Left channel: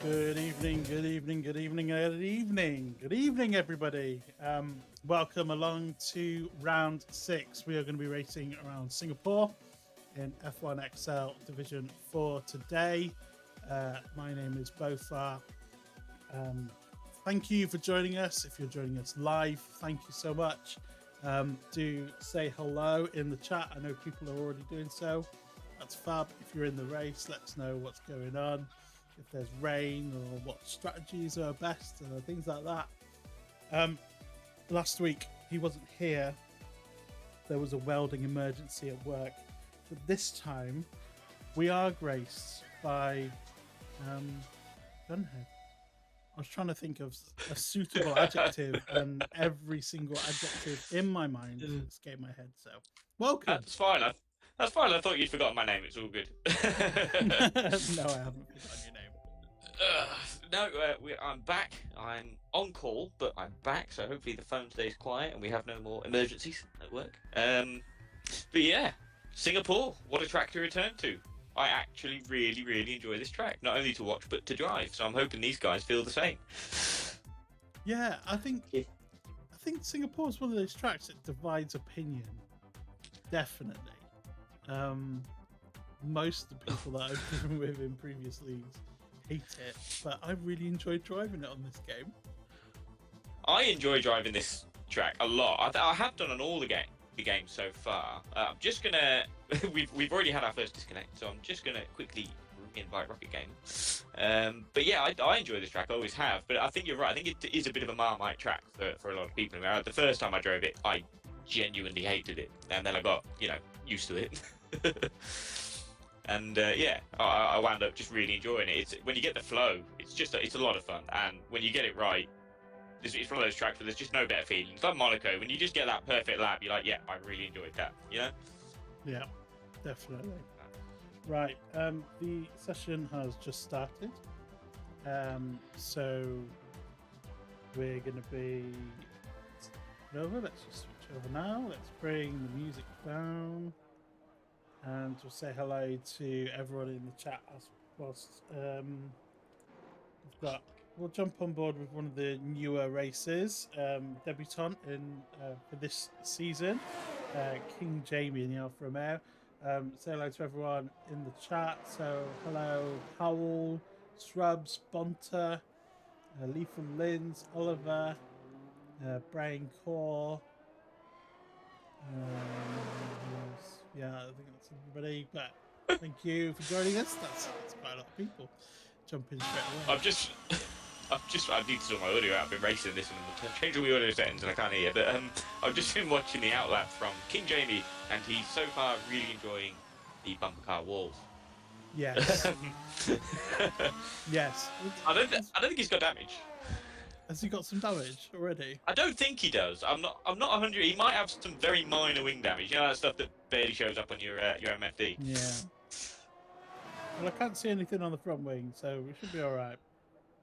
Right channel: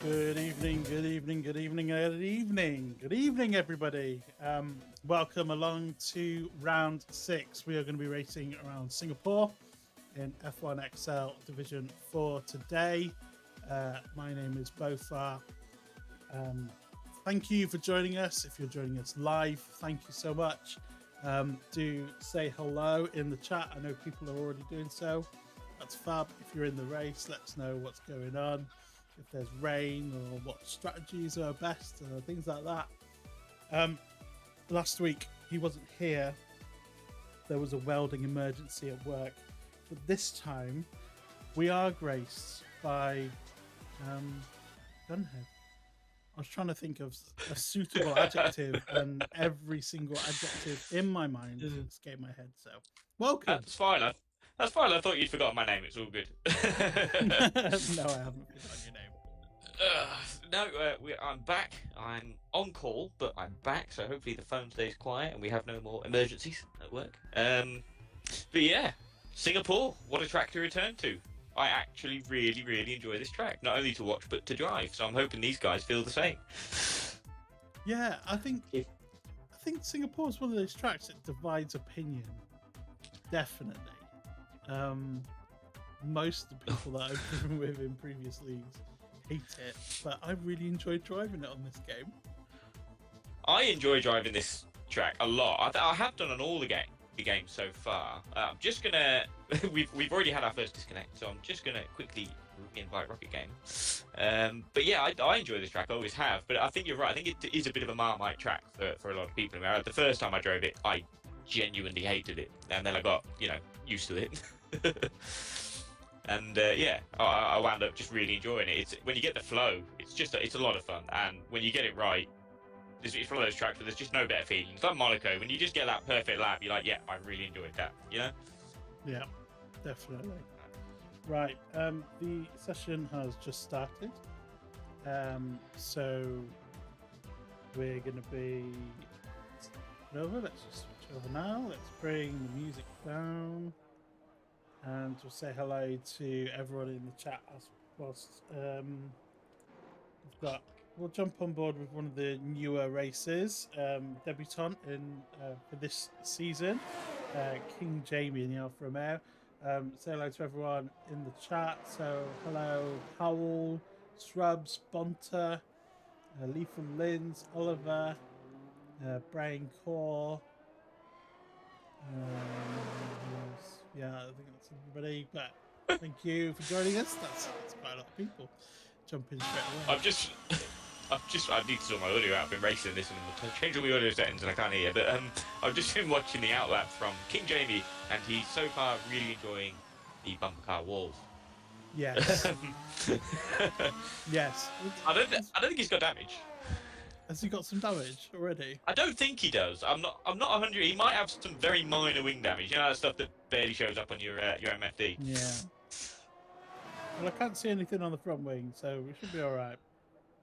Good evening, good evening, good evening, good evening, good evening, everybody. Welcome along to round 6. We are going to be racing around Singapore in F1XL Division 4 today. My name is Bofar. Thank you for joining us. If you're joining us live, thank you so much. Do say hello in the chat. I know people are already doing so. That's fab. If you're in the race, let us know what's going on. If there's rain or what strategies are best, things like that. Last week he wasn't here. There was a welding emergency at work, but this time we are graced by Gunhead. I was trying to think of a suitable adjective, and every single adjective in my mind escaped my head. So, welcome. That's fine. That's fine. I thought you'd forgotten my name. It's all good. No, I haven't forgotten your name. I'm back. I'm on call, but I'm back. So hopefully the phone stays quiet and we have no more emergencies at work. But yeah, Singapore. What a track to return to. I actually really enjoy this track. Not only to watch, but to drive. So I'm hoping these guys feel the same. Yeah, I think Singapore is one of those tracks that divides opinion. Definitely. Most of the people that I've driven with in previous leagues hate it, but I really enjoyed driving it on this game. I enjoy driving this track a lot. I have done on all the games so far. I'm just gonna we've already had our first disconnect, so I'm just gonna quickly invite Rocket Game. But yeah, I enjoy this track. I always have. But I think you're right. I think it is a bit of a Marmite track for a lot of people. The first time I drove it, I genuinely hated it, and then I got used to it. And I wound up just really enjoying it. It's when you get the flow, it's a lot of fun, and when you get it right, it's one of those tracks where there's just no better feeling. It's like Monaco, when you just get that perfect lap, you're like, yeah, I really enjoyed that. Yeah, definitely. Right, the session has just started, so we're going to be over. Let's just switch over now. Let's bring the music down. And we'll say hello to everyone in the chat whilst we'll jump on board with one of the newer races, debutant for this season, King Jamie in the Alfa Romeo. Say hello to everyone in the chat. So hello, Howell, Shrubs, Bonta, Lee from Linz, Oliver, Brian Core. Yeah, I think that's everybody. But thank you for joining us. That's quite a lot of people jumping straight away. I need to sort my audio out. I've been racing this and changing the audio settings and I can't hear. But I've just been watching the outlap from King Jamie, and he's so far really enjoying the bumper car walls. Yes. Yes. I don't think he's got damage. Has he got some damage already? I don't think he does. I'm not 100. He might have some very minor wing damage. That stuff that barely shows up on your MFD. Yeah. Well, I can't see anything on the front wing, so we should be all right.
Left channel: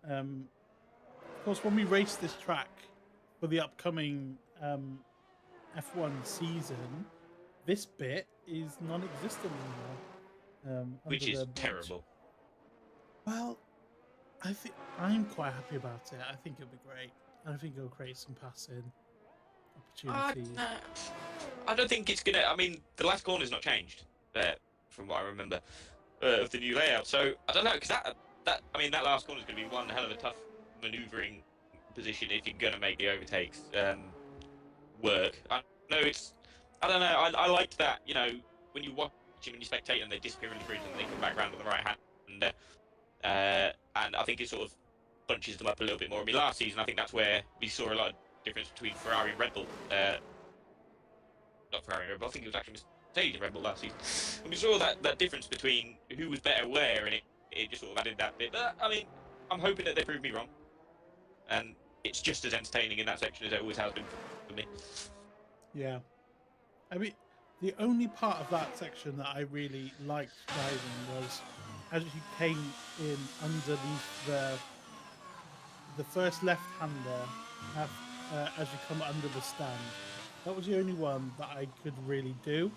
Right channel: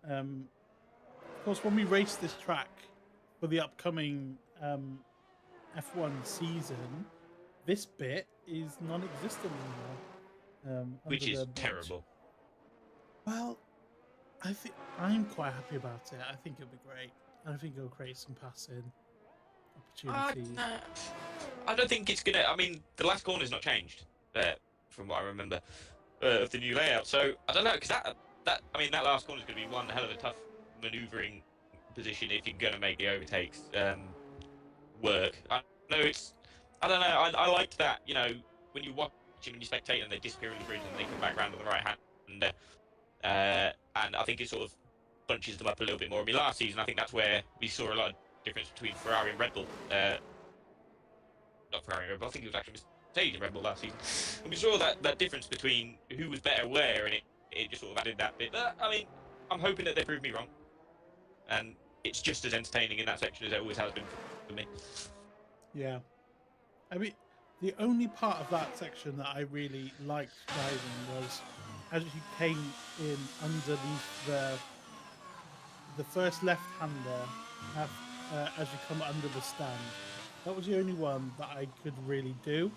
Of course, when we race this track for the upcoming F1 season, this bit is non-existent anymore. Which is terrible. Well, I think I'm quite happy about it. I think it'll be great. I think it'll create some passing opportunities. I don't think it's gonna. I mean, the last corner's not changed, from what I remember of the new layout. So I don't know, because that last corner's gonna be one hell of a tough manoeuvring position if you're gonna make the overtakes work. I don't know. I liked that. When you watch him and you spectate and they disappear in the bridge and they come back around to the right hand. And I think it sort of bunches them up a little bit more. I mean, last season, I think that's where we saw a lot of difference between Ferrari and Red Bull. Not Ferrari and Red Bull, I think it was actually Mercedes and Red Bull last season. And we saw that difference between who was better where, and it just sort of added that bit. But, I mean, I'm hoping that they prove me wrong. And it's just as entertaining in that section as it always has been for me. Yeah. I mean, the only part of that section that I really liked driving was as you came in underneath the first left-hander as you come under the stand. That was the only one that I could really do.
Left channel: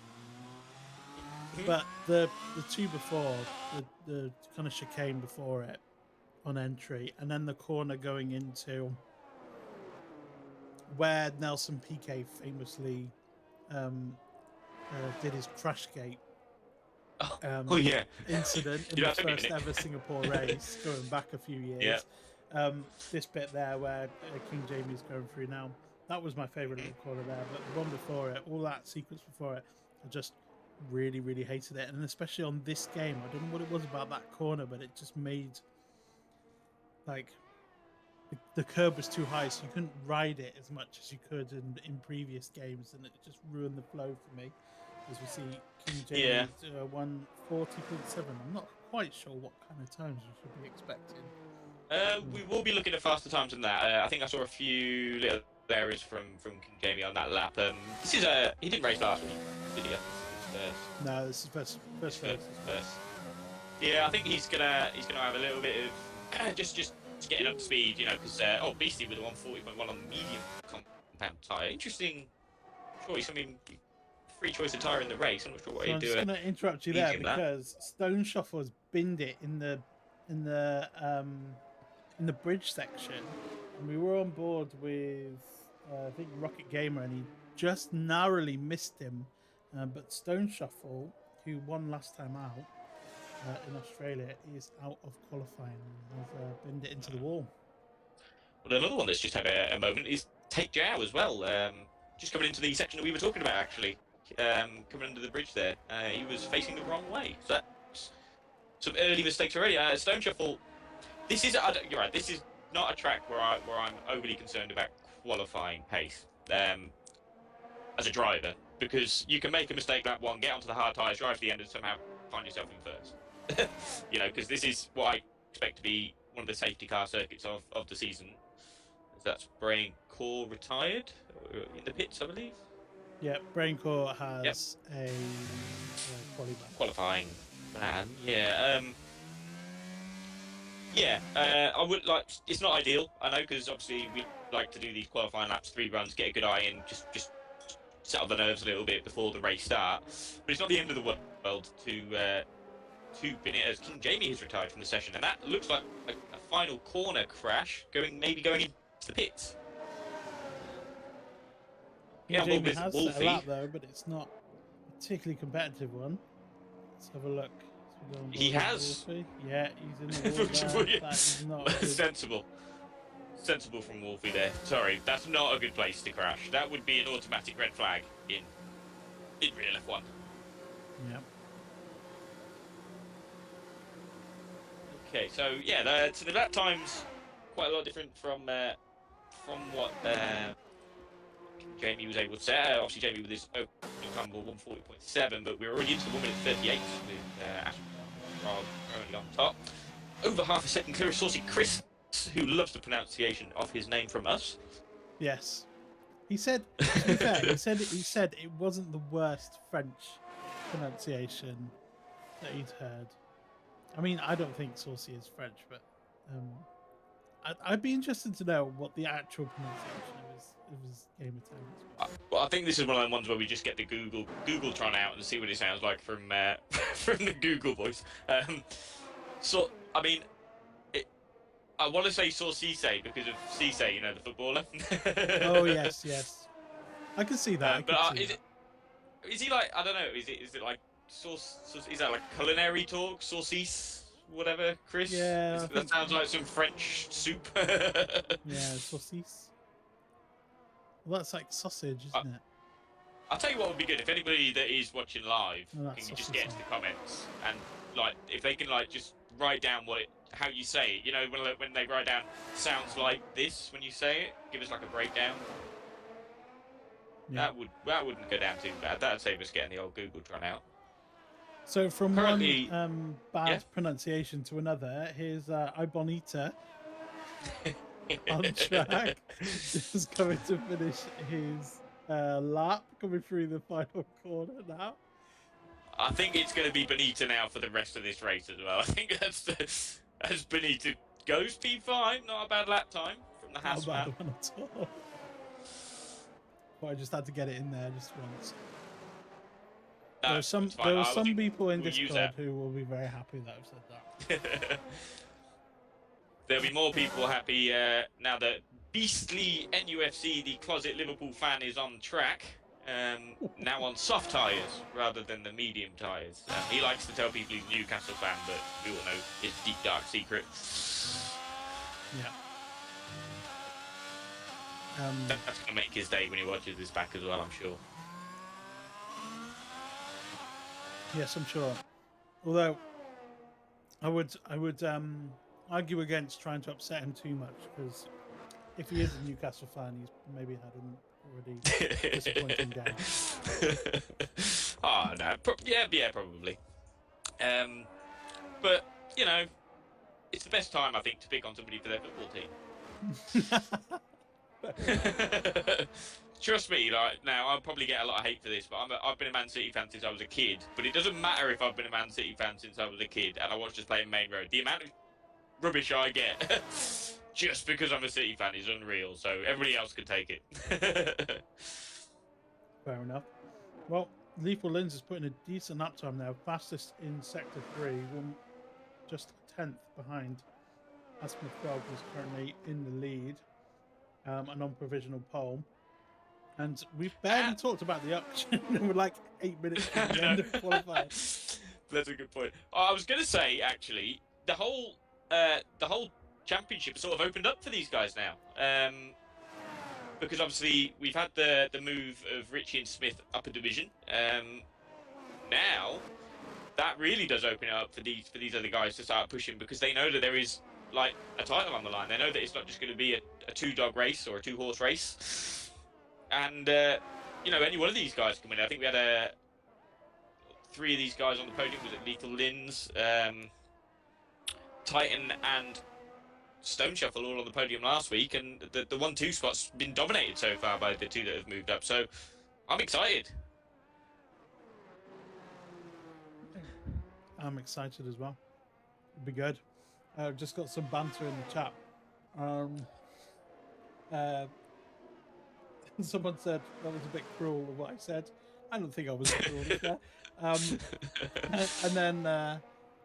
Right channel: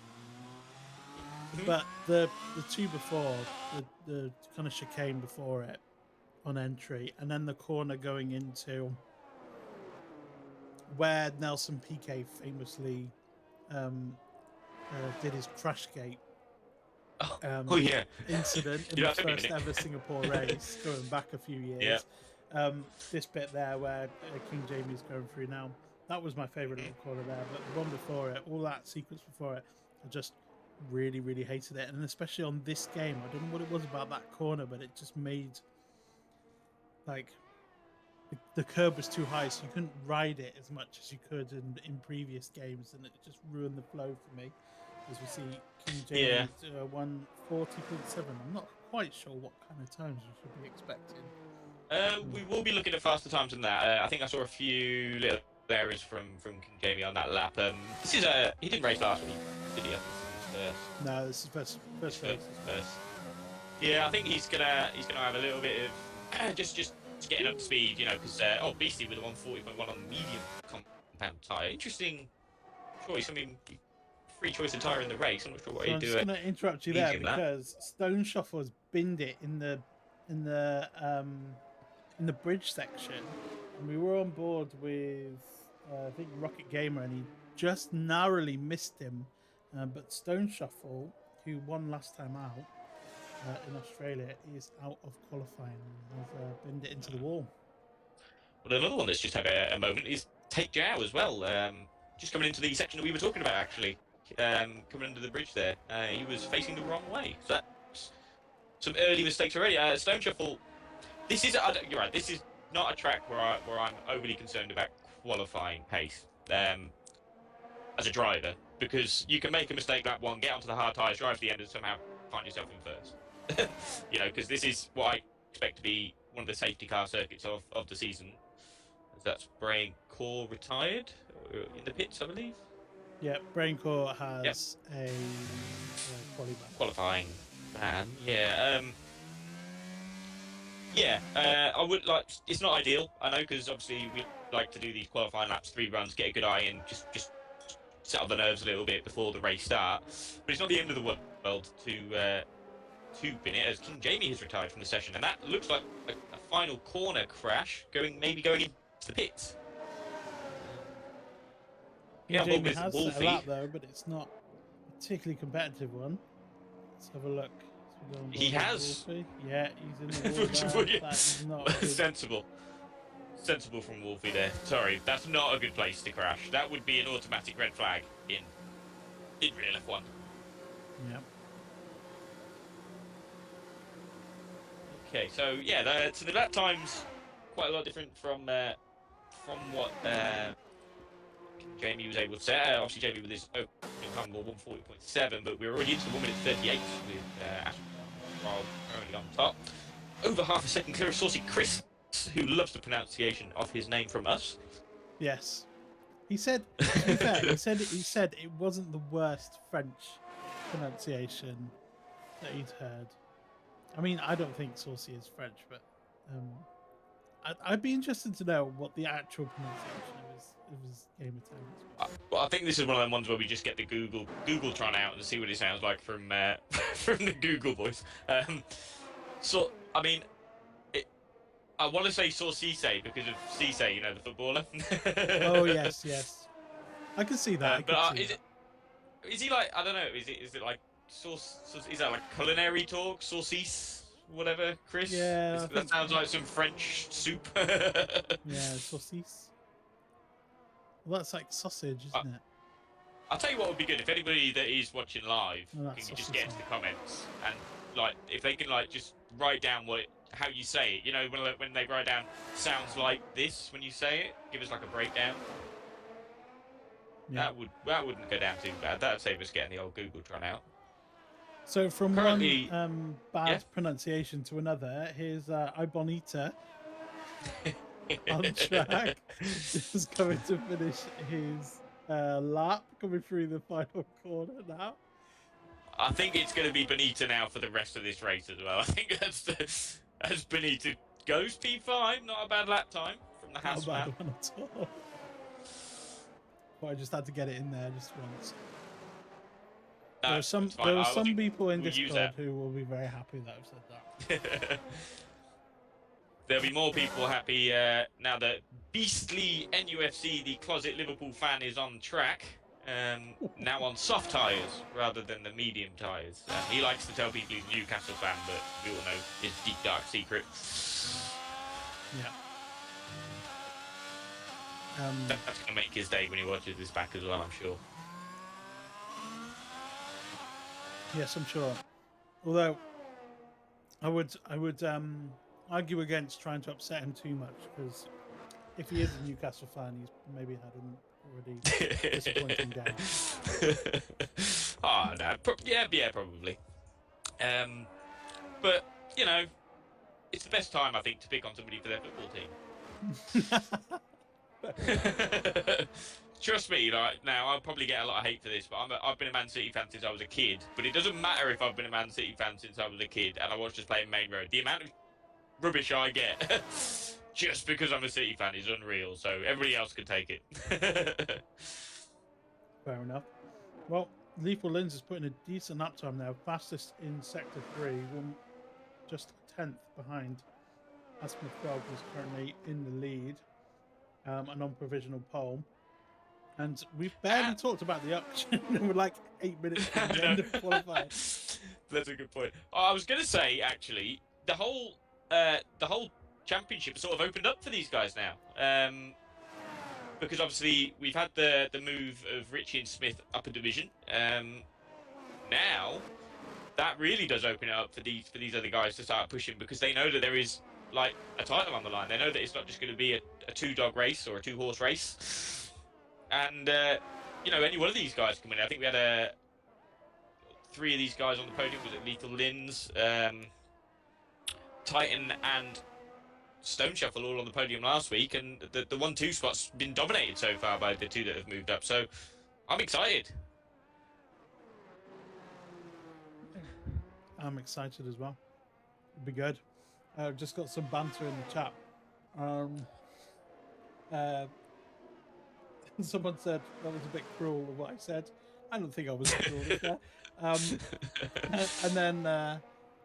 But the two before, the kind of chicane before it, on entry, and then the corner going into where Nelson Piquet famously did his crash gate Oh yeah. incident in You the have to be in first it. ever Singapore race, going back a few years. This bit there where King Jamie's going through now, that was my favourite little corner there. But the one before it, all that sequence before it, I just really, really hated it. And especially on this game, I don't know what it was about that corner, but it just made like the curb was too high, so you couldn't ride it as much as you could in previous games, and it just ruined the flow for me. As we see King Jamie's 140.7. I'm not quite sure what kind of times we should be expecting. We will be looking at faster times than that. I think I saw a few little areas from King Jamie on that lap. This is he didn't race last week, did he? No, this is first race. First. Yeah, I think he's gonna have a little bit of just getting up to speed, you know, because Beastie with a 140.1 on the medium compound tyre. Interesting choice. I mean, free choice of tyre in the race. I'm not sure what you do. I'm just going to interrupt you there because Stoneshuffle has binned it in the bridge section, and we were on board with I think Rocket Gamer, and he just narrowly missed him. But Stoneshuffle, who won last time out in Australia, is out of qualifying and has binned it into the wall. Well, another one that's just had a moment is Take Jow as well. Just coming into the section that we were talking about, actually. Coming under the bridge there. He was facing the wrong way. So that's some early mistakes already. Stoneshuffle, you're right, this is not a track where I'm overly concerned about qualifying pace as a driver, because you can make a mistake lap one, get onto the hard tyres, drive to the end, and somehow find yourself in first. You know, because this is what I expect to be one of the safety car circuits of the season. That's Brain Core retired in the pits, I believe. Yeah, Braincore has a qualifying ban. I would like. It's not ideal, I know, because obviously we like to do these qualifying laps, 3 runs, get a good eye in, just settle the nerves a little bit before the race starts. But it's not the end of the world to bin it, as King Jamie has retired from the session, and that looks like a final corner crash, maybe going into the pits. Jamie has set a lap though, but it's not a particularly competitive one. Let's have a look. He has. Wolfie. Yeah, he's in the wall there. That is not good. Sensible from Wolfie there. Sorry, that's not a good place to crash. That would be an automatic red flag in real F1. Yeah. Okay, so yeah, so the lap times quite a lot different from what Jamie was able to set. Obviously, Jamie with his opening time of 140.7, but we're already into 1 minute 38 with AsthmaFrog currently on top. Over half a second clear of Saucy Chris, who loves the pronunciation of his name from us. Yes. He said, to be fair, he said it wasn't the worst French pronunciation that he'd heard. I mean, I don't think Saucy is French, but I'd be interested to know what the actual pronunciation of his gamer tag is. Well, I think this is one of them ones where we just get the Googletron out and see what it sounds like from from the Google voice. So, I mean, I want to say Saucisse because of Cisse, you know, the footballer. Oh yes, I can see that. Is he like, I don't know? Is it like sauce? Is that like culinary talk? Saucisse, whatever, Chris? Yeah, that sounds like some French soup. Yeah, saucisse. Well, that's like sausage, isn't it? I'll tell you what would be good if anybody that is watching live can just get into the comments and like if they can like just write down how you say it. You know, when they write down sounds like this when you say it, give us like a breakdown. Yeah. That wouldn't go down too bad. That'd save us getting the old Googletron out. So from one bad pronunciation to another, here's Ibonita on track, just coming to finish his lap, coming through the final corner now. I think it's going to be Bonita now for the rest of this race as well. I think as Bonita goes P5, not a bad lap time from the house. Not a bad one at all. But I just had to get it in there just once. There are some people in Discord who will be very happy that I've said that. there'll be more people happy now that beastly NUFC, the closet Liverpool fan, is on track. Now on soft tyres rather than the medium tyres. He likes to tell people he's a Newcastle fan, but we all know his deep dark secret. Yeah. That's going to make his day when he watches this back as well, I'm sure. Yes, I'm sure. Although I would argue against trying to upset him too much, because if he is a Newcastle fan, he's maybe had an already disappointing game. Oh no, yeah, probably. But you know, it's the best time I think to pick on somebody for their football team. Trust me, like now I'll probably get a lot of hate for this, but I've been a Man City fan since I was a kid. But it doesn't matter if I've been a Man City fan since I was a kid and I was just playing Main Road. The amount of rubbish I get just because I'm a City fan is unreal. So everybody else could take it. Fair enough. Well, Lethal Lins is putting a decent lap time now, fastest in Sector 3, just 10th behind AsthmaFrog, who's currently in the lead and on provisional pole. And we've barely talked about the auction. We're like 8 minutes from the end of qualifying. That's a good point. I was going to say, actually, the whole championship sort of opened up for these guys now. Because obviously we've had the move of Richie and Smith up a division. Now that really does open it up for these other guys to start pushing, because they know that there is like a title on the line. They know that it's not just going to be a 2-dog race or a 2-horse race. And you know, any one of these guys come in. I think we had 3 of these guys on the podium. Was it Lethal Lins, Titan, and Stoneshuffle all on the podium last week, and the 1-2 spot's been dominated so far by the 2 that have moved up. So I'm excited. I'm excited as well. It'll be good. I've just got some banter in the chat. Someone said that was a bit cruel of what I said. I don't think I was cruel there. And then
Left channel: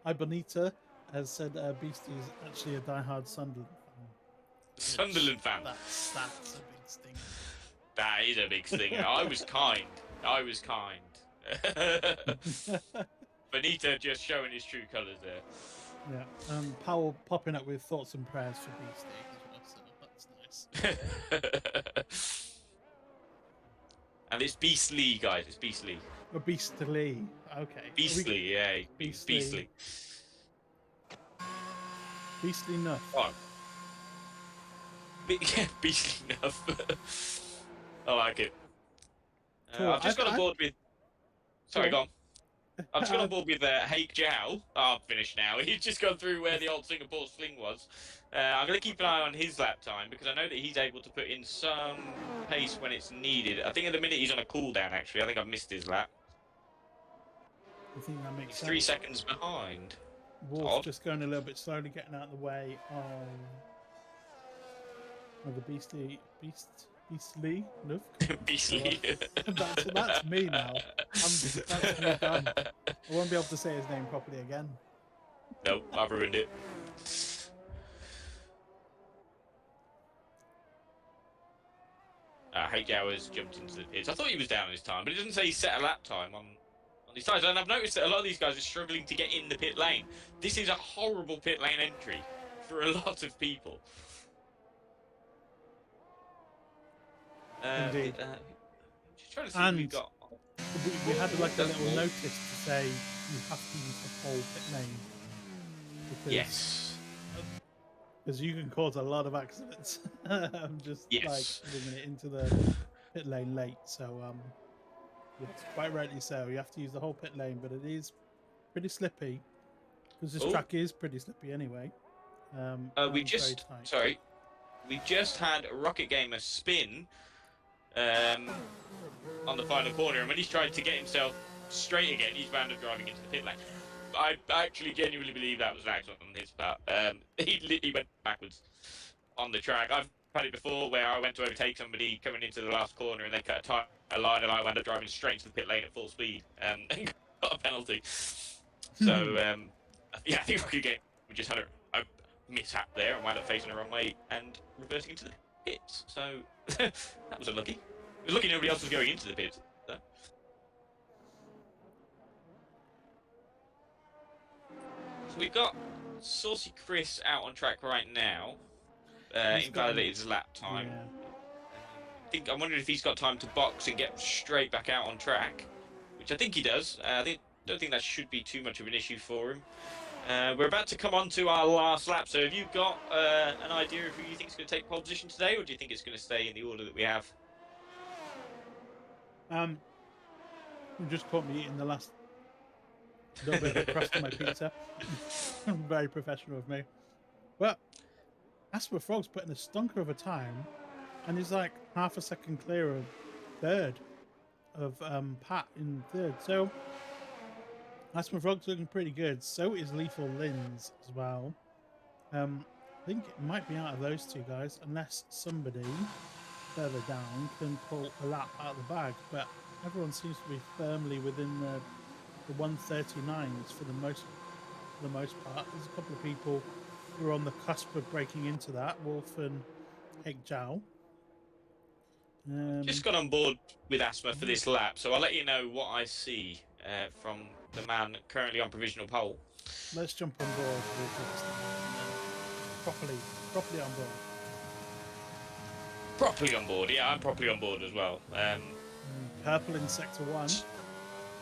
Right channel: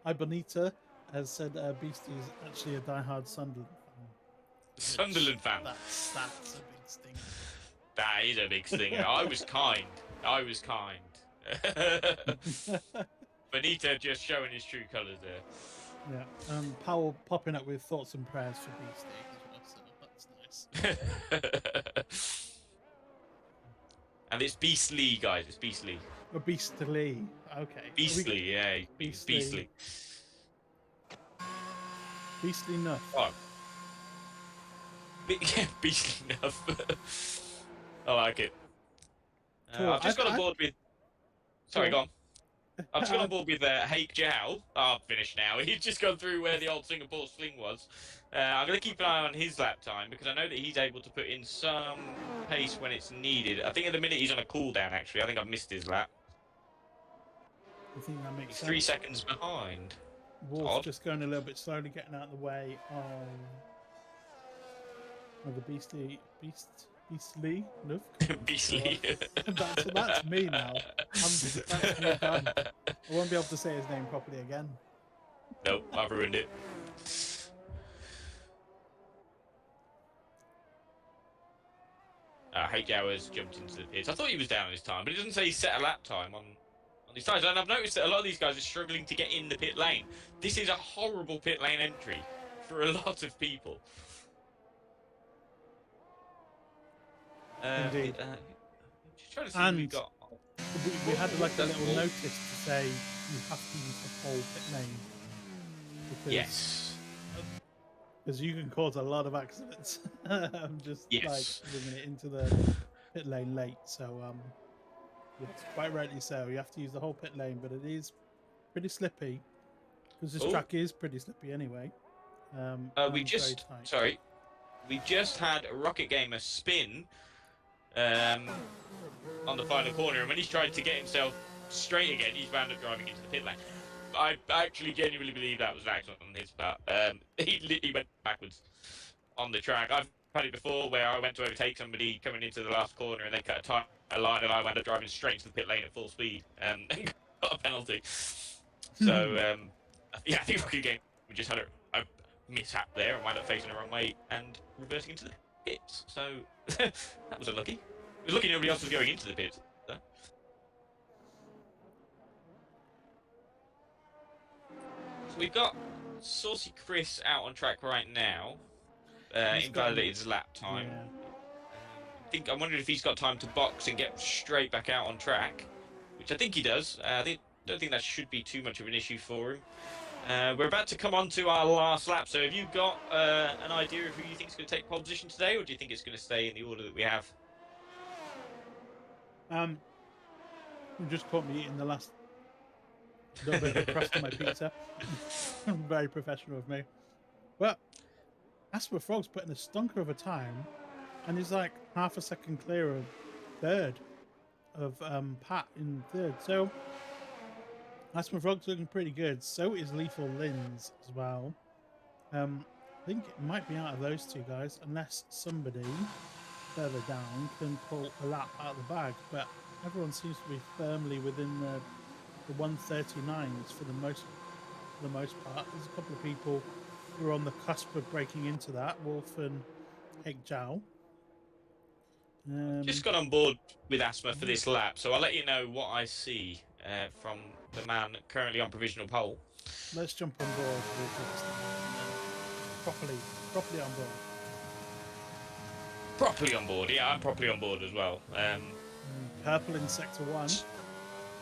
Ibonita has said Beastie is actually a diehard Sunderland fan. Sunderland fan. That's a big stinger. That is a big stinger. I was kind. Benita just showing his true colours there. Yeah. Powell popping up with thoughts and prayers for Beastie as well, so that's nice. And it's Beastly, guys. It's Beastly. Oh, Beastly. Okay. Beastly, yeah. Beastly. Beastly enough. Oh. Beastly enough. I like it. Cool. I've just got on board with... Sorry, go on. I've just got on board with Haig Jiao. Oh, I'm finished now. He's just gone through where the old Singapore sling was. I'm going to keep an eye on his lap time, because I know that he's able to put in some pace when it's needed. I think at the minute he's on a cooldown, actually. I think I've missed his lap. I think that makes sense. 3 seconds behind. Wolf just going a little bit slowly, getting out of the way of the Beastly enough. Beastly. That's me now. That's me done. I won't be able to say his name properly again. Nope, I've ruined it. Haig Jiao has jumped into the pits. I thought he was down his time, but it doesn't say he set a lap time on these tires. And I've noticed that a lot of these guys are struggling to get in the pit lane. This is a horrible pit lane entry for a lot of people. Indeed. Just trying to see and what we've got. We had like a little notice to say you have to use the whole pit lane. Because, Yes. Because you can cause a lot of accidents. Just like bringing it into the pit lane late. So yes, quite rightly so. You have to use the whole pit lane, but it is pretty slippy because this track is pretty slippy anyway. We just had Rocket Gamer spin on the final corner, and when he's tried to get himself straight again, he's wound up driving into the pit lane. I actually genuinely believe that was an accident on his part. He went backwards on the track. I've had it before where I went to overtake somebody coming into the last corner and they cut a line, and I wound up driving straight into the pit lane at full speed and got a penalty. So, yeah, I think Rocket Game we just had a mishap there and wound up facing the wrong way and reversing into the pits. So that was unlucky. It was lucky nobody else was going into the pits. So. So we've got Saucy Chris out on track right now. Invalidated his lap time. Yeah. I'm wondering if he's got time to box and get straight back out on track, which I think he does. Don't think that should be too much of an issue for him. We're about to come on to our last lap, so have you got an idea of who you think is going to take pole position today, or do you think it's going to stay in the order that we have? You just caught me eating the last little bit of the crust on my pizza. Very professional of me. But AsthmaFrog's putting a stunker of a time, and he's like half a second clear of third, of Pat in third. So AsthmaFrog's looking pretty good. So is Lethal Lins as well. I think it might be out of those two guys, unless somebody further down can pull a lap out of the bag. But everyone seems to be firmly within the 139s for the most part. There's a couple of people who are on the cusp of breaking into that. Wolf and Heg Jiao. Just got on board with Asthma for this lap, so I'll let you know what I see from the man currently on provisional pole. Let's jump on board with properly on board. Properly on board, yeah, I'm properly on board as well. Purple in sector 1.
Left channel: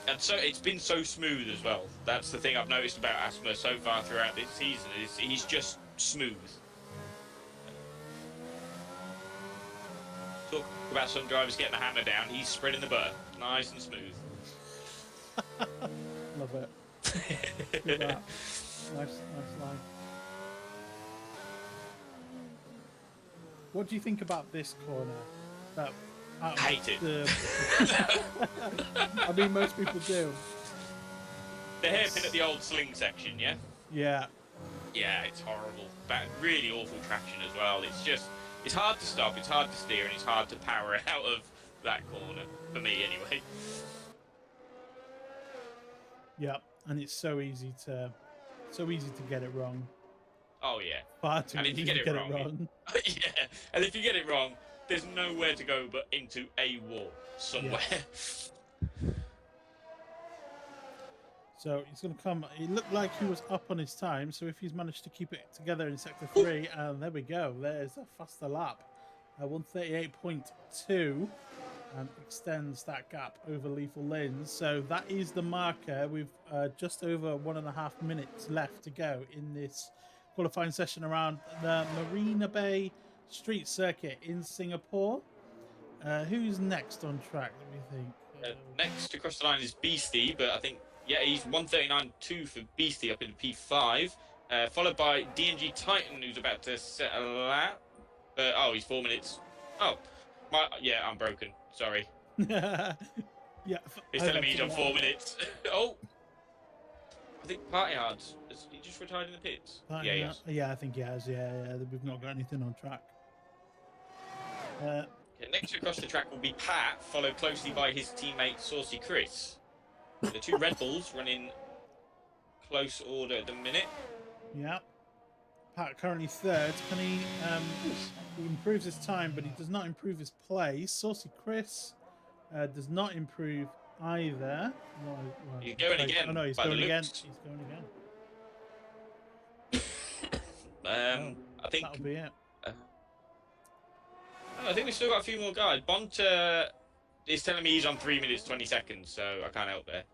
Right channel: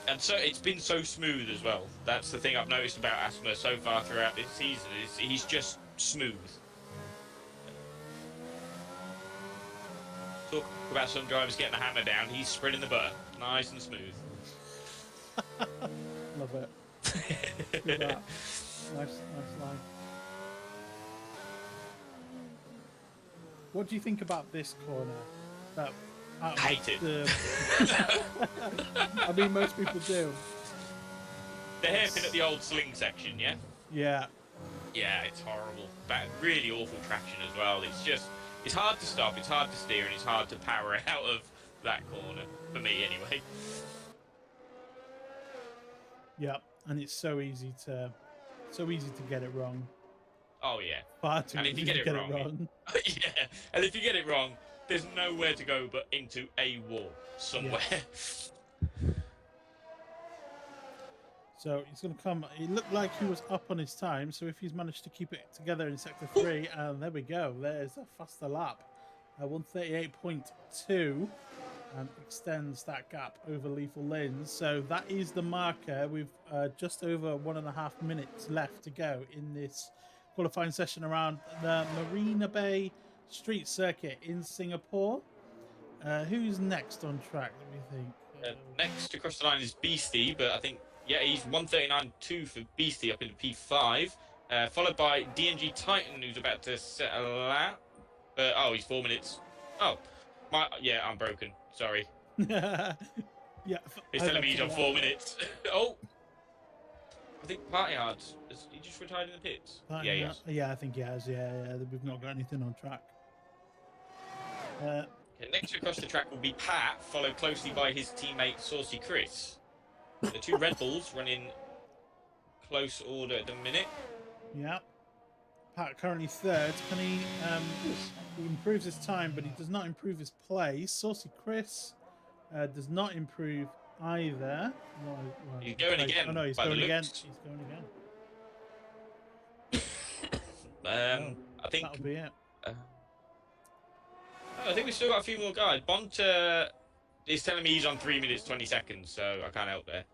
And so it's been so smooth as well. That's the thing I've noticed about Asthma so far throughout this season, is he's just smooth. Talk about some drivers getting the hammer down, he's spreading the butter, nice and smooth. Love it. Look at that. Nice line. What do you think about this corner? I hate it. I mean, most people do. The hairpin at the old sling section, yeah? Yeah. Yeah, it's horrible. But really awful traction as well. It's hard to stop, it's hard to steer, and it's hard to power out of that corner. For me, anyway. Yeah, and it's so easy to get it wrong. Oh yeah. Far too easy to get it wrong. Yeah, and if you get it wrong, there's nowhere to go but into a wall somewhere. Yeah. So he's going to come. It looked like he was up on his time, so if he's managed to keep it together in sector 3, and there we go. There's a faster lap. 138.2, and extends that gap over Lethal Lins. So that is the marker. We've just over 1.5 minutes left to go in this qualifying session around the Marina Bay street circuit in Singapore. Who's next on track, let me think? Next across the line is Beastie, but I think, yeah, he's 139.2 for Beastie up in P5, followed by DNG Titan, who's about to set a lap. Oh, he's 4 minutes. Oh, yeah, I'm broken. Sorry. Yeah. He's telling me he's on 4 minutes. Oh, I think Party Hard. Has he just retired in the pits? Yeah, I think he has. Yeah. We've not got anything on track. Next across the track will be Pat, followed closely by his teammate Saucy Chris. The two Red Bulls running close order at the minute. Yeah. Pat currently third. Can he improves his time, but he does not improve his place. Saucy Chris does not improve either. He's going again. Oh no, he's going again. He's going again. I think that'll be it. I think we've still got a few more guys. Bonta is telling me he's on 3 minutes 20 seconds, so I can't help there.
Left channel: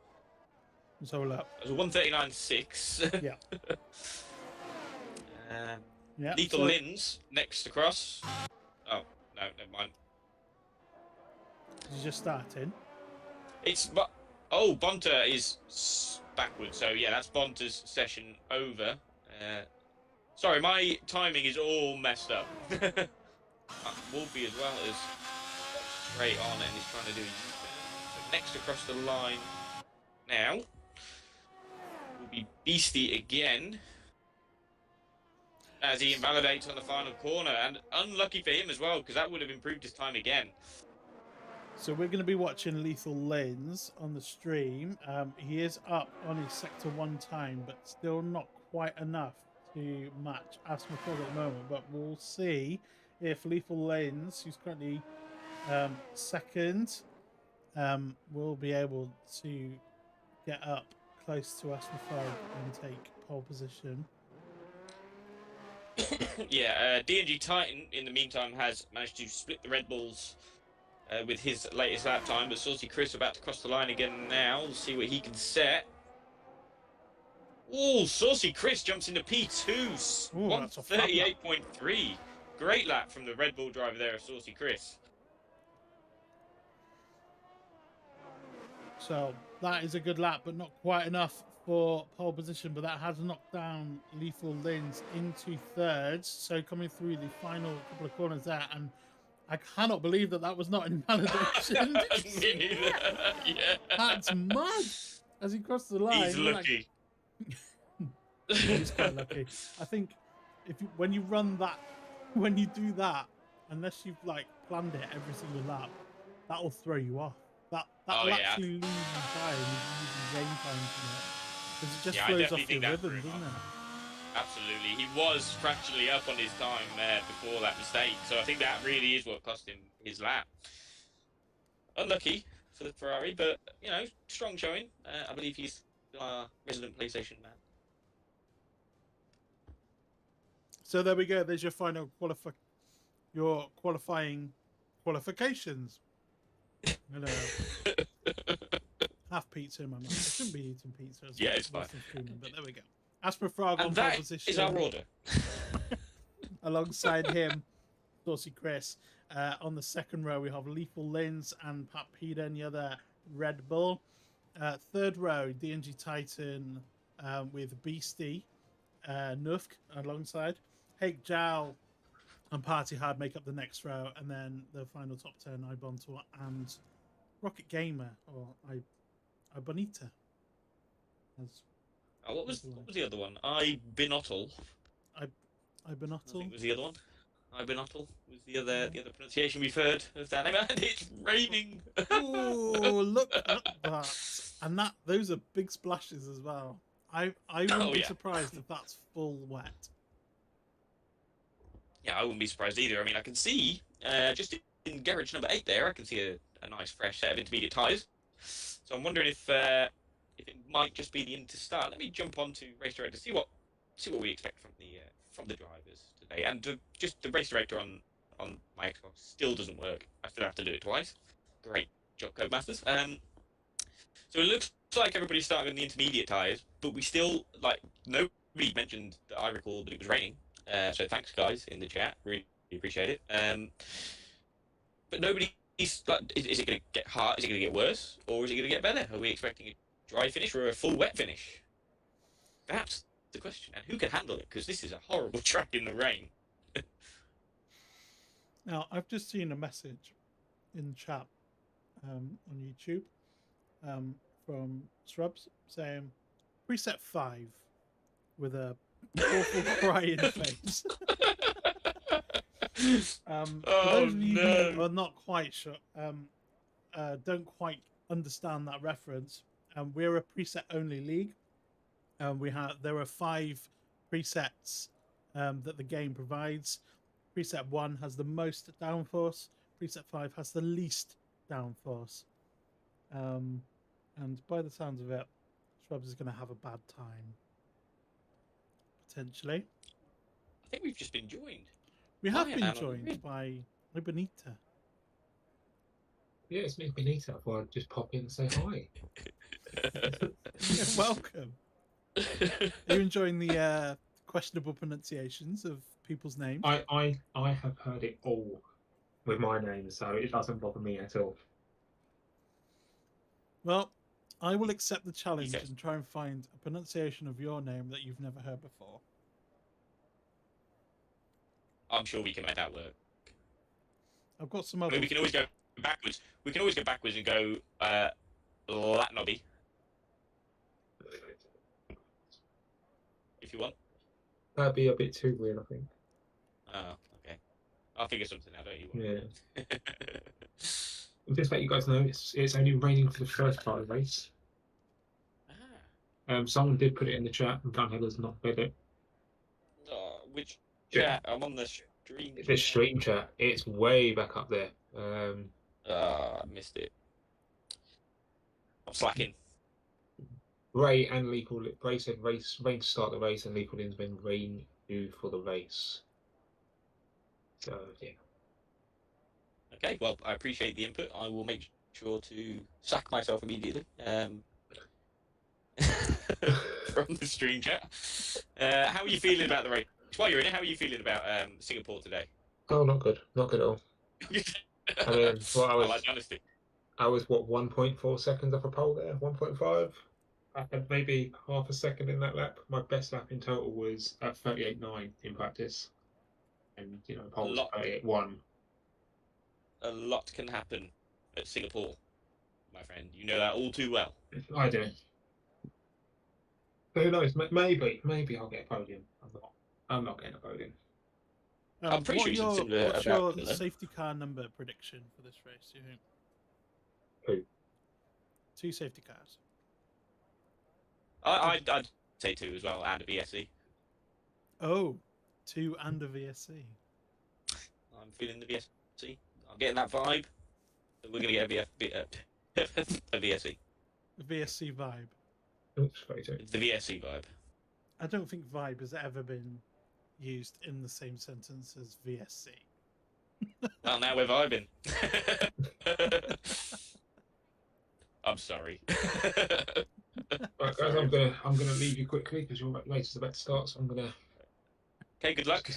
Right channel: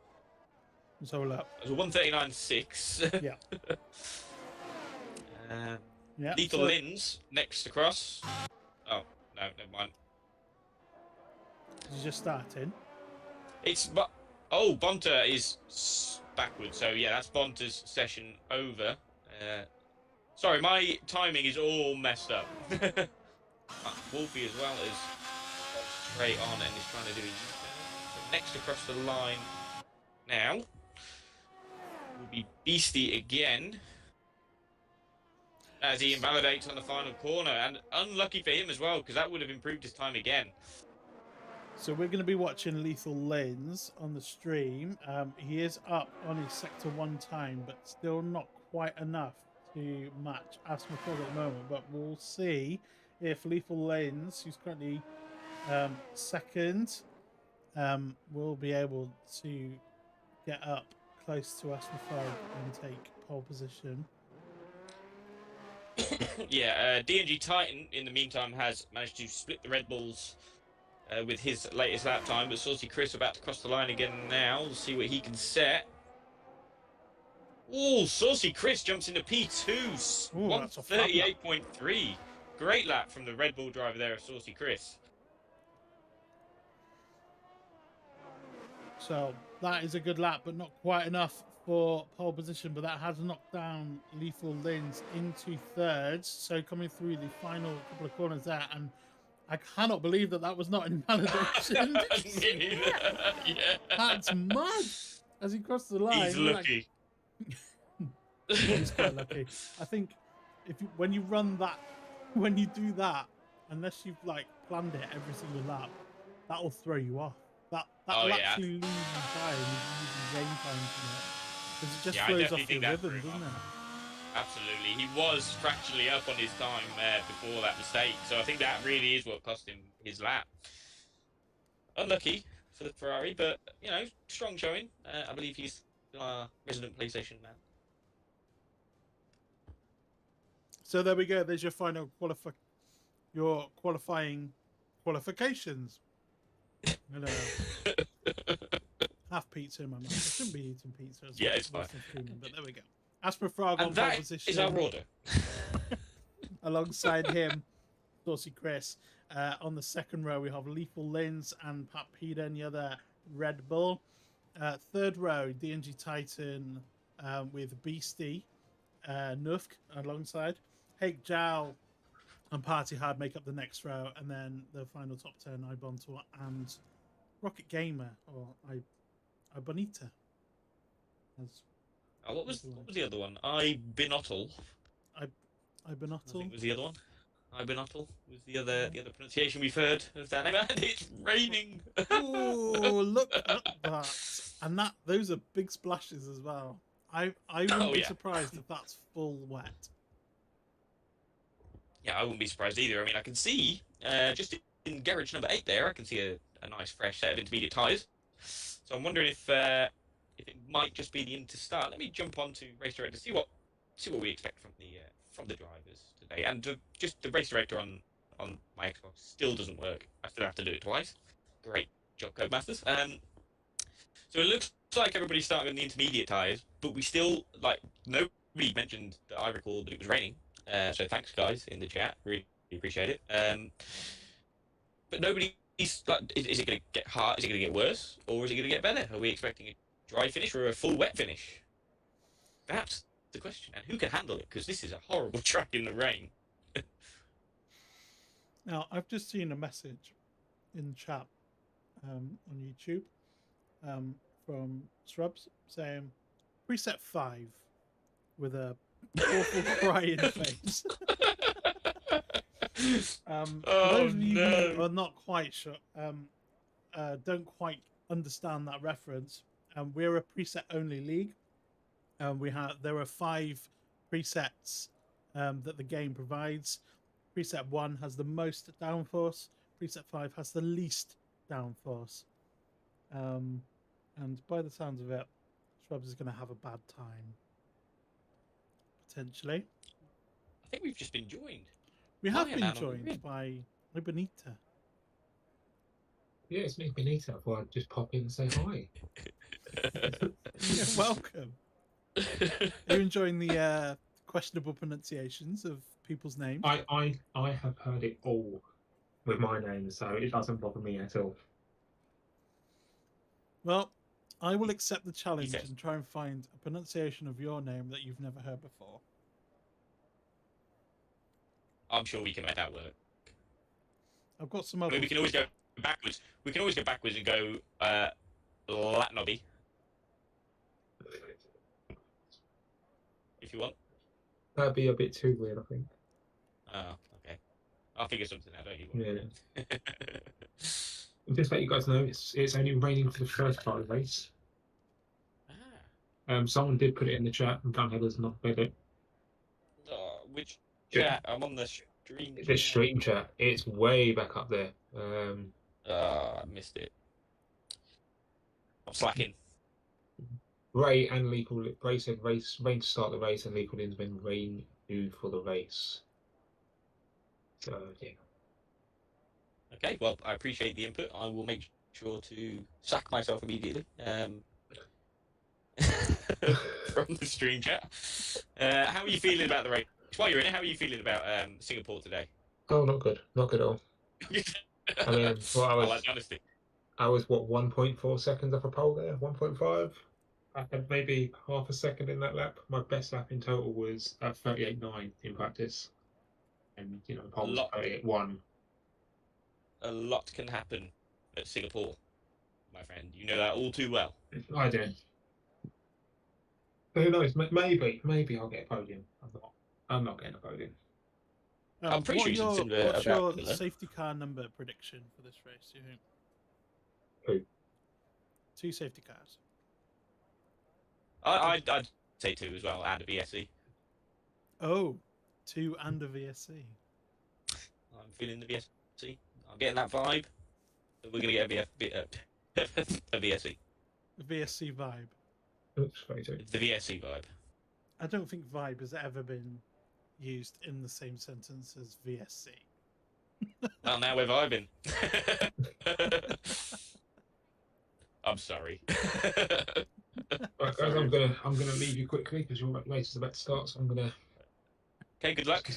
Let's have a look. It was 139.6. Yeah. Yeah. Lethal Lins next across. Oh no, never mind. He's just starting. Bonta is backwards. So yeah, that's Bonta's session over. Sorry, my timing is all messed up. Wolfie as well is straight on and he's trying to do his next across the line now will be Beastie again as he invalidates on the final corner, and unlucky for him as well because that would have improved his time again. So we're going to be watching Lethal Lins on the stream. He is up on his sector 1 time, but still not quite enough to match AsthmaFrog at the moment, but we'll see if Lethal Lanes, who's currently second, will be able to get up close to AsthmaFrog and take pole position. Yeah, DNG Titan, in the meantime, has managed to split the Red Bulls with his latest lap time, but Saucy Chris about to cross the line again now. We'll see what he can set. Oh, Saucy Chris jumps into P2, 138.3. Great lap from the Red Bull driver there of Saucy Chris. So that is a good lap, but not quite enough for pole position. But that has knocked down Lethal Lins into third. So coming through the final couple of corners there, and I cannot believe that was not invalidation. Yeah. That's mad. As he crossed the line, he's lucky. He's quite lucky. I think when you do that, unless you've planned it every single lap, that'll throw you off. That'll actually lose you time using game time from it, because it just throws off your rhythm, doesn't it? Absolutely. He was fractionally up on his time before that mistake, so I think that really is what cost him his lap. Unlucky for the Ferrari, but strong showing. I believe he's our resident PlayStation man. So there we go. There's your final qualifying qualifications. Hello. Have pizza in my mouth. I shouldn't be eating pizza as well. It's fine. But there we go. AsthmaFrog on pole position. Is our order. Alongside him, Saucy Chris. On the second row, we have Lethal Lins and Pat Peda in the other Red Bull. Third row, DNG Titan with Beastie, Nufk alongside. Hake Jow and Party Hard make up the next row, and then the final top 10, Ibontor and Rocket Gamer, or Ibonita. What was the other one? Ibinotl. Ibinotl was the other one. Ibinotl was the other pronunciation we've heard of that name. And it's raining. Oh, look at that! And those are big splashes as well. I wouldn't be surprised if that's full wet. Yeah, I wouldn't be surprised either. I mean, I can see just in garage number 8 there, I can see a nice fresh set of intermediate tyres. So I'm wondering if it might just be the in to start. Let me jump onto Race Director to see what we expect from the drivers today. And just the Race Director on my Xbox still doesn't work. I still have to do it twice. Great job, Codemasters. So it looks like everybody's starting on the intermediate tyres, but we still nobody mentioned that I recall that it was raining. So thanks, guys, in the chat. Really appreciate it. But nobody's is it going to get hard? Is it going to get worse, or is it going to get better? Are we expecting a dry finish or a full wet finish? That's the question. And who can handle it? Because this is a horrible track in the rain. Now, I've just seen a message in chat on YouTube from Shrubs saying preset 5 with a awful crying face. For those of you who are not quite sure, don't quite understand that reference, we're a preset only league. There are 5 presets that the game provides. Preset 1 has the most downforce. Preset 5 has the least downforce. And by the sounds of it, Shrubs is going to have a bad time. Potentially. I think we've just been joined. We have been joined by Benita. Yeah, it's me, Benita. I thought I'd just pop in and say hi. Welcome. Are you enjoying the questionable pronunciations of people's names? I have heard it all with my name, so it doesn't bother me at all. Well, I will accept the challenge and try and find a pronunciation of your name that you've never heard before. I'm sure we can make that work. I've got some other. We can always go backwards. We can always go backwards and go Latnobby. If you want. That'd be a bit too weird, I think. Oh, okay. I'll figure something out, don't you? Yeah. Just let you guys know, it's only raining for the first part of the race. Someone did put it in the chat, and Van Heller's not read it. which Yeah. chat? I'm on the stream. The stream chat, it's way back up there. I missed it. I'm slacking. Ray and Lee called it. Ray said rain to start the race, and Lee called in when rain due for the race. So yeah. Okay, well, I appreciate the input. I will make sure to sack myself immediately from the stream chat. How are you feeling about the race? While you're in it, how are you feeling about Singapore today? Oh, not good. Not good at all. I mean, well, I like the honesty. I was what 1.4 seconds off a pole there. 1.5. I had maybe half a second in that lap. My best lap in total was 38.9 in practice, and the pole was 38.1. A lot can happen at Singapore, my friend. You know that all too well. I do. But who knows? Maybe I'll get a podium. I'm not getting a podium. I'm pretty sure what's your safety car number prediction for this race, do you think? Who? 2 safety cars. I'd say 2 as well, and a VSC. Oh, 2 and a VSC. I'm feeling the VSC. I'm getting that vibe. We're going to get a VSC. A VSC vibe. Oops, 32. It's the VSC vibe. I don't think vibe has ever been used in the same sentence as VSC. Well, now we're vibing. I'm sorry. Right, guys, I'm gonna leave you quickly because your race is about to start. So I'm gonna. Okay, good luck.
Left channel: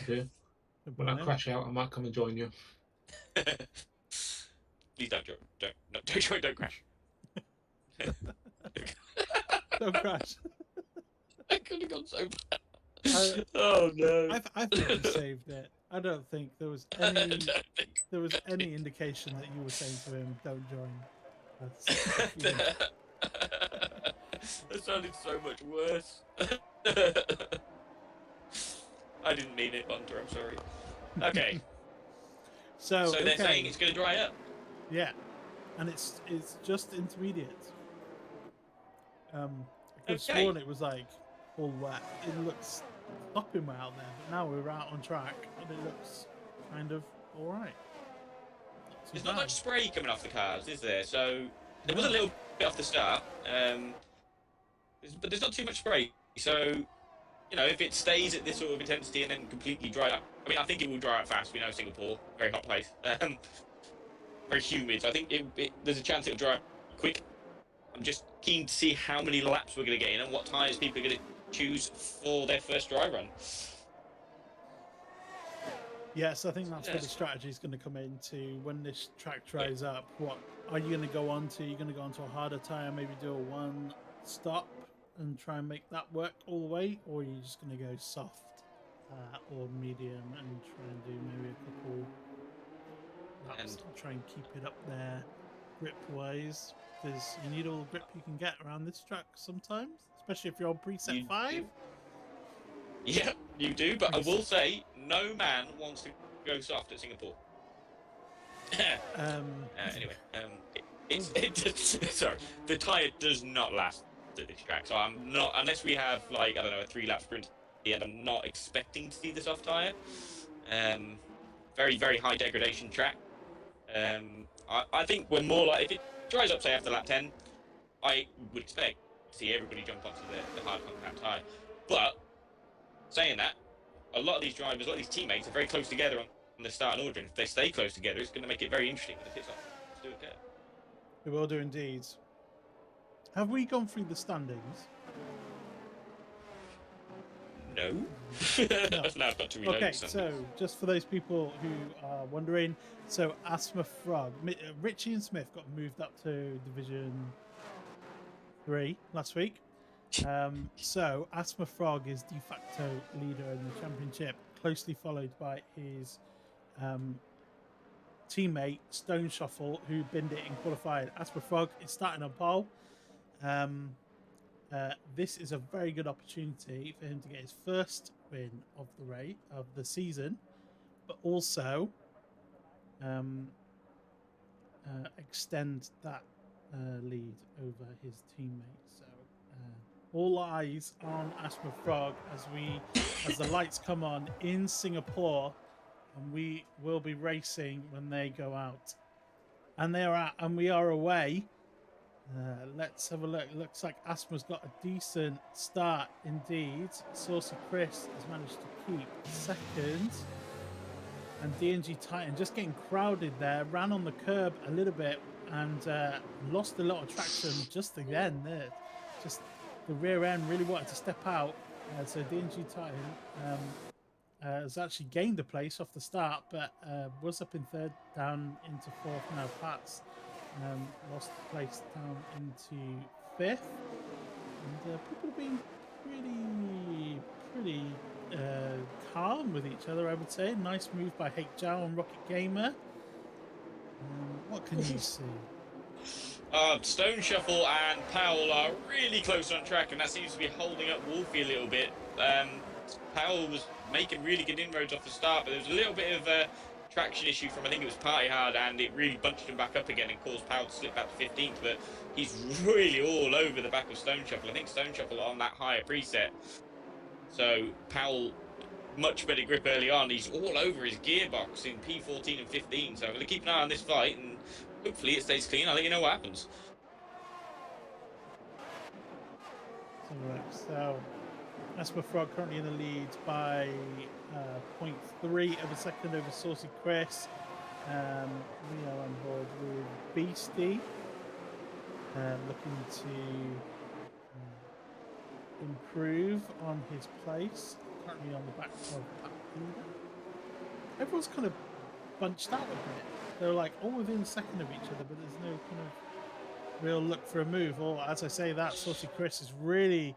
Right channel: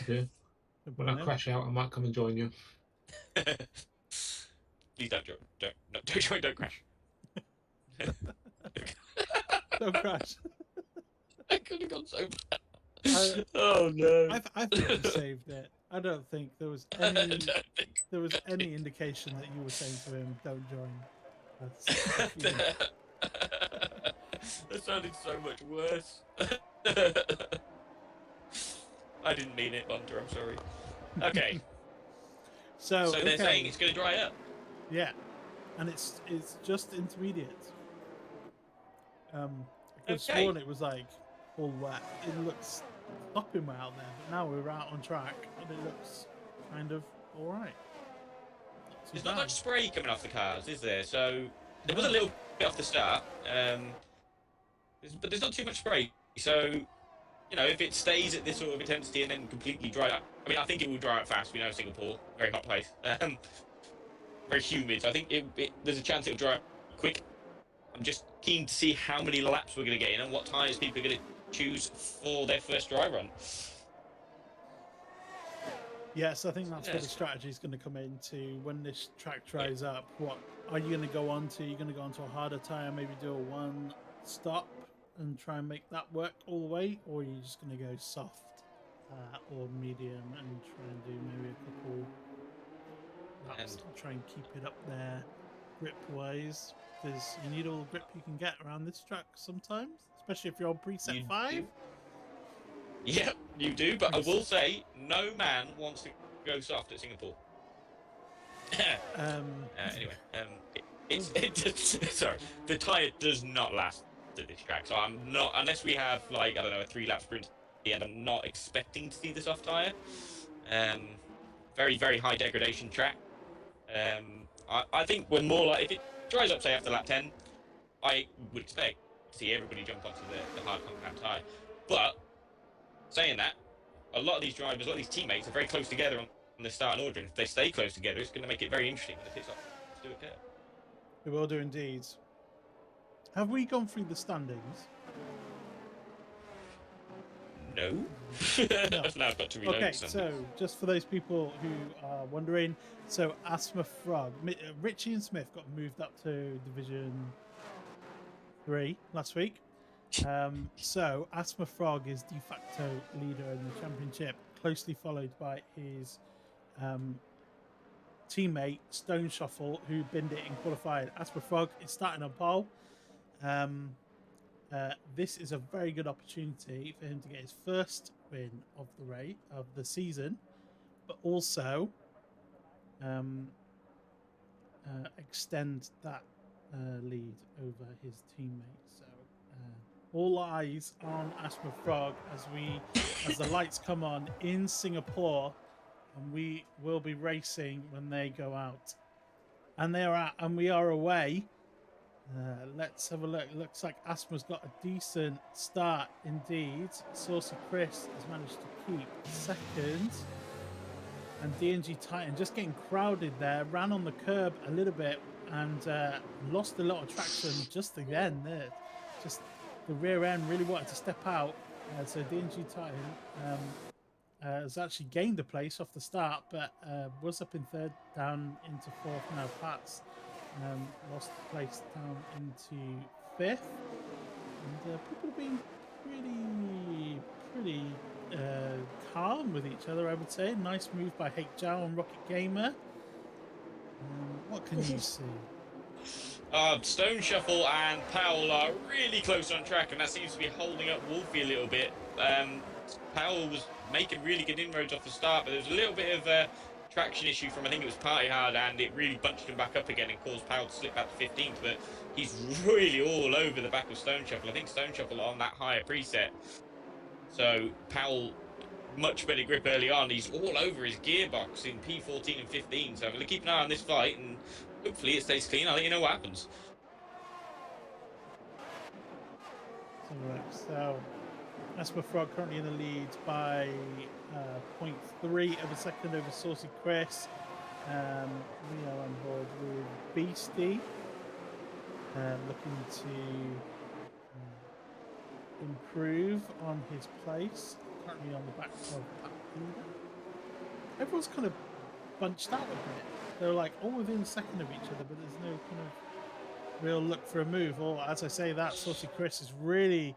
When I crash out, I might come and join you. Please don't crash. Don't crash. I could have gone so bad. Oh no! I think you saved it. I don't think there was any indication that you were saying to him, "Don't join." That sounded so much worse. I didn't mean it, Hunter. I'm sorry. Okay. So they're saying it's going to dry up. Yeah, and it's just intermediate. I could have sworn it was like all wet. It looks stopping way out there, but now we're out on track and it looks kind of all right. There's not much spray coming off the cars, is there? So there was a little bit off the start, but there's not too much spray. So if it stays at this sort of intensity and then completely dry up, I mean, I think it will dry up fast. We know Singapore, very hot place, very humid. So I think there's a chance it'll dry up quick. I'm just keen to see how many laps we're going to get in and what tyres people are going to choose for their first dry run. Yes, I think that's where the strategy is going to come into when this track dries up. What are you going to go on to? You're going to go on to a harder tyre, maybe do a 1 stop and try and make that work all the way, or are you just going to go soft or medium and try and do maybe a couple laps and try and keep it up there grip wise? Because you need all the grip you can get around this track sometimes, especially if you're on preset 5. Yeah, you do, but I will say, no man wants to go soft at Singapore. Anyway, sorry, the tyre does not last at this track, so I'm not, unless we have, like, I don't know, a 3-lap sprint, and I'm not expecting to see the soft tyre. Very, very high degradation track. I think we're more like, if it dries up, say, after lap 10, I would expect to see everybody jump onto the hard compact tyre. But, saying that, a lot of these drivers, a lot of these teammates are very close together on the start and order, and if they stay close together, it's going to make it very interesting when it pits off. Let's do it there. We will do indeed. Have we gone through the standings? No. No. Now I've got to reload Okay, something. so just for those people who are wondering, so AsthmaFrog, Richie and Smith got moved up to Division 3 last week. So AsthmaFrog is de facto leader in the championship, closely followed by his teammate Stoneshuffle, who binned it in qualified. AsthmaFrog is starting on pole. This is a very good opportunity for him to get his first win of the season, but also extend that lead over his teammate. So all eyes on AsthmaFrog as the lights come on in Singapore, and we will be racing when they go out. And we are away. Let's have a look. Looks like Asthma's got a decent start indeed. Saucy Chris has managed to keep second. And DNG Titan just getting crowded there, ran on the curb a little bit and lost a lot of traction just again there. Just the rear end really wanted to step out. So DNG Titan has actually gained a place off the start, but was up in third, down into fourth. Now Pat's lost the place down into fifth. And people have been pretty calm with each other, I would say. Nice move by Hake Zhao and Rocket Gamer. What can you see? Stoneshuffle and Powell are really close on track, and that seems to be holding up Wolfie a little bit. Powell was making really good inroads off the start, but there was a little bit of a traction issue from, I think it was Party Hard, and it really bunched him back up again and caused Powell to slip back to 15th. But he's really all over the back of Stoneshuffle. I think Stoneshuffle are on that higher preset. So Powell, much better grip early on. He's all over his gearbox in P14 and 15. So I'm going to keep an eye on this fight, and hopefully it stays clean. I'll let you know what happens. So AsthmaFrog currently in the lead by 0.3 of a second over Saucy Chris. We are on board with Beastie, looking to improve on his place. Currently on the back of that leader. Everyone's kind of bunched out a bit. They're like all within a second of each other, but there's no kind of real look for a move. Or as I say that, Saucy Chris is really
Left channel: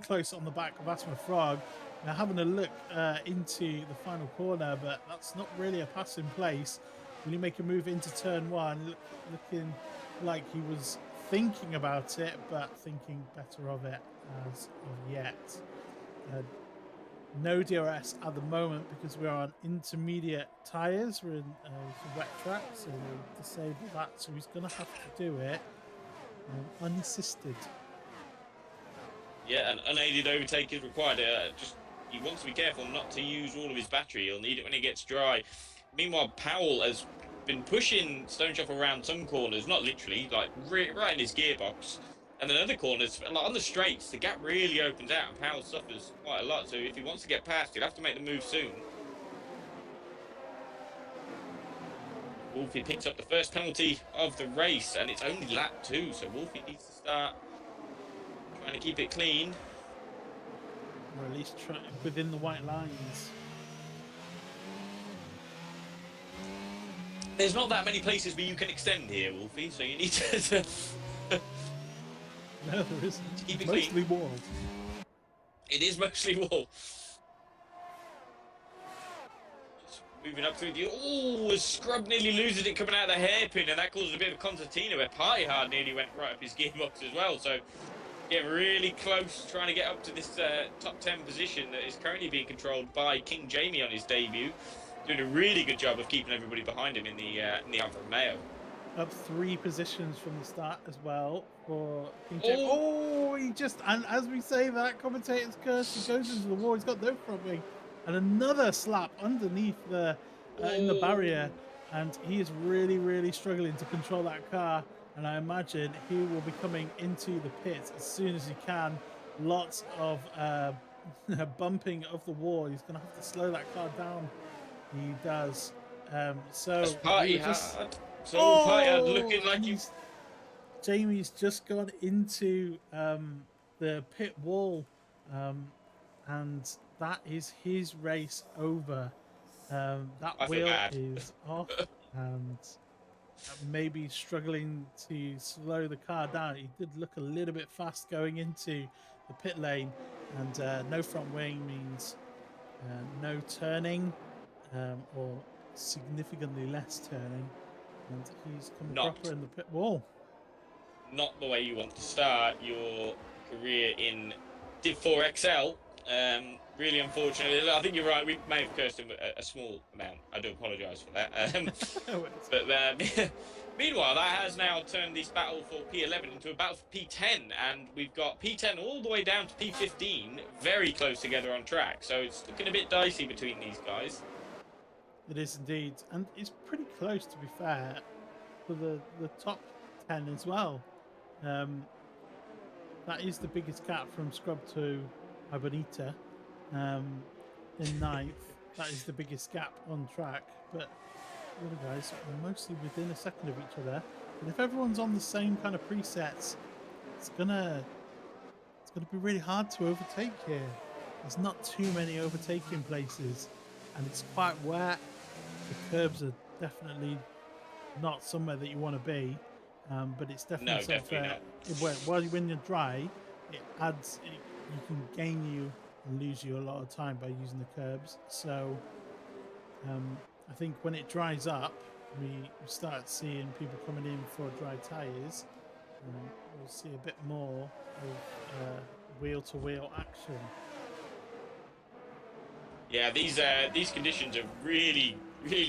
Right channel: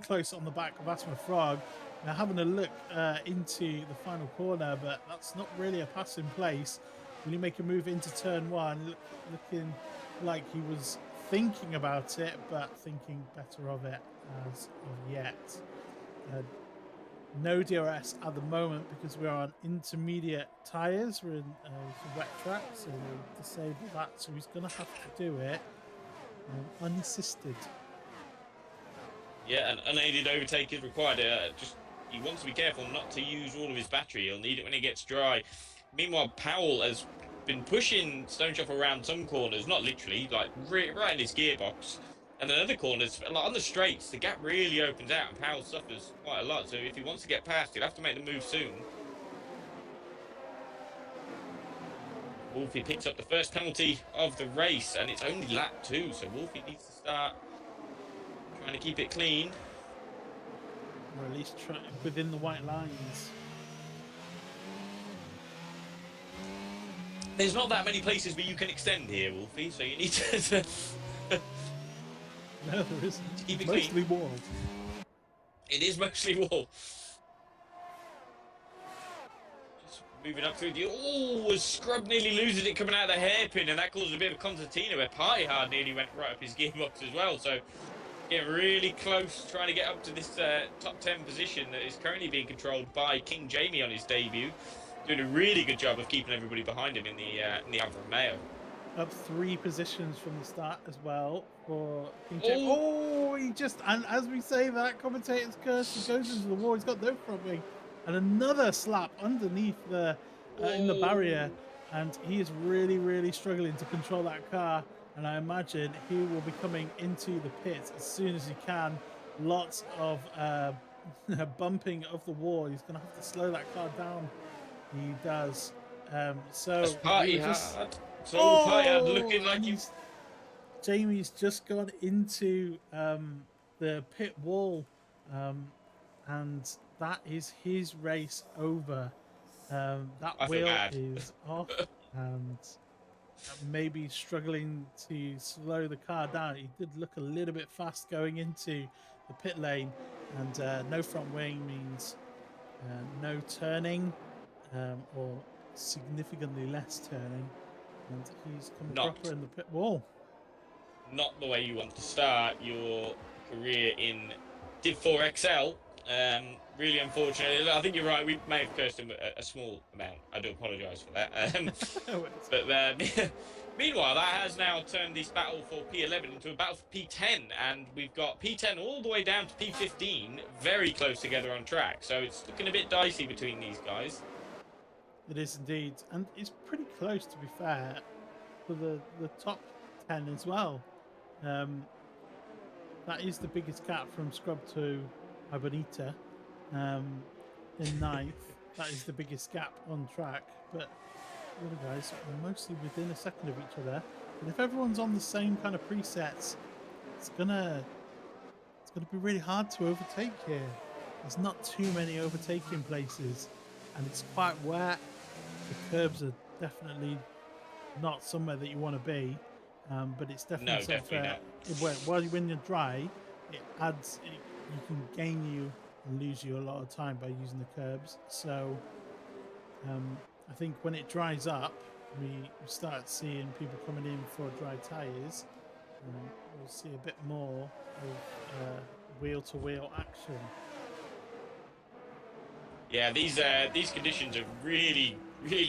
close on the back of AsthmaFrog. Now having a look into the final corner, but that's not really a pass in place. Will he make a move into turn one? Looking like he was thinking about it, but thinking better of it as of yet. No DRS at the moment because we're on intermediate tyres. We're in some wet tracks, so we'll disable that. So he's going to have to do it unassisted. Yeah, an unaided overtake is required. He wants to be careful not to use all of his battery. He'll need it when it gets dry. Meanwhile, Powell has been pushing Stoneshuffle around some corners, not literally, like right in his gearbox. And then other corners, like on the straights, the gap really opens out and Powell suffers quite a lot. So if he wants to get past, he'll have to make the move soon. Wolfie picks up the first penalty of the race, and it's only lap 2, so Wolfie needs to start trying to keep it clean. Or at least try within the white lines. There's not that many places where you can extend here, Wolfie, so you need to... No, there isn't. Keep it mostly clean. wall. It is mostly wall. Just moving up through the... Oh, Scrub nearly loses it coming out of the hairpin, and that caused a bit of a concertina where Party Hard nearly went right up his gearbox as well. So getting really close, trying to get up to this top 10 position that is currently being controlled by King Jamie on his debut. Doing a really good job of keeping everybody behind him in the Alfa Romeo. Up 3 positions from the start as well for King James. Oh, he just, and as we say that, commentator's curse, he goes into the wall, he's got no front wing, and another slap underneath the in the barrier, and he is really struggling to control that car, and I imagine he will be coming into the pit as soon as he can. Lots of bumping of the wall. He's going to have to slow that car down. He does. So he just... looking like Jamie's just gone into the pit wall, and that is his race over. That wheel is off, and maybe struggling to slow the car down. He did look a little bit fast going into the pit lane, and no front wing means no turning, or significantly less turning. And he's come proper in the pit wall. Not the way you want to start your career in F1XL. Really unfortunate. I think you're right. We may have cursed him a small amount. I do apologise for that. But Meanwhile, that has now turned this battle for P11 into a battle for P10, and we've got P10 all the way down to P15, very close together on track. So it's looking a bit dicey between these guys. It is indeed, and it's pretty close, to be fair, for the top 10 as well. That is the biggest gap from Scrub to Abonita in ninth. That is the biggest gap on track, but the other guys are mostly within a second of each other. But if everyone's on the same kind of presets, it's gonna be really hard to overtake here. There's not too many overtaking places, and it's quite wet. The curbs are definitely not somewhere that you want to be, but it's definitely something when you're dry, it adds. You can gain you and lose you a lot of time by using the curbs. So I think when it dries up, we start seeing people coming in for dry tyres. We'll see a bit more of wheel-to-wheel action. Yeah, these conditions have really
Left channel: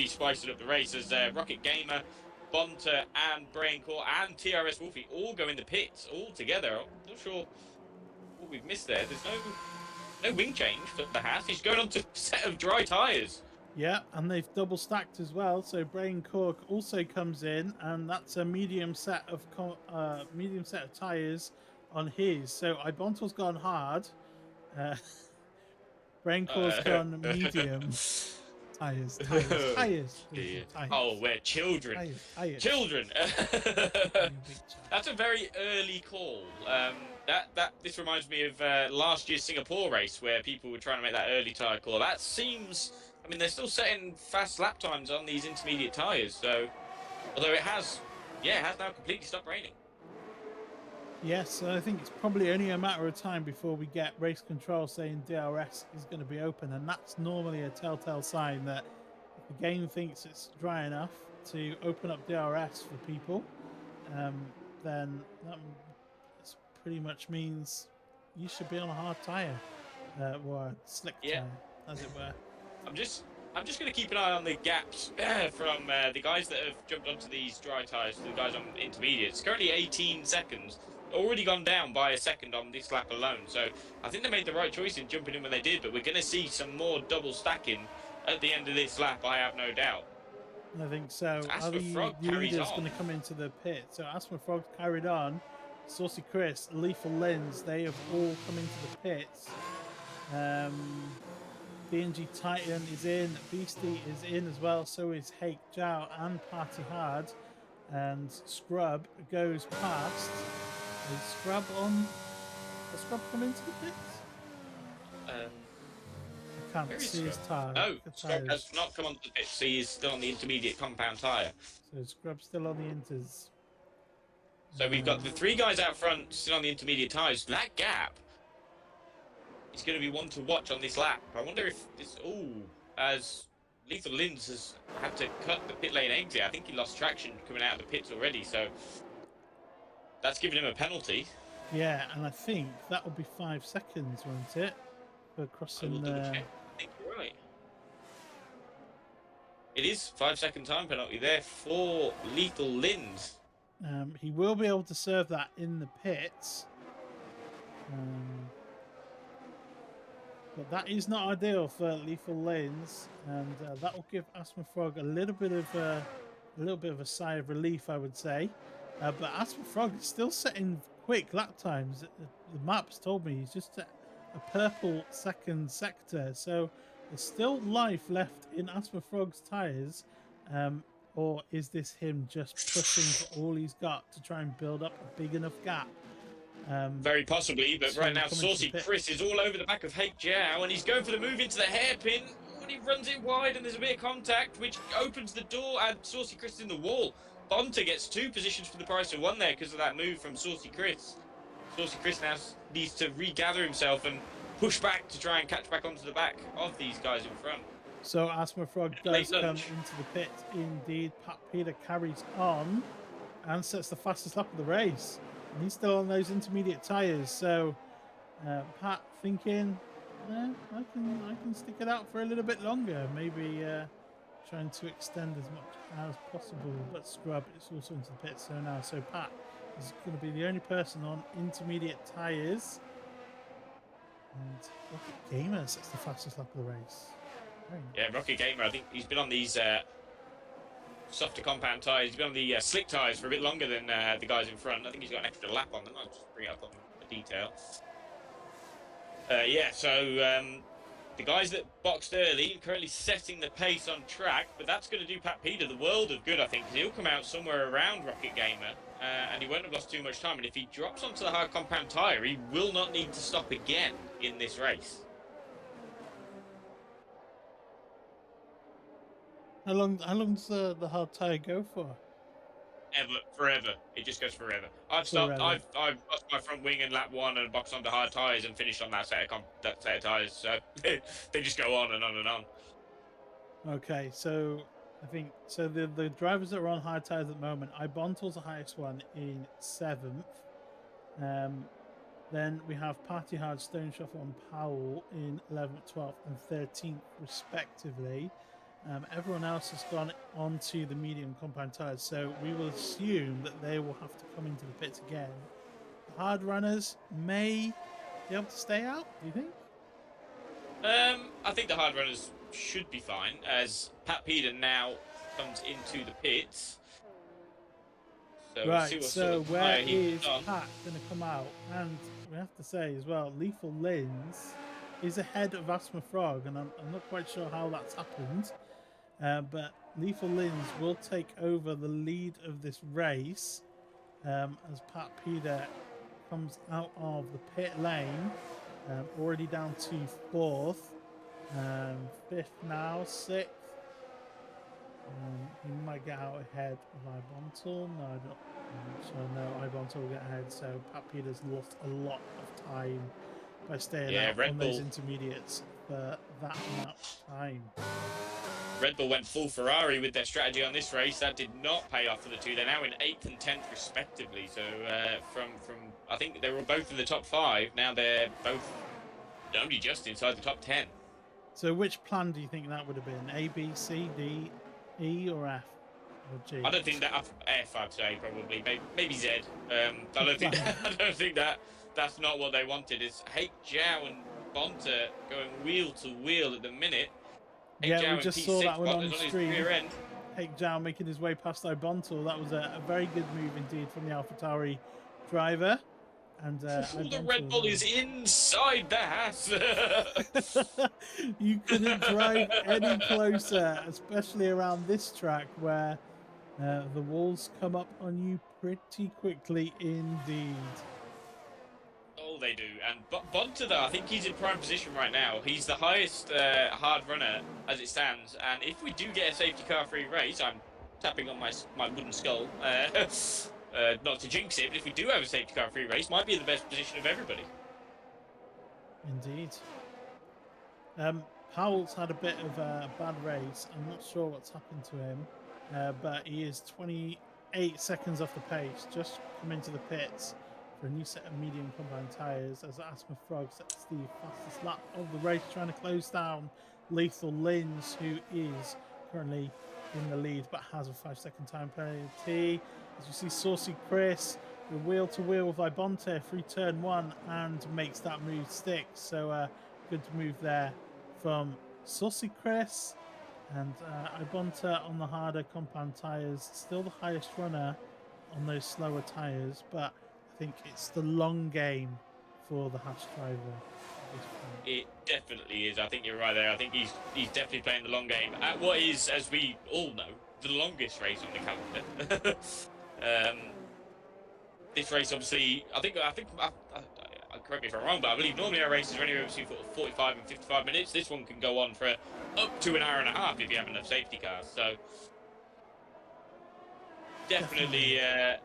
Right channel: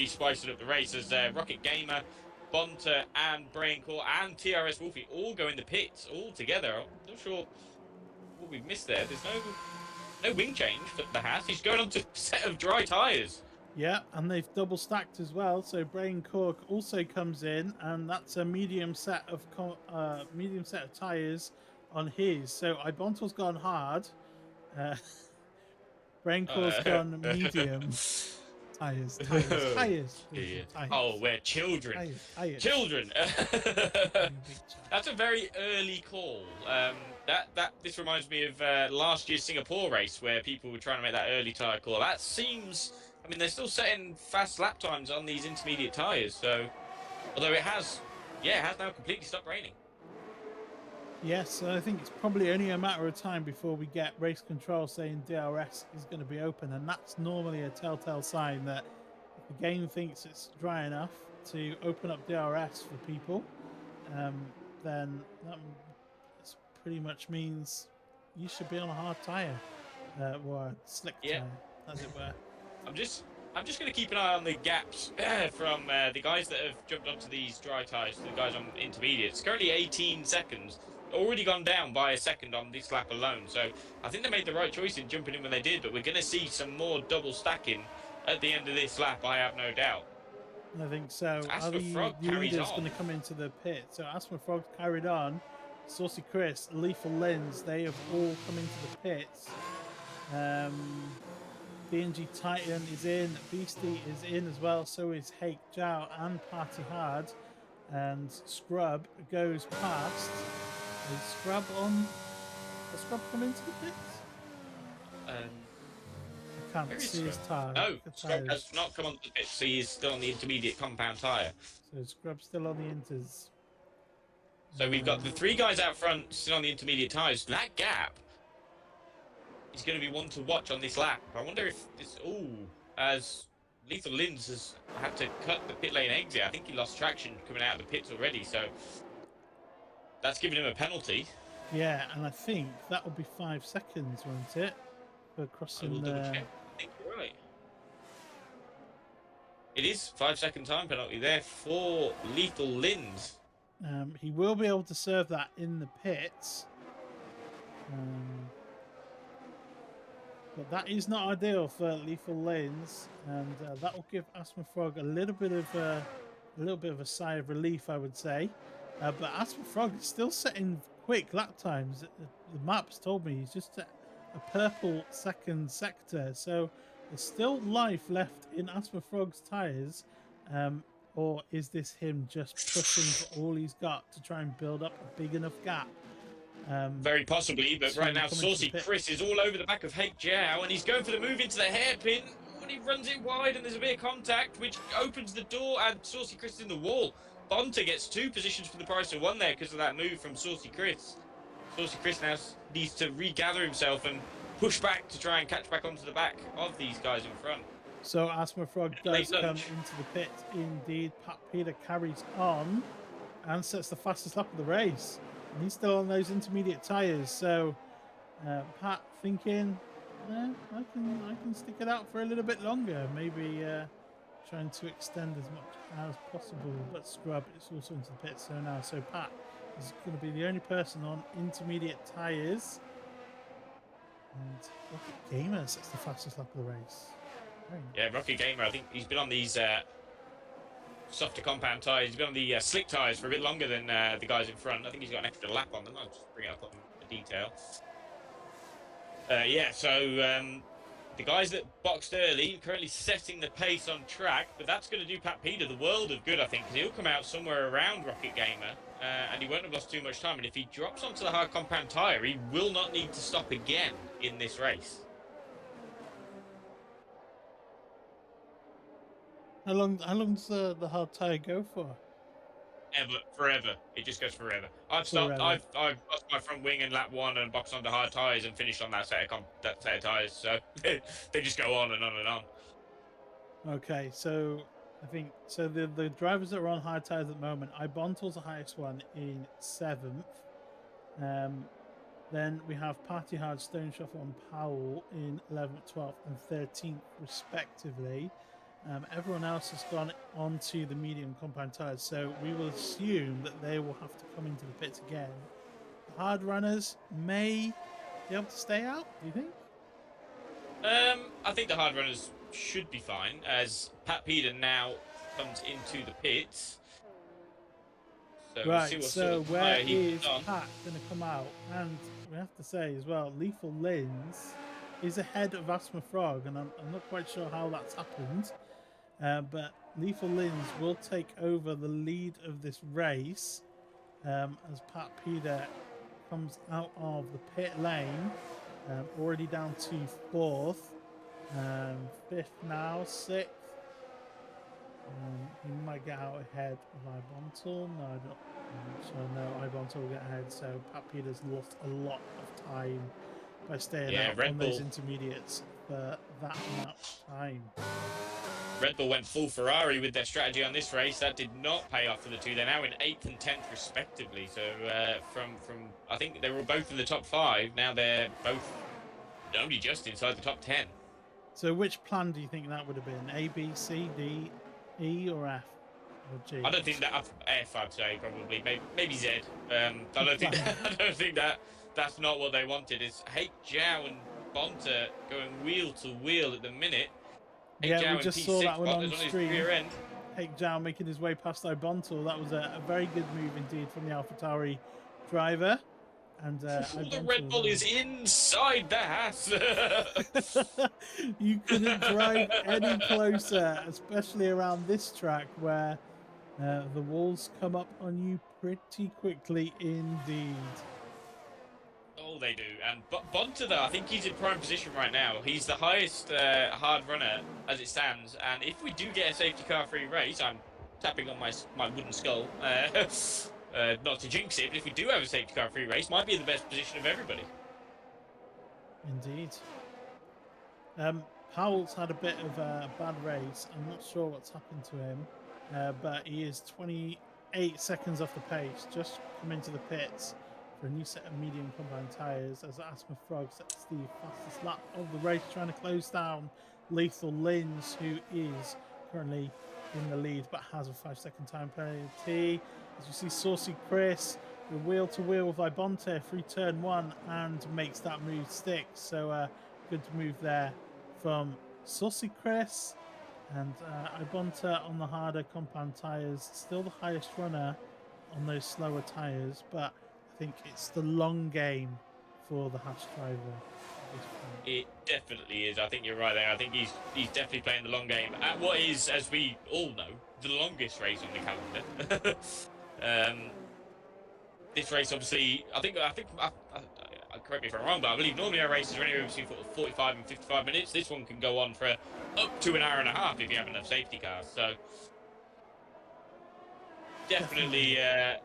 spiced up the race as Rocket Gamer, Bonta, and Braincore and TRS Wolfie all go in the pits all together. I'm not sure what we've missed there. There's no wing change for the Haas. He's going on to a set of dry tyres. Yeah, and they've double stacked as well. So Brain Cork also comes in, and that's a medium set of tyres on his. So Ibonto's gone hard. Brain Cork's gone medium. Tires. Oh, we're children. Tires. Children. That's a very early call. This reminds me of last year's Singapore race where people were trying to make that early tyre call. That seems. I mean, they're still setting fast lap times on these intermediate tyres. So, although it has now completely stopped raining. Yes, I think it's probably only a matter of time before we get race control saying DRS is going to be open, and that's normally a telltale sign that if the game thinks it's dry enough to open up DRS for people, then that pretty much means you should be on a hard tyre, or a slick tyre, as it were. I'm just going to keep an eye on the gaps from the guys that have jumped onto these dry tyres to the guys on intermediates. Currently 18 seconds. Already gone down by a second on this lap alone, so I think they made the right choice in jumping in when they did, but we're going to see some more double stacking at the end of this lap, I have no doubt. I think so. Are the leaders going to come into the pit? So AsthmaFrog carried on. Saucy Chris, Lethal Lens, they have all come into the pits. BNG Titan is in, Beastie is in as well, so is Hake Jow and Party Hard, and Scrub goes past. Is Scrub on? Has Scrub come into the pits? I can't see his tyre. No, Scrub has not come onto the pits, so he's still on the intermediate compound tyre. So Scrub's still on the inters. So we've got the three guys out front still on the intermediate tyres. That gap is going to be one to watch on this lap. I wonder if this... as Lethal Lins has had to cut the pit lane exit. I think he lost traction coming out of the pits already, so that's given him a penalty. Yeah, and I think that will be 5 seconds, won't it? For crossing the... I think you're right. It is 5 second time penalty there for Lethal Lins. He will be able to serve that in the pits. But that is not ideal for Lethal Lanes, and that will give AsthmaFrog a little bit of a sigh of relief, I would say. But AsthmaFrog is still setting quick lap times. The map's told me he's just at a purple second sector, so there's still life left in AsthmaFrog's tyres. Or is this him just pushing for all he's got to try and build up a big enough gap? Very possibly, but right now Saucy Chris is all over the back of Hake Jow, and he's going for the move into the hairpin, and he runs it wide, and there's a bit of contact, which opens the door, and Saucy Chris is in the wall. Bonta gets 2 positions for the price of 1 there because of that move from Saucy Chris. Saucy Chris now needs to regather himself and push back to try and catch back onto the back of these guys in front. So AsthmaFrog does come into the pit indeed. Pat Peter carries on and sets the fastest lap of the race. And he's still on those intermediate tyres. So Pat thinking, I can stick it out for a little bit longer. Maybe trying to extend as much as possible, but Scrub is also into the pit. So now, Pat is going to be the only person on intermediate tyres. And Rocket Gamer sets the fastest lap of the race. Very nice. Yeah, Rocket Gamer, I think he's been on these softer compound tyres. He's been on the slick tyres for a bit longer than the guys in front. I think he's got an extra lap on them. I'll just bring it up on the detail. Yeah, so the guys that boxed early currently setting the pace on track, but that's going to do Pat Peter the world of good, I think, because he'll come out somewhere around Rocket Gamer, and he won't have lost too much time. And if he drops onto the hard compound tyre, he will not need to stop again in this race. How long does the hard tyre go for? Forever. It just goes forever. I've lost my front wing in lap 1 and boxed onto hard tyres and finished on that set of tyres. So they just go on and on and on. Okay, so I think the drivers that are on hard tyres at the moment, Ibontal's the highest one in 7th. Then we have Party Hard, Stoneshuffle and Powell in 11th, 12th and 13th respectively. Everyone else has gone onto the medium compound tyres, so we will assume that they will have to come into the pits again. The hard runners may be able to stay out, do you think? I think the hard runners should be fine, as Pat Peter now comes into the pits. So right, so where is Pat going to come out? And we have to say as well, Lethal Lins is ahead of AsthmaFrog, and I'm not quite sure how that's happened. But Lethal Lins will take over the lead of this race as Pat Peter comes out of the pit lane, already down to 4th, 5th now, 6th. He might get out ahead of Ibontal. No, I'm not sure. No, Ibontal will get ahead. So Pat Peter's lost a lot of time by staying out on those intermediates for that amount of time. Red Bull went full Ferrari with their strategy on this race. That did not pay off for the two. They're now in 8th and 10th respectively. So from I think they were both in the top 5. Now they're both only just inside the top 10. So which plan do you think that would have been? A, B, C, D, E, or F, or G? I don't think that F. I'd say probably maybe Z. I don't think that's not what they wanted. It's Hake Zhao and Bonta going wheel to wheel at the minute. Yeah, we just saw that one on stream. Hake Zhao making his way past Ibontal. That was a very good move indeed from the AlphaTauri driver. And the Red Bull is inside the house. You couldn't drive any closer, especially around this track where the walls come up on you pretty quickly indeed. Oh, they do. And Bonta, though, I think he's in prime position right now. He's the highest hard runner as it stands. And if we do get a safety car-free race, I'm tapping on my wooden skull. Not to jinx it, but if we do have a safety car free race, might be in the best position of everybody. Indeed. Powell's had a bit of a bad race. I'm not sure what's happened to him, but he is 28 seconds off the pace. Just come into the pits for a new set of medium compound tyres as AsthmaFrog sets the fastest lap of the race, trying to close down Lethal Lins, who is currently in the lead but has a 5-second time penalty. As you see, Saucy Chris wheel to wheel with Ibonta through turn 1 and makes that move stick. So good move there from Saucy Chris. And Ibonta on the harder compound tyres, still the highest runner on those slower tyres, but I think it's the long game for the Haas driver. It definitely is. I think you're right there. I think he's definitely playing the long game at what is, as we all know, the longest race on the calendar. This race, obviously, I think. Correct me if I'm wrong, but I believe normally our races are anywhere between 45 and 55 minutes. This one can go on for up to an hour and a half if you have enough safety cars. So definitely a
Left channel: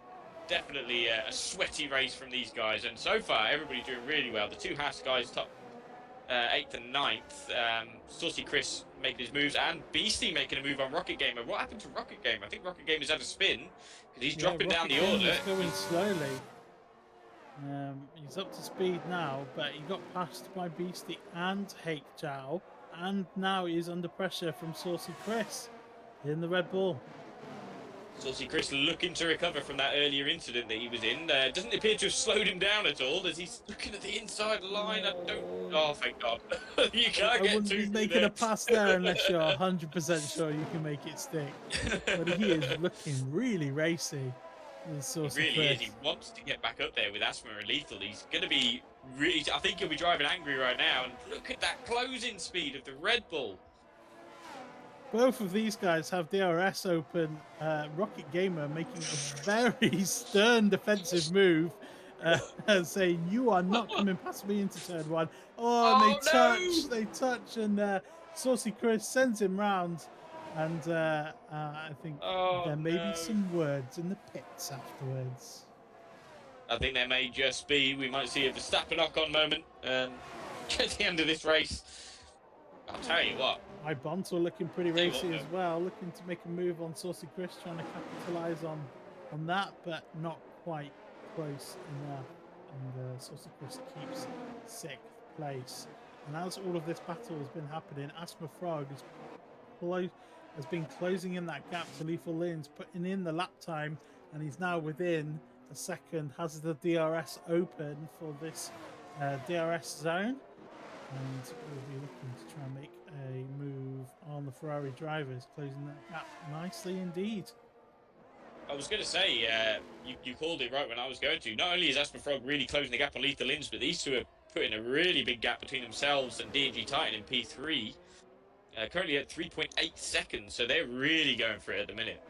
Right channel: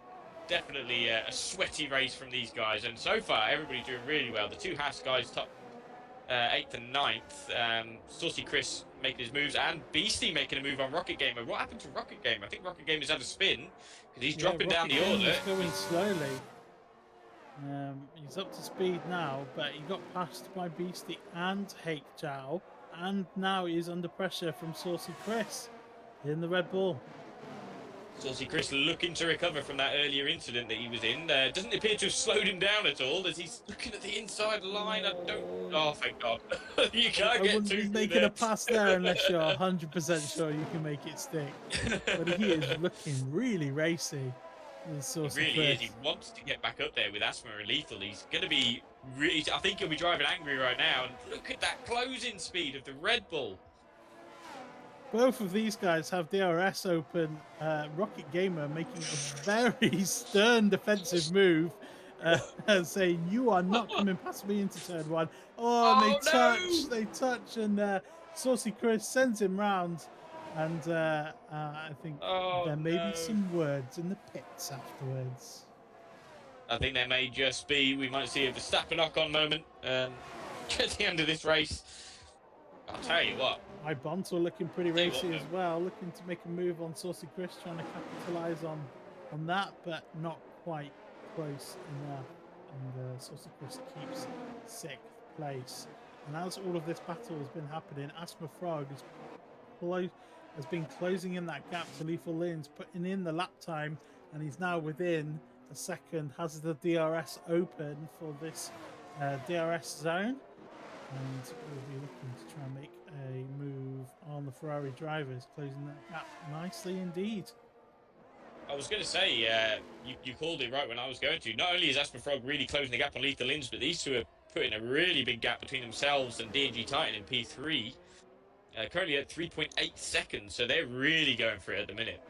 sweaty race from these guys. And so far, everybody's doing really well. The two Haas guys, top 8th and 9th. Saucy Chris making his moves, and Beastie making a move on Rocket Gamer. What happened to Rocket Gamer? I think Rocket Gamer's had a spin because he's dropping down the order. He's going slowly. He's up to speed now, but he got passed by Beastie and Hake Zhao, and now he's under pressure from Saucy Chris. in the Red Bull. Saucy Chris looking to recover from that earlier incident that he was in. Doesn't appear to have slowed him down at all as he's looking at the inside line. I don't. Oh, thank God. You can't I get wouldn't too be through making there. a pass there unless you're 100% sure you can make it stick. But he is looking really racy. He Saucy really Chris. is. He wants to get back up there with Asthma and Lethal. He's going to be really. I think he'll be driving angry right now. And look at that closing speed of the Red Bull. Both of these guys have DRS open. Rocket Gamer making a very stern defensive move, saying, "You are not coming past me into turn one." Oh, and they touch, and Saucy Chris sends him round. And I think there may be some words in the pits afterwards. I think there may just be. We might see a Verstappen knock-on moment at the end of this race. I'll tell you what. Ibonto looking pretty racy as well, looking to make a move on Saucy Chris, trying to capitalise on that, but not quite close enough. And Saucy Chris keeps 6th place. And as all of this battle has been happening, AsthmaFrog has been closing in that gap to Lethal Lins, putting in the lap time, and he's now within a second, has the DRS open for this DRS zone. And we'll be looking to try and make a move on the Ferrari drivers, closing that gap nicely indeed. I was going to say, you called it right when I was going to. Not only is AsthmaFrog really closing the gap on Lethal Lins, but these two are putting a really big gap between themselves and D&G Titan in P3. Currently at 3.8 seconds, so they're really going for it at the minute.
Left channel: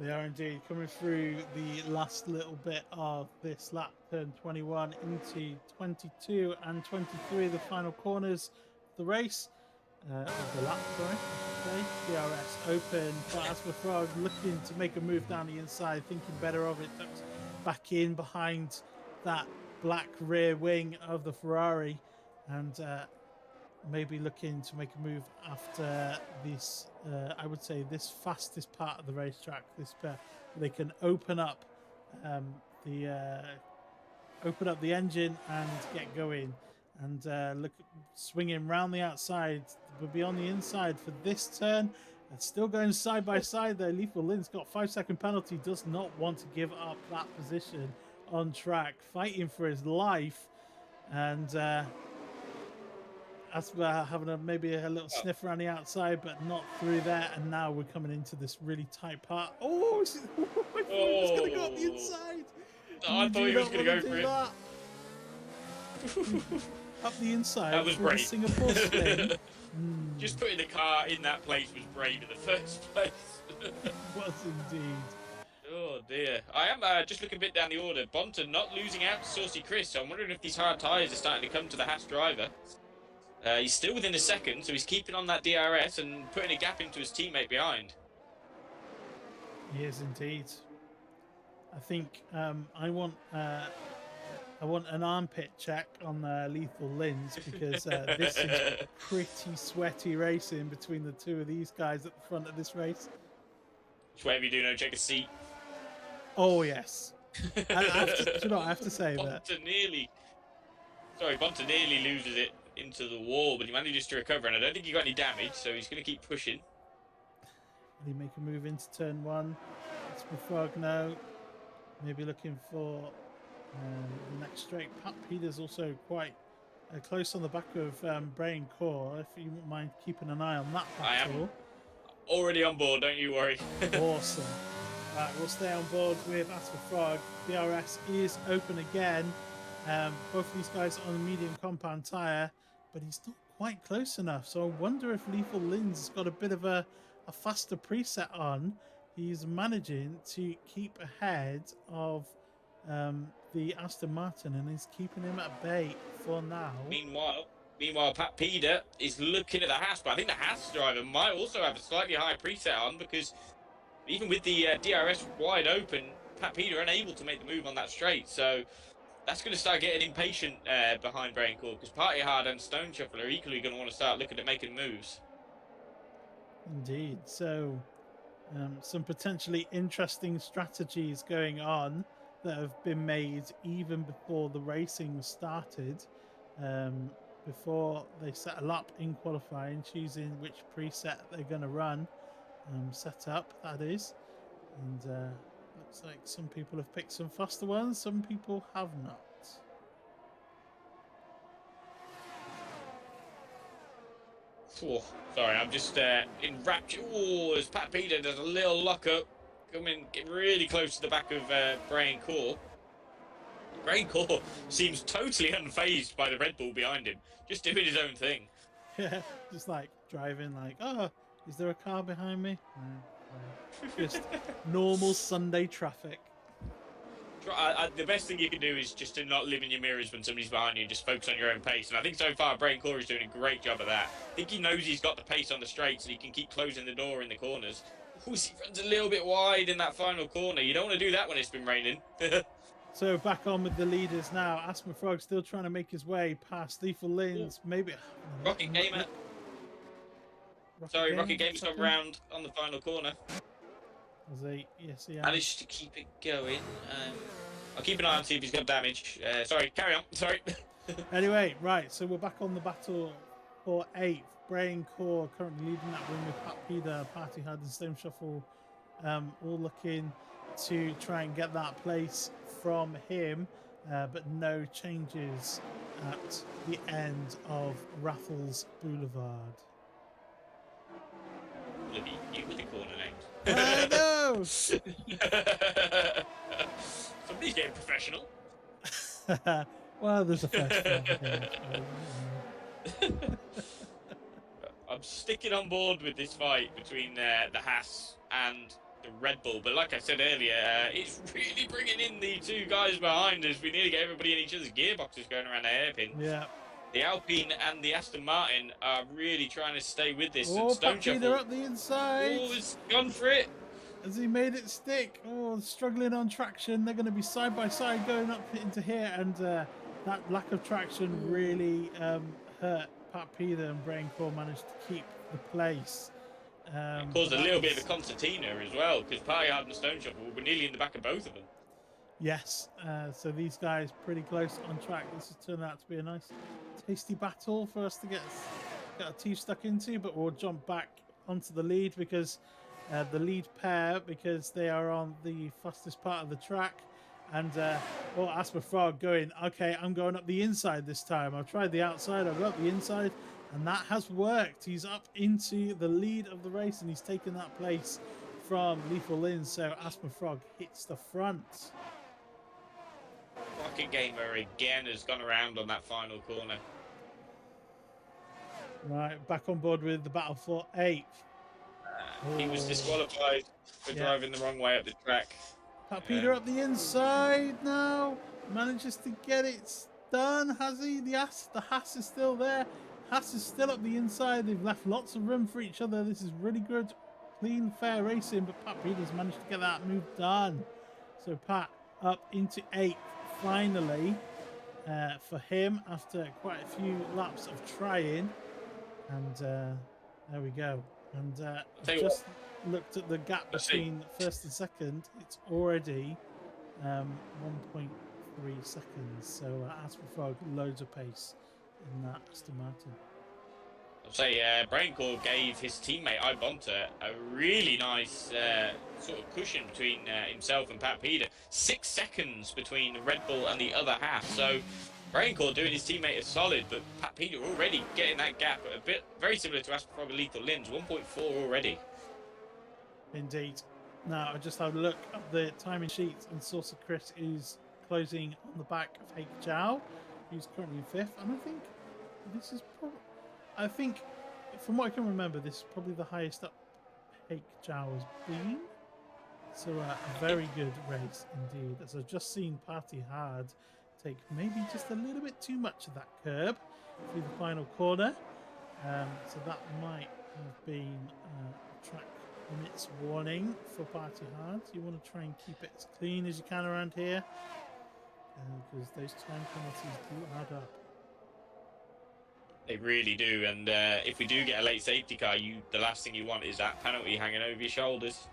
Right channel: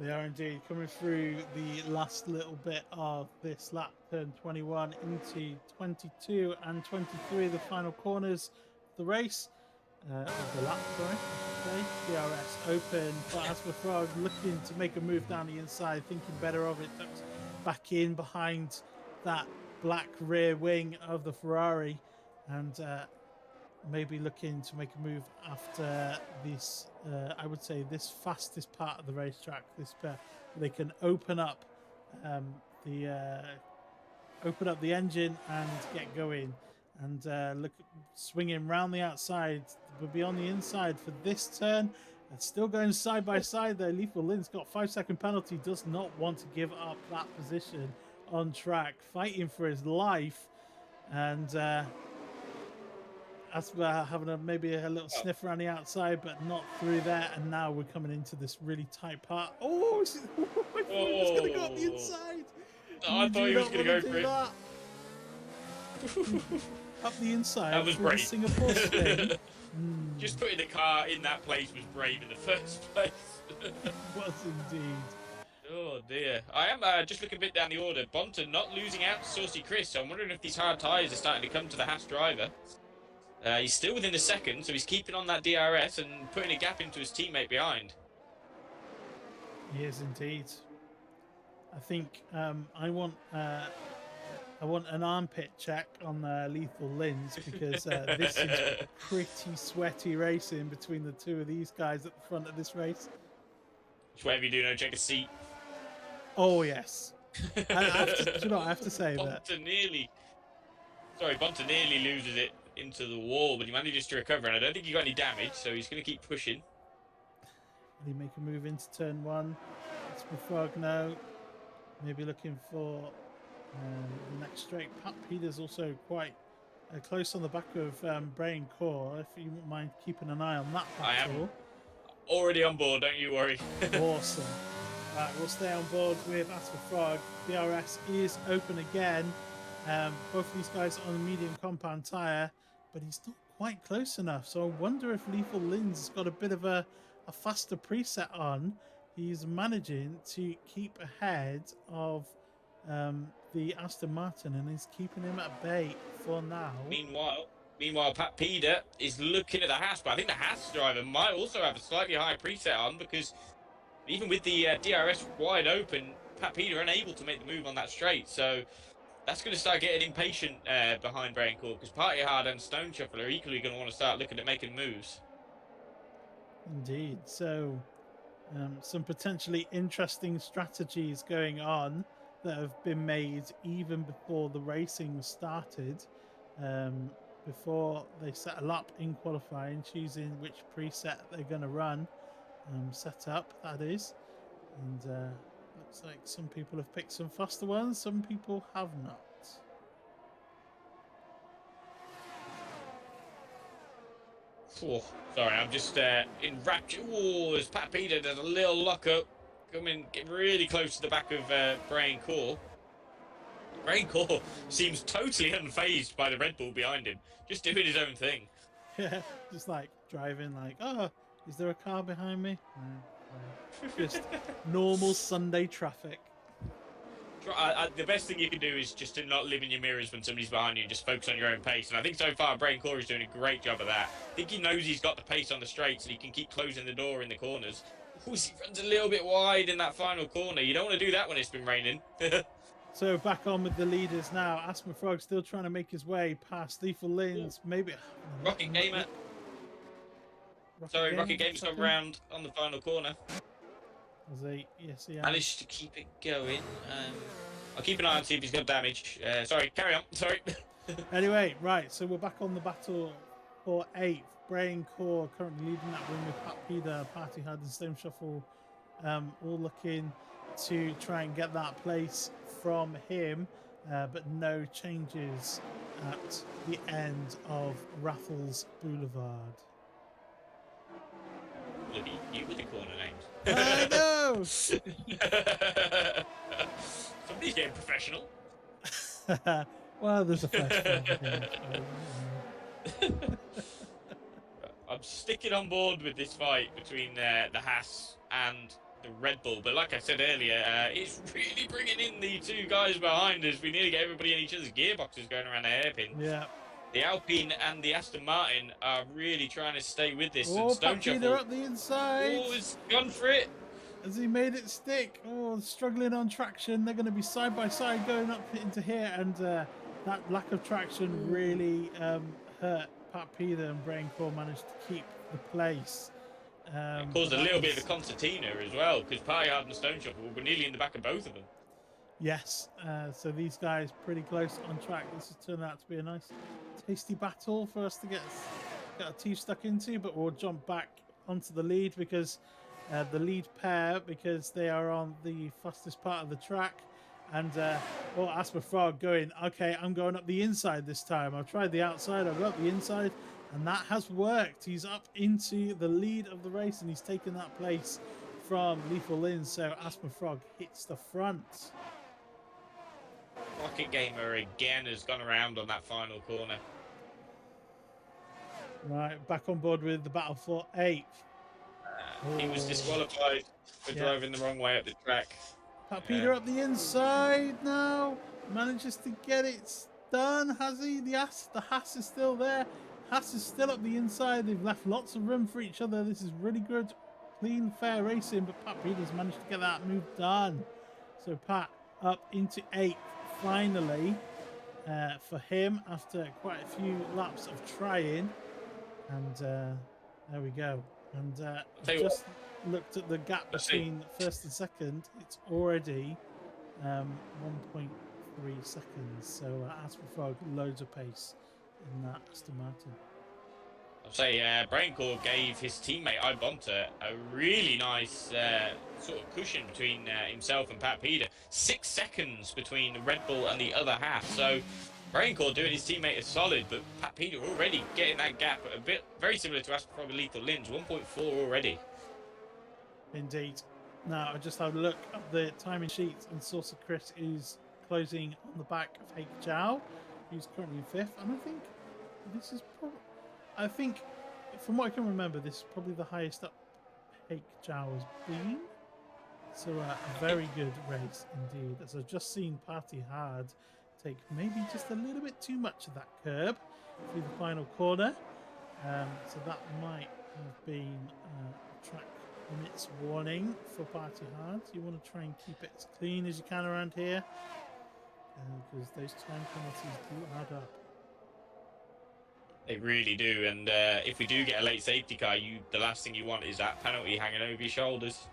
They are indeed coming through the last little bit of this lap, turn 21 into 22 and 23, the final corners of the race, of the lap, sorry, DRS open for AsthmaFrog, looking to make a move down the inside, thinking better of it, tucks back in behind that black rear wing of the Ferrari, and maybe looking to make a move after this, I would say this fastest part of the racetrack, this bit they can open up the engine and get going, and look, swinging round the outside, but be on the inside for this turn. And still going side by side there. Lethal Lin's got 5-second penalty, does not want to give up that position on track, fighting for his life, and Asthma having maybe a little sniff around the outside, but not through there. And now we're coming into this really tight part. Oh, I thought he was going to go up the inside. Oh, I thought he was going to go for it. Up the inside. That was brave. The Singapore spin. Just putting the car in that place was brave in the first place. It was indeed. Oh dear. I am just looking a bit down the order. Bonta not losing out to Saucy Chris, so I'm wondering if these hard tyres are starting to come to the Haas driver. He's still within the second, so he's keeping on that DRS and putting a gap into his teammate behind. He is indeed. I think I want an armpit check on Lethal Lins, because this is pretty sweaty racing between the two of these guys at the front of this race. Just whatever you do, no check a seat. Oh yes. I have to say that. Bonta nearly loses it into the wall, but he manages to recover, and I don't think he got any damage, so he's going to keep pushing. Will he make a move into turn one? AsthmaFrog now. Maybe looking for the next straight. Pat Peters also quite close on the back of Brain Core, if you wouldn't mind keeping an eye on that battle. I am already on board, don't you worry. Awesome. Right, we'll stay on board with AsthmaFrog. DRS is open again. Both of these guys on a medium compound tyre, but he's not quite close enough. So I wonder if Lethal Lin's has got a bit of a faster preset on. He's managing to keep ahead of the Aston Martin, and is keeping him at bay for now. Meanwhile, Pat Peder is looking at the Haas, but I think the Haas driver might also have a slightly higher preset on, because even with the DRS wide open, Pat Peder unable to make the move on that straight. So that's going to start getting impatient behind Brain Core, because Party Hard and Stoneshuffle are equally going to want to start looking at making moves. Indeed. So some potentially interesting strategies going on that have been made even before the racing started. before they settle up in qualifying, choosing which preset they're going to run, set up, that is. And looks like some people have picked some faster ones, some people have not. Oh, sorry, I'm just in rapture. Oh, as Pat Peter does a little lock up, coming really close to the back of Brian Core. Brian Core seems totally unfazed by the Red Bull behind him, just doing his own thing. Yeah, just like driving like, oh, is there a car behind me? No. Just normal Sunday traffic. The best thing you can do is just to not live in your mirrors when somebody's behind you, just focus on your own pace. And I think so far, Brain Core is doing a great job of that. I think he knows he's got the pace on the straights and he can keep closing the door in the corners. Ooh, he runs a little bit wide in that final corner. You don't want to do that when it's been raining. So back on with the leaders now. AsthmaFrog still trying to make his way past Lethal Lins. Maybe. Rocket Gamer. Rocket Gamer's got round on the final corner. Yes, he has. Managed to keep it going. I'll keep an eye on see if he's got damage. Sorry, carry on. Sorry. Anyway, right, so we're back on the battle for 8th. Brain Core currently leading that win with Pat Peter, Party Hard and Stoneshuffle all looking to try and get that place from him, but no changes at the end of Raffles Boulevard. Look at you with the corner names. I know! Somebody's getting professional. Well, there's a first one. I'm sticking on board with this fight between the Haas and the Red Bull, but like I said earlier, it's really bringing in the two guys behind us. We nearly get everybody in each other's gearboxes going around the hairpin. Yeah. The Alpine and the Aston Martin are really trying to stay with this. Oh, Peter up the inside. Oh, it's gone for it. Has he made it stick? Oh, struggling on traction. They're going to be side by side going up into here, and that lack of traction really hurt Pat Peter, and Brain Core managed to keep the place. It caused a little bit of a concertina as well, because Pyard and Stoneshuffle were nearly in the back of both of them. Yes, so these guys pretty close on track. This has turned out to be a nice, tasty battle for us to get our teeth stuck into, but we'll jump back onto the lead because the lead pair, because they are on the fastest part of the track. And AsthmaFrog going, okay, I'm going up the inside this time. I've tried the outside, I've got the inside, and that has worked. He's up into the lead of the race, and he's taken that place from Lethal Lin. So AsthmaFrog hits the front. Rocket Gamer again has gone around on that final corner. Right, back on board with the battle for 8th. He was disqualified for driving the wrong way up the track. Pat Peter up the inside now. Manages to get it done, has he? The Haas is still there. Haas is still up the inside. They've left lots of room for each other. This is really good, clean, fair racing, but Pat Peter's managed to get that move done. So Pat up into 8th finally for him after quite a few laps of trying. And there we go. And just looked at the gap between first and second. It's already 1.3 seconds. So AsthmaFrog loads of pace in that Aston Martin. I'll say Braincore gave his teammate Ibonta a really nice sort of cushion between himself and Pat Peter. 6 seconds between the Red Bull and the other half. So Braincore doing his teammate a solid, but Pat Peter already getting that gap a bit very similar to AsthmaFrog and Lethal Lin's 1.4 already. Indeed. Now I just had a look at the timing sheet, and Saucer Chris is closing on the back of Hake Chow, who's currently in 5th, and I think this is probably, from what I can remember, this is probably the highest up Hake Chow has been. So a very good race indeed. As I've just seen Party Hard take maybe just a little bit too much of that curb through the final corner. So that might have been track limits warning for Party Hard. You want to try and keep it as clean as you can around here, because those time penalties do add up. They really do, and if we do get a late safety car, the last thing you want is that penalty hanging over your shoulders.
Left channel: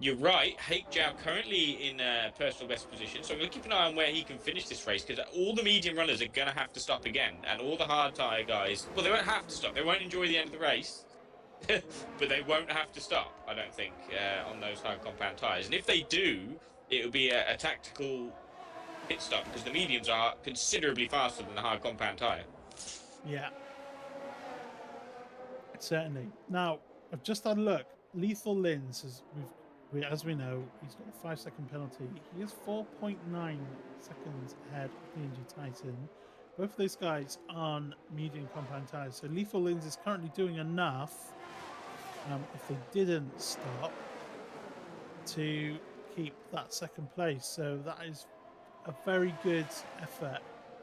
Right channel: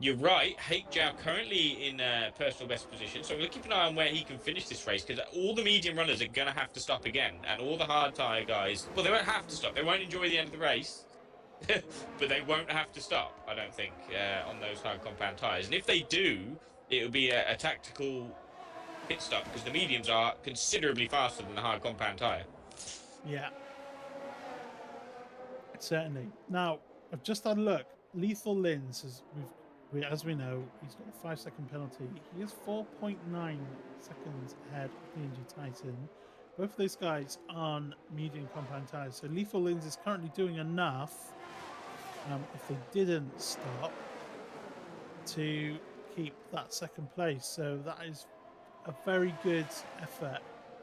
You're right. Hake Jam currently in personal best position, so we're looking for an eye on where he can finish this race because all the medium runners are going to have to stop again, and all the hard tyre guys. Well, they won't have to stop. They won't enjoy the end of the race, but they won't have to stop. I don't think on those hard compound tyres, and if they do, it will be a tactical pit stop because the mediums are considerably faster than the hard compound tyre. Yeah. Certainly. Now, I've just had a look. Lethal Lins, as we know, he's got a 5-second penalty. He is 4.9 seconds ahead of PNG Titan. Both of those guys on medium compound tyres. So Lethal Lins is currently doing enough, if they didn't stop, to keep that second place. So that is a very good effort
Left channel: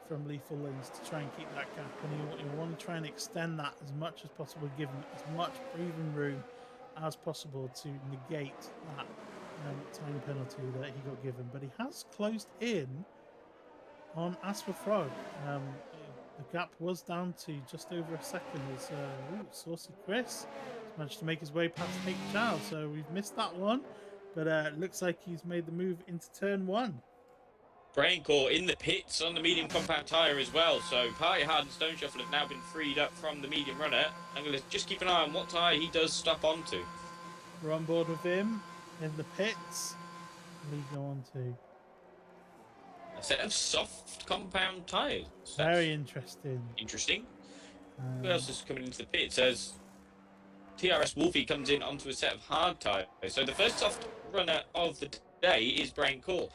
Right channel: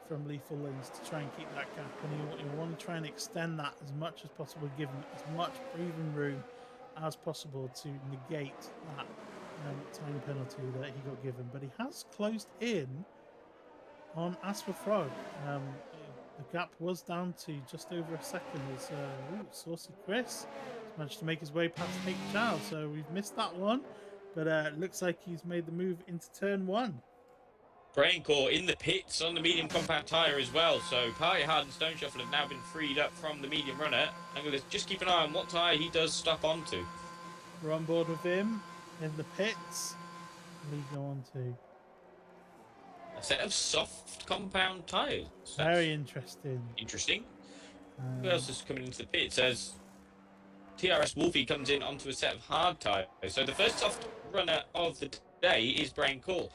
from Lethal Lins to try and keep that gap, and you want to try and extend that as much as possible, give him as much breathing room as possible to negate that time penalty that he got given. But he has closed in on AsthmaFrog. The gap was down to just over a second as Saucy Chris has managed to make his way past Hake Chow, so we've missed that one, but it looks like he's made the move into turn 1. Braincore in the pits on the medium compound tyre as well. So Party Hard and Stoneshuffle have now been freed up from the medium runner. I'm going to just keep an eye on what tyre he does stop onto. We're on board with him in the pits. What do you go on to? A set of soft compound tyres. Very interesting. Interesting. Who else is coming into the pits? As TRS Wolfie comes in onto a set of hard tyres. So the first soft runner of the day is Braincore.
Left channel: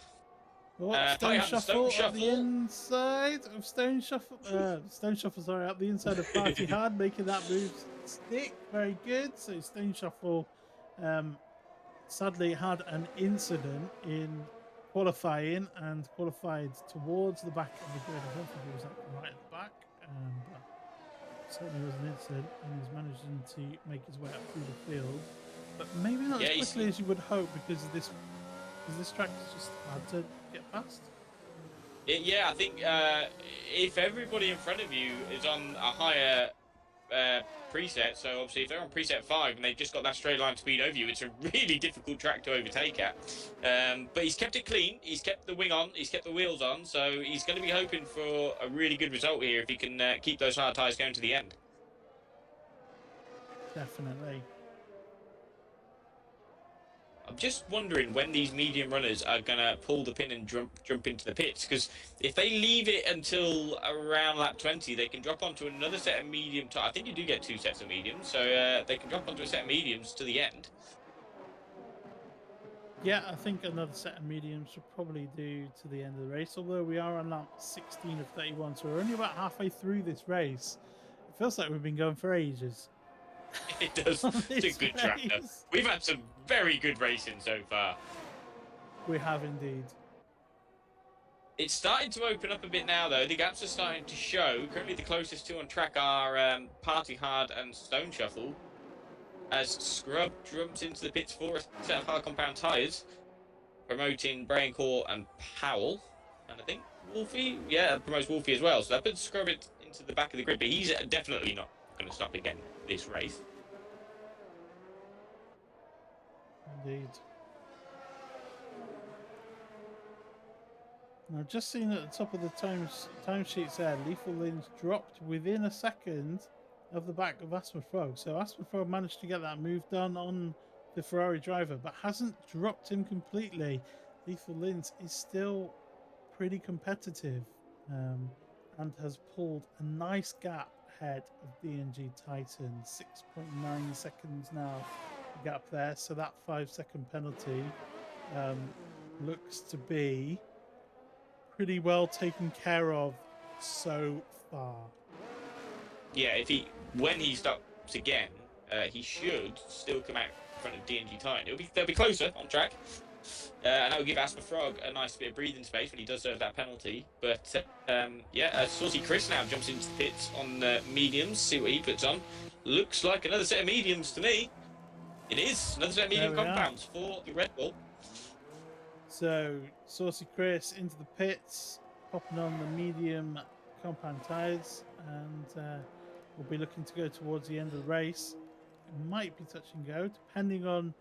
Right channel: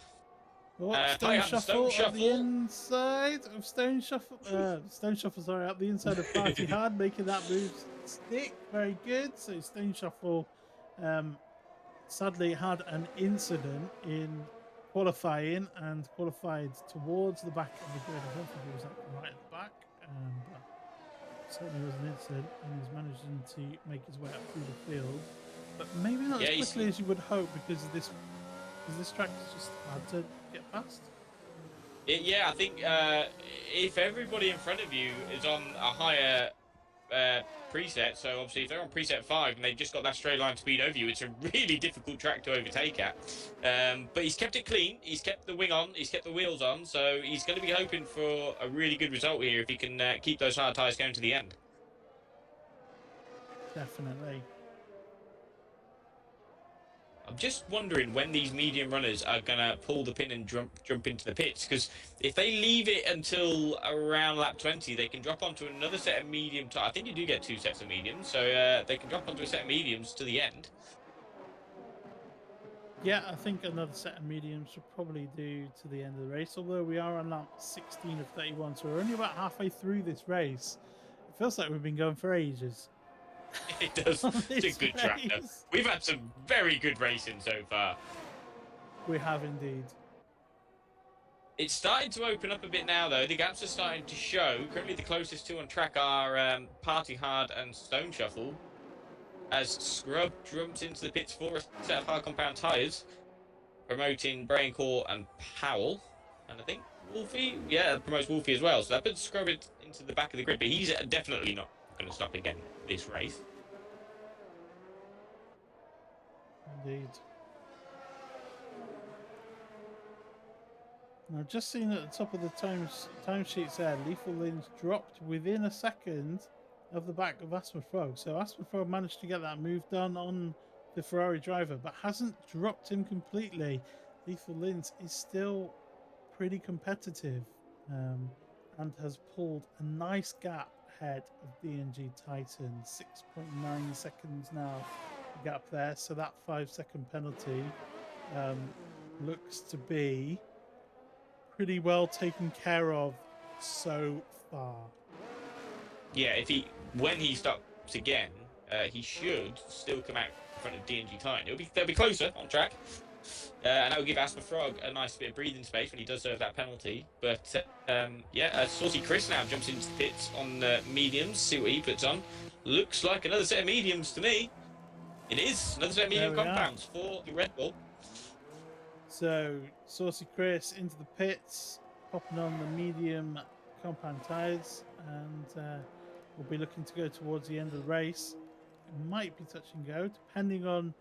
Oh, Stoneshuffle at the inside of Stoneshuffle. Stoneshuffle, sorry, up the inside of Party Hard, making that move stick. Very good. So Stoneshuffle sadly had an incident in qualifying and qualified towards the back of the grid. I don't think it was actually right at the back, but certainly was an incident, and he's managing to make his way up through the field. But maybe not as quickly as you would hope because this track is just hard to get past. Yeah, I think if everybody in front of you is on a higher preset, so obviously if they're on preset 5 and they've just got that straight line speed over you, it's a really difficult track to overtake at. But he's kept it clean, he's kept the wing on, he's kept the wheels on, so he's going to be hoping for a really good result here if he can keep those hard tyres going to the end. Definitely. I'm just wondering when these medium runners are going to pull the pin and jump into the pits, because if they leave it until around lap 20, they can drop onto another set of medium tyres. I think you do get 2 sets of mediums, so they can drop onto a set of mediums to the end. Yeah, I think another set of mediums should probably do to the end of the race, although we are on lap 16 of 31, so we're only about halfway through this race. It feels like we've been going for ages. It does. It's a good track, though. We've had some very good racing so far. We have indeed. It's starting to open up a bit now, though. The gaps are starting to show. Currently, the closest 2 on track are Party Hard and Stoneshuffle. As Scrub jumps into the pits for a set of hard compound tyres, promoting Braincore and Powell. And I think Wolfie, promotes Wolfie as well. So that puts Scrub into the back of the grid, but he's definitely not going to stop again this race. Indeed. Now, just seeing at the top of the timesheets there, Lethal Lins dropped within a second of the back of AsthmaFrog. So AsthmaFrog managed to get that move done on the Ferrari driver, but hasn't dropped him completely. Lethal Lins is still pretty competitive and has pulled a nice gap ahead of DNG Titan. 6.9 seconds now gap there, so that 5-second penalty looks to be pretty well taken care of so far. Yeah, when he stops again, he should still come out in front of DNG Titan. They'll be closer on track, and that will give AsthmaFrog a nice bit of breathing space when he does serve that penalty. But Saucy Chris now jumps into the pits on mediums. See what he puts on. Looks like another set of mediums to me. It is another set of medium compounds for the Red Bull. So Saucy Chris into the pits, popping on the medium compound tyres, and we'll be looking to go towards the end of the race. It might be touch and go, depending on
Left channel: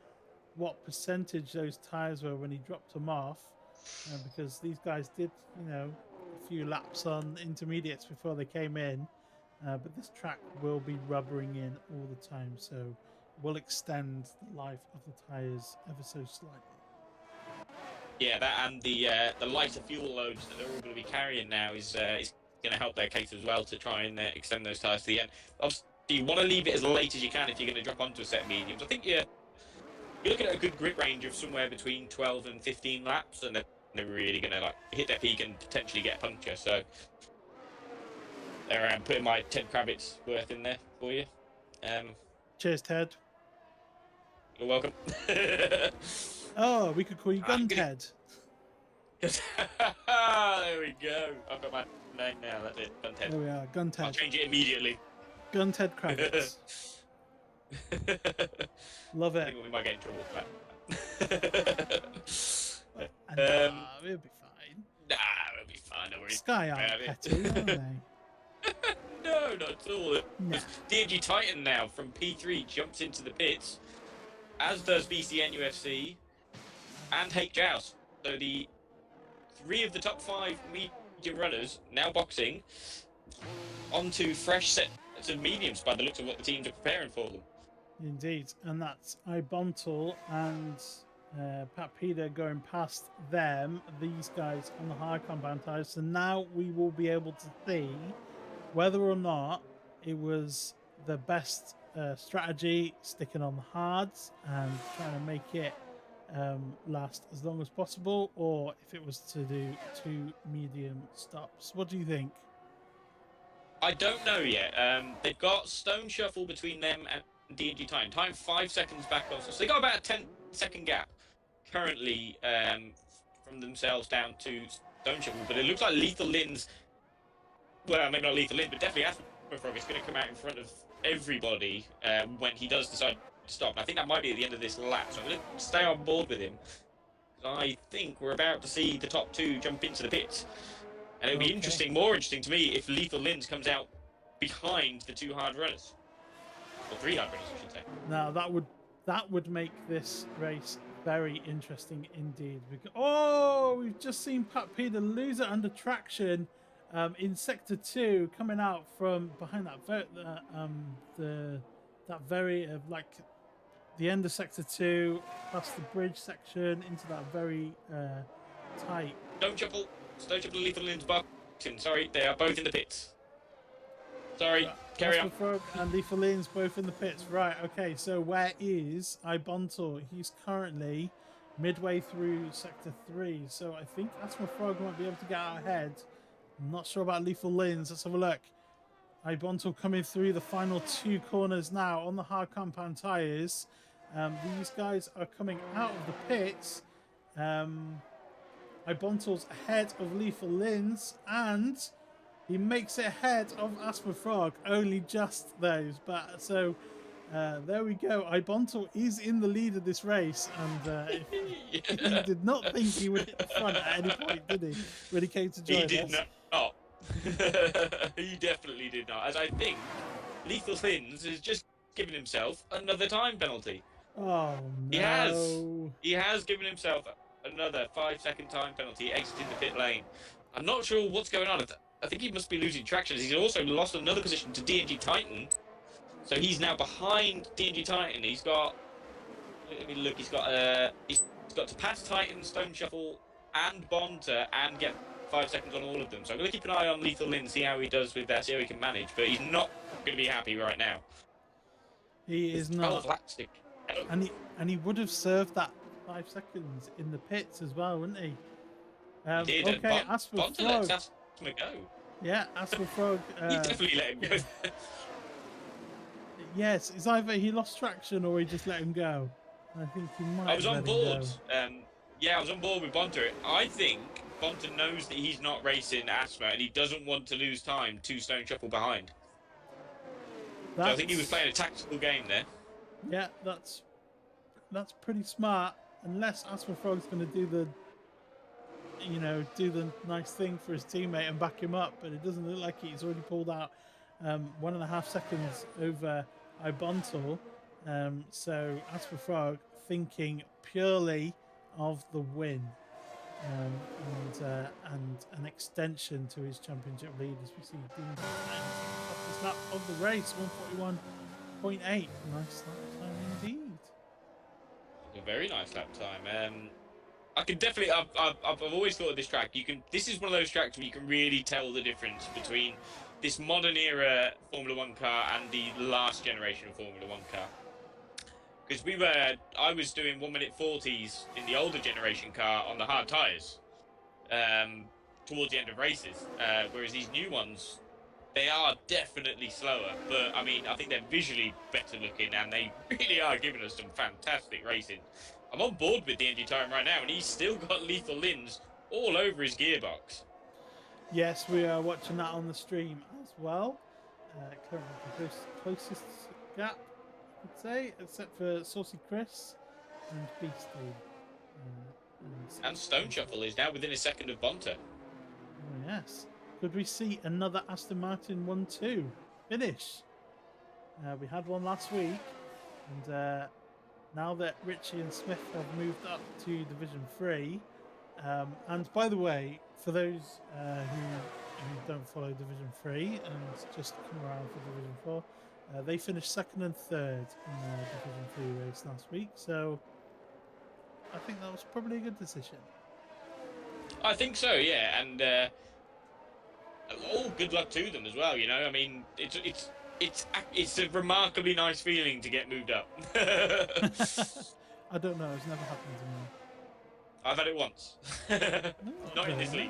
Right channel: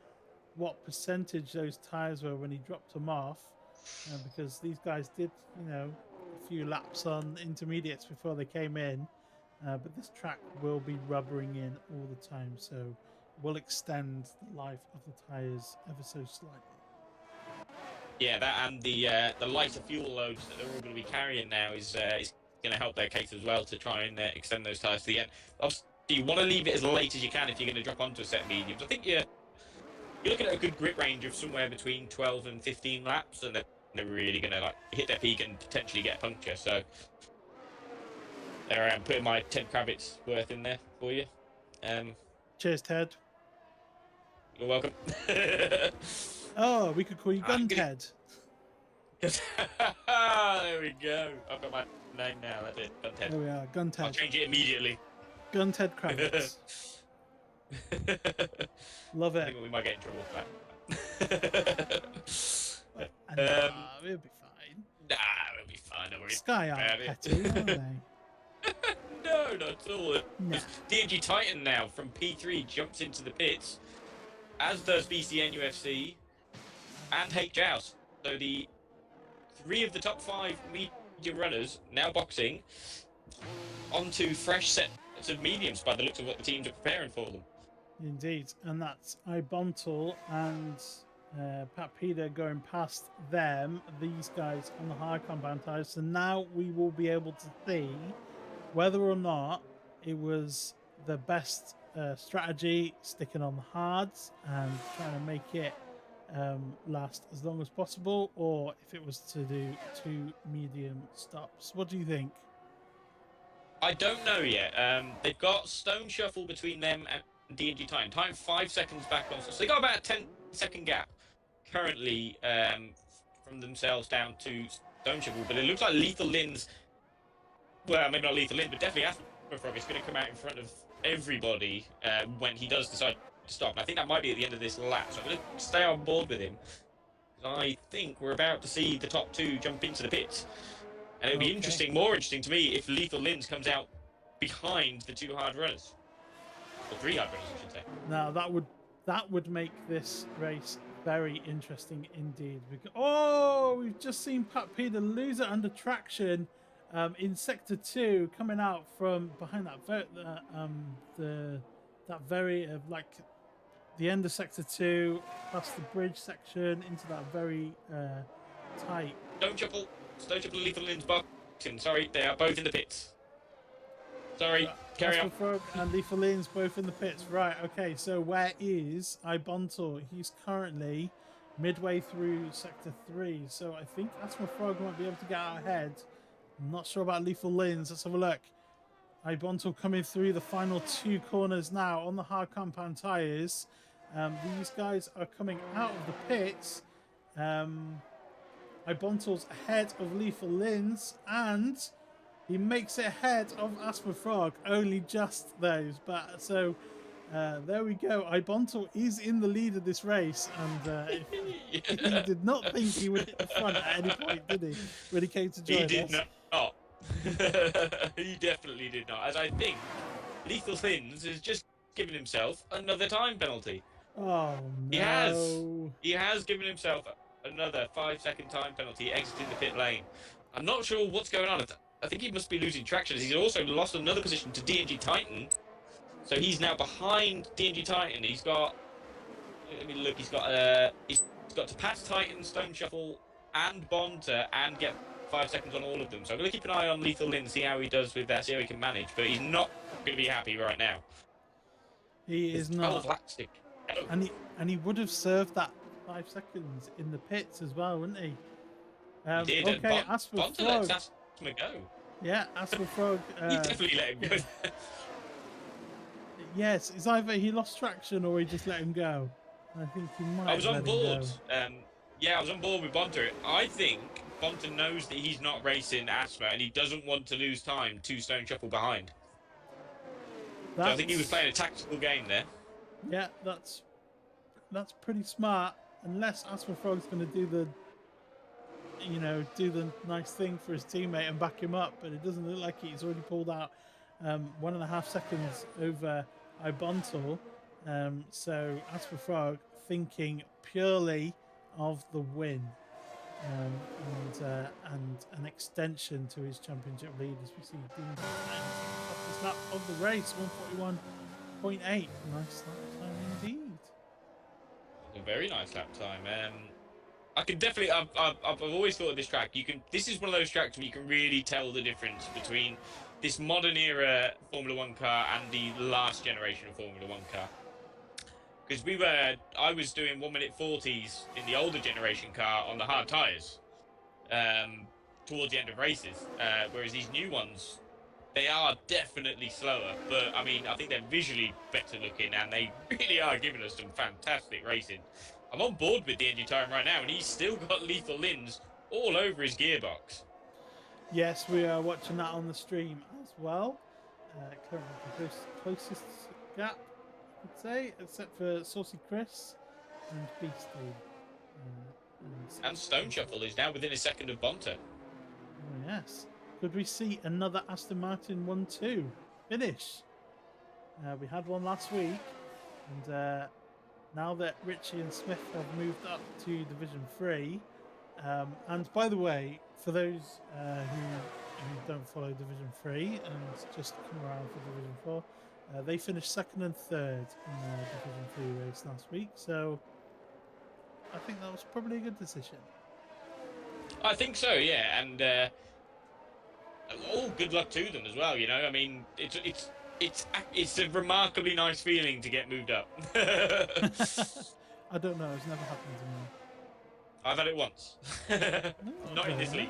what percentage those tires were when he dropped them off, because these guys did, a few laps on intermediates before they came in. But this track will be rubbering in all the time, so we'll extend the life of the tires ever so slightly. Yeah, that and the lighter fuel loads that they're all going to be carrying now is going to help their case as well to try and extend those tyres to the end. Obviously, you want to leave it as late as you can if you're going to drop onto a set of mediums. I think you're looking at a good grip range of somewhere between 12 and 15 laps, and they're really going to like hit their peak and potentially get a puncture. So there I am, putting my Ted Kravitz worth in there for you. Cheers, Ted. You're welcome. Oh, we could call you Gun Ted. There we go. I've got my name now. That's it. Gun Ted. There we are, Gun I'll Ted. change it immediately. Gun Ted Kravitz. Love I it. think we might get in trouble for that. We'll be fine. Nah, we'll be fine. Don't worry. Sky aren't petty, are they? No, not at all. Nah. DMG Titan now from P3 jumps into the pits, as does BCN UFC and H-Joust. So the 3 of the top 5 media runners now boxing onto fresh sets of mediums by the looks of what the teams are preparing for them. Indeed, and that's Ibontal and Pat Peter going past them, these guys on the hard compound tires. So now we will be able to see whether or not it was the best strategy sticking on the hards and trying to make it last as long as possible, or if it was to do 2 medium stops. What do you think? I don't know yet. They've got Stoneshuffle between them and DMG Titan. Time 5 seconds back off. So they got about a 10-second gap currently from themselves down to Stoneshuffle. But it looks like Lethal Lin's, well, maybe not Lethal Lin, but definitely AsthmaFrog is going to come out in front of everybody when he does decide to stop. And I think that might be at the end of this lap. So I'm going to stay on board with him. I think we're about to see the top 2 jump into the pits. And it'll be interesting, more interesting to me, if Lethal Lins comes out behind the 2 hard runners. Or 3 hard runners, I should say. Now that would make this race very interesting indeed. We've just seen Pat Peter lose it under traction in sector 2, coming out from behind that the end of sector 2, past the bridge section into that very tight. Stoneshuffle and Lethal Lin's boxing. Sorry, they are both in the pits. Sorry, carry on. AsthmaFrog and Lethal Lin's both in the pits. Right, okay, so where is Ibontal? He's currently midway through sector 3, so I think AsthmaFrog might be able to get out ahead. I'm not sure about Lethal Lin's. Let's have a look. Ibontal coming through the final 2 corners now on the hard compound tyres. These guys are coming out of the pits. Ibontal's ahead of Lethal Lin's, and he makes it ahead of AsthmaFrog, only just those. But so there we go. Ibontal is in the lead of this race, and he did not think he would hit the front at any point, did he? When he came to join us. He did not. He definitely did not. As I think Lethal Lins has just given himself another time penalty. Oh no! He has given himself another 5-second time penalty exiting the pit lane. I'm not sure what's going on. I think he must be losing traction. He's also lost another position to DMG Titan. So he's now behind DMG Titan. He's got, let me look, he's got to pass Titan, Stoneshuffle and Bonta and get 5 seconds on all of them. So I'm going to keep an eye on Lethal Lin, see how he does with that, see how he can manage. But he's not going to be happy right now. He is not. Plastic. And he would have served that 5 seconds in the pits as well, wouldn't he? He did. Okay, AsthmaFrog. Let him go. Yeah, AsthmaFrog. He definitely let him go. Yes, it's either he lost traction or he just let him go. I think he might. I was on let board. him go. Yeah, I was on board with Bonta. I think Bonta knows that he's not racing Asthma and he doesn't want to lose time to Stoneshuffle behind. So I think he was playing a tactical game there. Yeah, that's pretty smart. Unless AsthmaFrog's going to do the nice thing for his teammate and back him up, but it doesn't look like he's already pulled out 1.5 seconds over Ibontal. So AsthmaFrog thinking purely of the win. And an extension to his championship lead as we see Dean off his lap of the race, 141.8. Nice lap time indeed. A very nice lap time. I can definitely. I've always thought of this track. This is one of those tracks where you can really tell the difference between this modern era Formula One car and the last generation of Formula One car. Because I was doing 1 minute 40s in the older generation car on the hard tyres towards the end of races. Whereas these new ones, they are definitely slower. But I mean, I think they're visually better looking and they really are giving us some fantastic racing. I'm on board with the NG Titan right now and he's still got lethal lins all over his gearbox. Yes, we are watching that on the stream as well. Currently the closest gap, I'd say, except for Saucy Chris and Beastie. And Stoneshuffle is now within a second of Bonta. Oh, yes. Could we see another Aston Martin 1-2 finish? We had one last week, and now that Richie and Smith have moved up to Division 3, and by the way, for those who don't follow Division 3 and just come around for Division 4, they finished second and third in the Division 3 race last week, so I think that was probably a good decision. I think so, yeah, and good luck to them as well. You know, I mean, it's a remarkably nice feeling to get moved up. I don't know, it's never happened to me. I've had it once. No, Not in this league.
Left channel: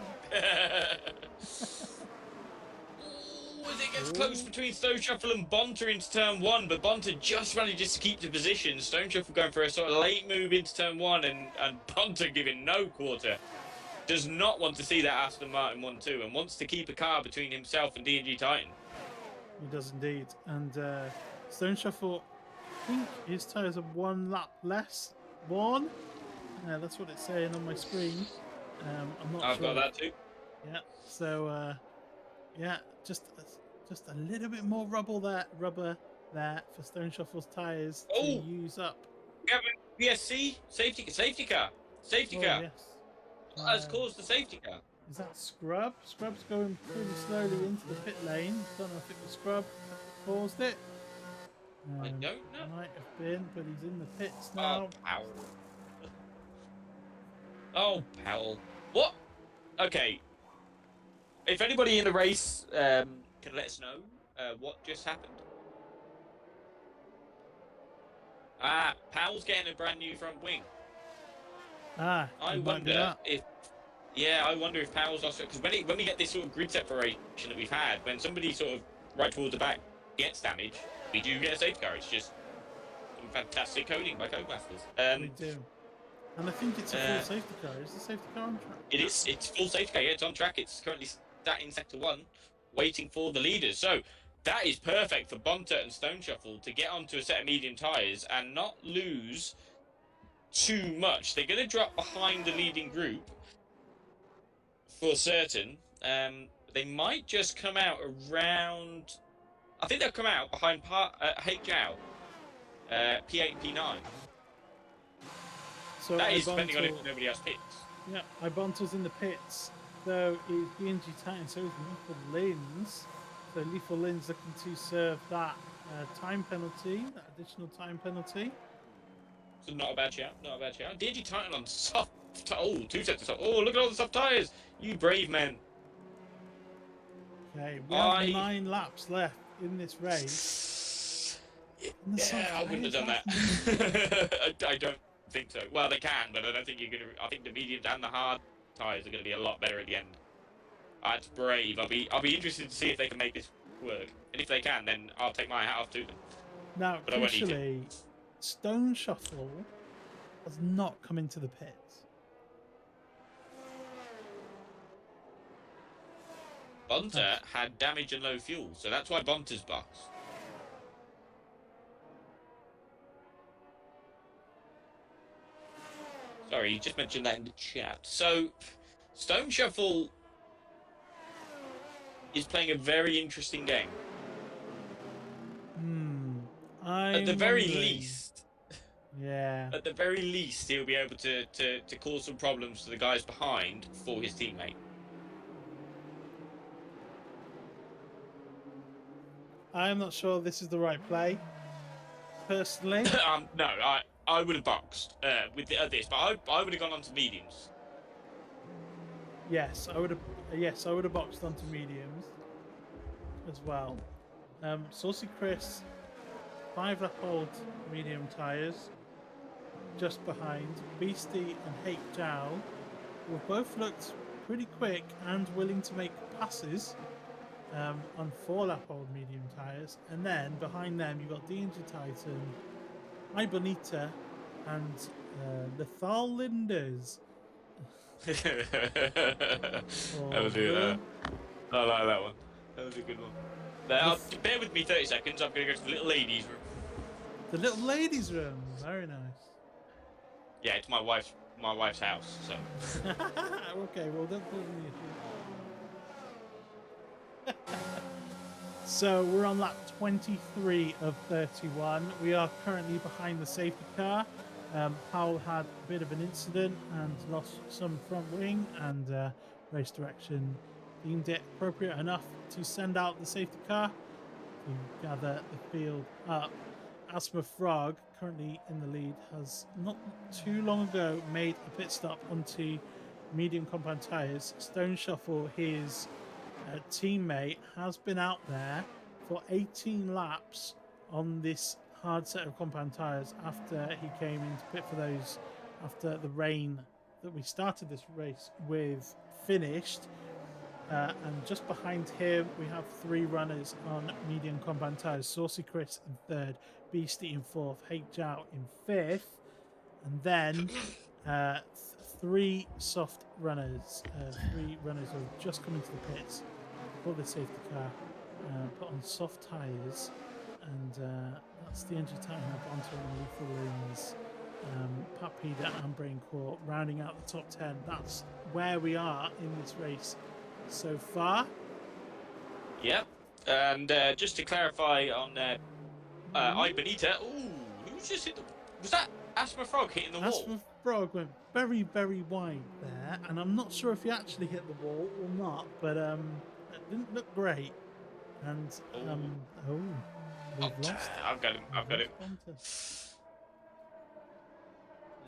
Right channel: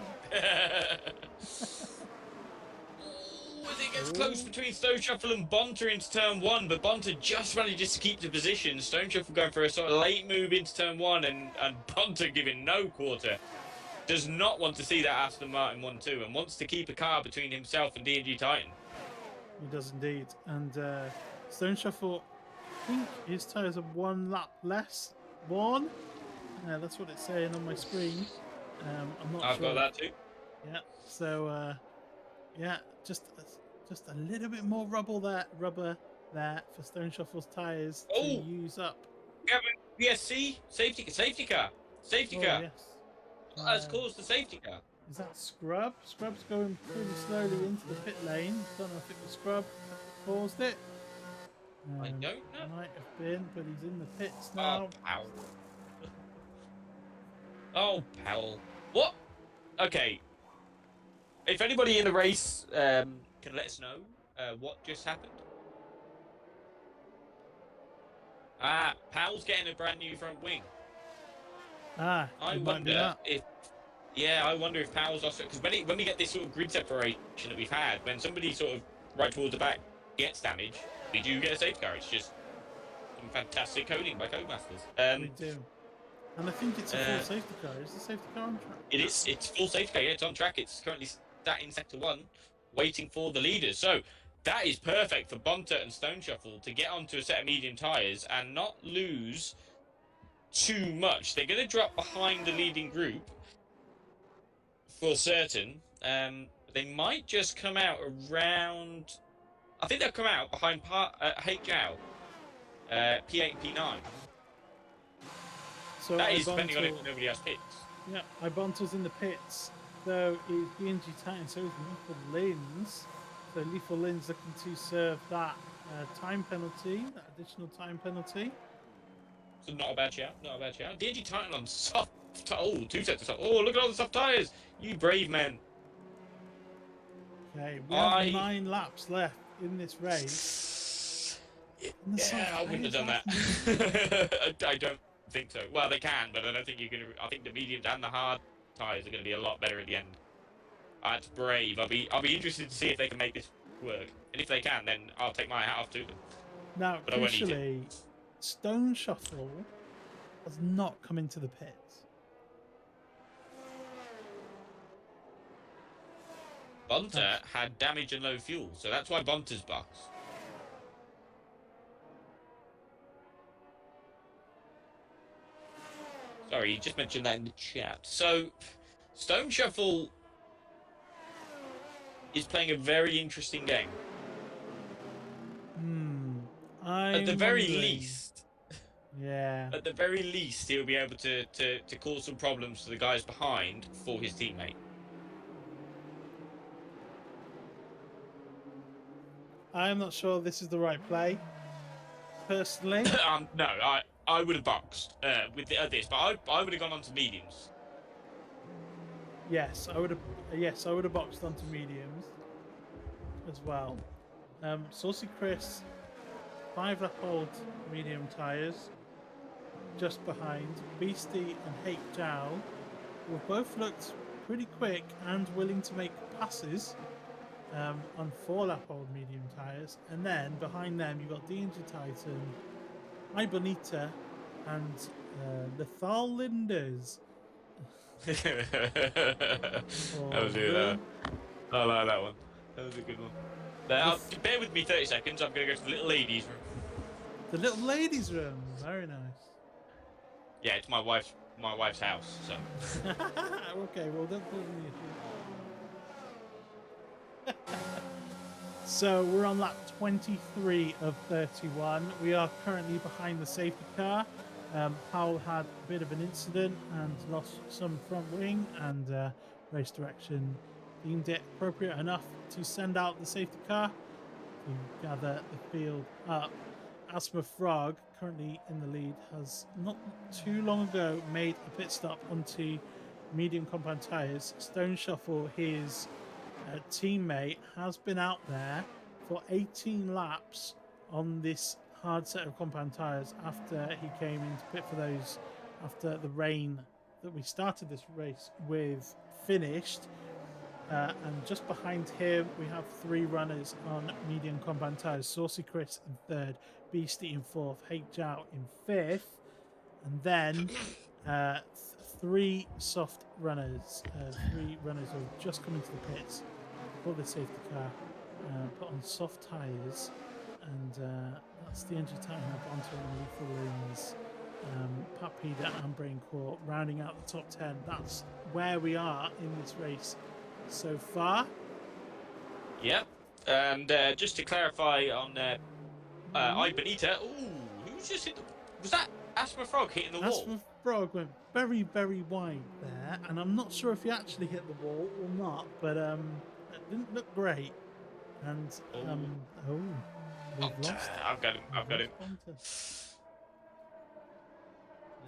As it gets close between Stoneshuffle and Bonta into turn 1, but Bonta just manages to keep the position. Stoneshuffle going for a sort of late move into turn 1, and Bonta giving no quarter. Does not want to see that Aston Martin 1-2 and wants to keep a car between himself and DNG Titan. He does indeed. And Stoneshuffle, I think his tyres are 1 lap less worn. That's what it's saying on my screen. I'm not sure. I've got that too. Yeah. So, yeah, just a little bit more rubber there for Stoneshuffle's tyres to use up. Yeah, PSC safety car. Safety car. Yes. That's caused the safety car. Is that Scrub? Scrub's going pretty slowly into the pit lane. Don't know if it was Scrub that caused it. I don't know. Might have been, but he's in the pits now. Oh, Powell. What? Okay. If anybody in the race can let us know what just happened. Powell's getting a brand new front wing. I wonder if I wonder if Powell's also, because when we get this sort of grid separation that we've had, when somebody sort of right towards the back gets damaged, we do get a safety car. It's just some fantastic coding by Codemasters. We do. And I think it's a full safety car. Is the safety car on track? It's full safety car, yeah, it's on track. It's currently sat in Sector 1, waiting for the leaders. So that is perfect for Bonta and Stoneshuffle to get onto a set of medium tyres and not lose too much. They're going to drop behind the leading group for certain. They might just come out around, I think they'll come out behind HL, P8, P9. So that is depending on if nobody else pits. Yeah, Ibonto's in the pits. So is DNG Titan, so is Lethal Lins. So Lethal Lins looking to serve that time penalty, that additional time penalty. So not a bad shout, not a bad shout. DNG Titan on soft, 2 sets of soft. Oh, look at all the soft tyres. You brave man. Okay, we have 9 laps left in this race. Yeah, I wouldn't have done that. I don't think so. Well, they can, but I don't think you're going to. I think the mediums and the hard tyres are going to be a lot better at the end. That's brave. I'll be interested to see if they can make this work. And if they can, then I'll take my hat off to them. Now, crucially, Stoneshuffle has not come into the pits. Bonta had damage and low fuel, so that's why Bonta's box. Sorry, you just mentioned that in the chat. So, Stoneshuffle is playing a very interesting game. At the very least, Yeah. At the very least, he'll be able to cause some problems to the guys behind for his teammate. I'm not sure this is the right play, personally. No, I would have boxed with this, but I would have gone on to mediums. Yes, I would have. Yes, I would have boxed onto mediums as well. Saucy Chris, 5-lap old medium tyres, just behind. Beastie and Hake Jow, who have both looked pretty quick and willing to make passes on 4-lap old medium tyres. And then behind them, you've got DNG Titan, Ibonita, and Lethal Linders. That was good. I like that one. That was a good one. Now, bear with me 30 seconds. I'm going to go to the little ladies' room. The little ladies' room. Very nice. Yeah, it's my wife's house. So. Okay, well that doesn't issue. So we're on lap 23 of 31. We are currently behind the safety car. Powell had a bit of an incident and lost some front wing, and race direction deemed it appropriate enough to send out the safety car to gather the field up. AsthmaFrog, currently in the lead, has not too long ago made a pit stop onto medium compound tyres. Stoneshuffle, his teammate, has been out there for 18 laps on this hard set of compound tyres after he came into pit for those after the rain that we started this race with finished. And just behind him we have 3 runners on medium compound tyres. Saucy Chris in 3rd, Beastie in 4th, Hake Jow in 5th, and then 3 soft runners, 3 runners who have just come into the pits for the safety car, put on soft tyres, and that's the entry time up onto Lethal Lins, Pat Peda and Brain Core rounding out the top 10. That's where we are in this race so far. Yep. And just to clarify on Ibonita, who's just hit the... Was that AsthmaFrog hitting the wall? AsthmaFrog went very, very wide there, and I'm not sure if he actually hit the wall or not, but it didn't look great. And we've lost. I've got him.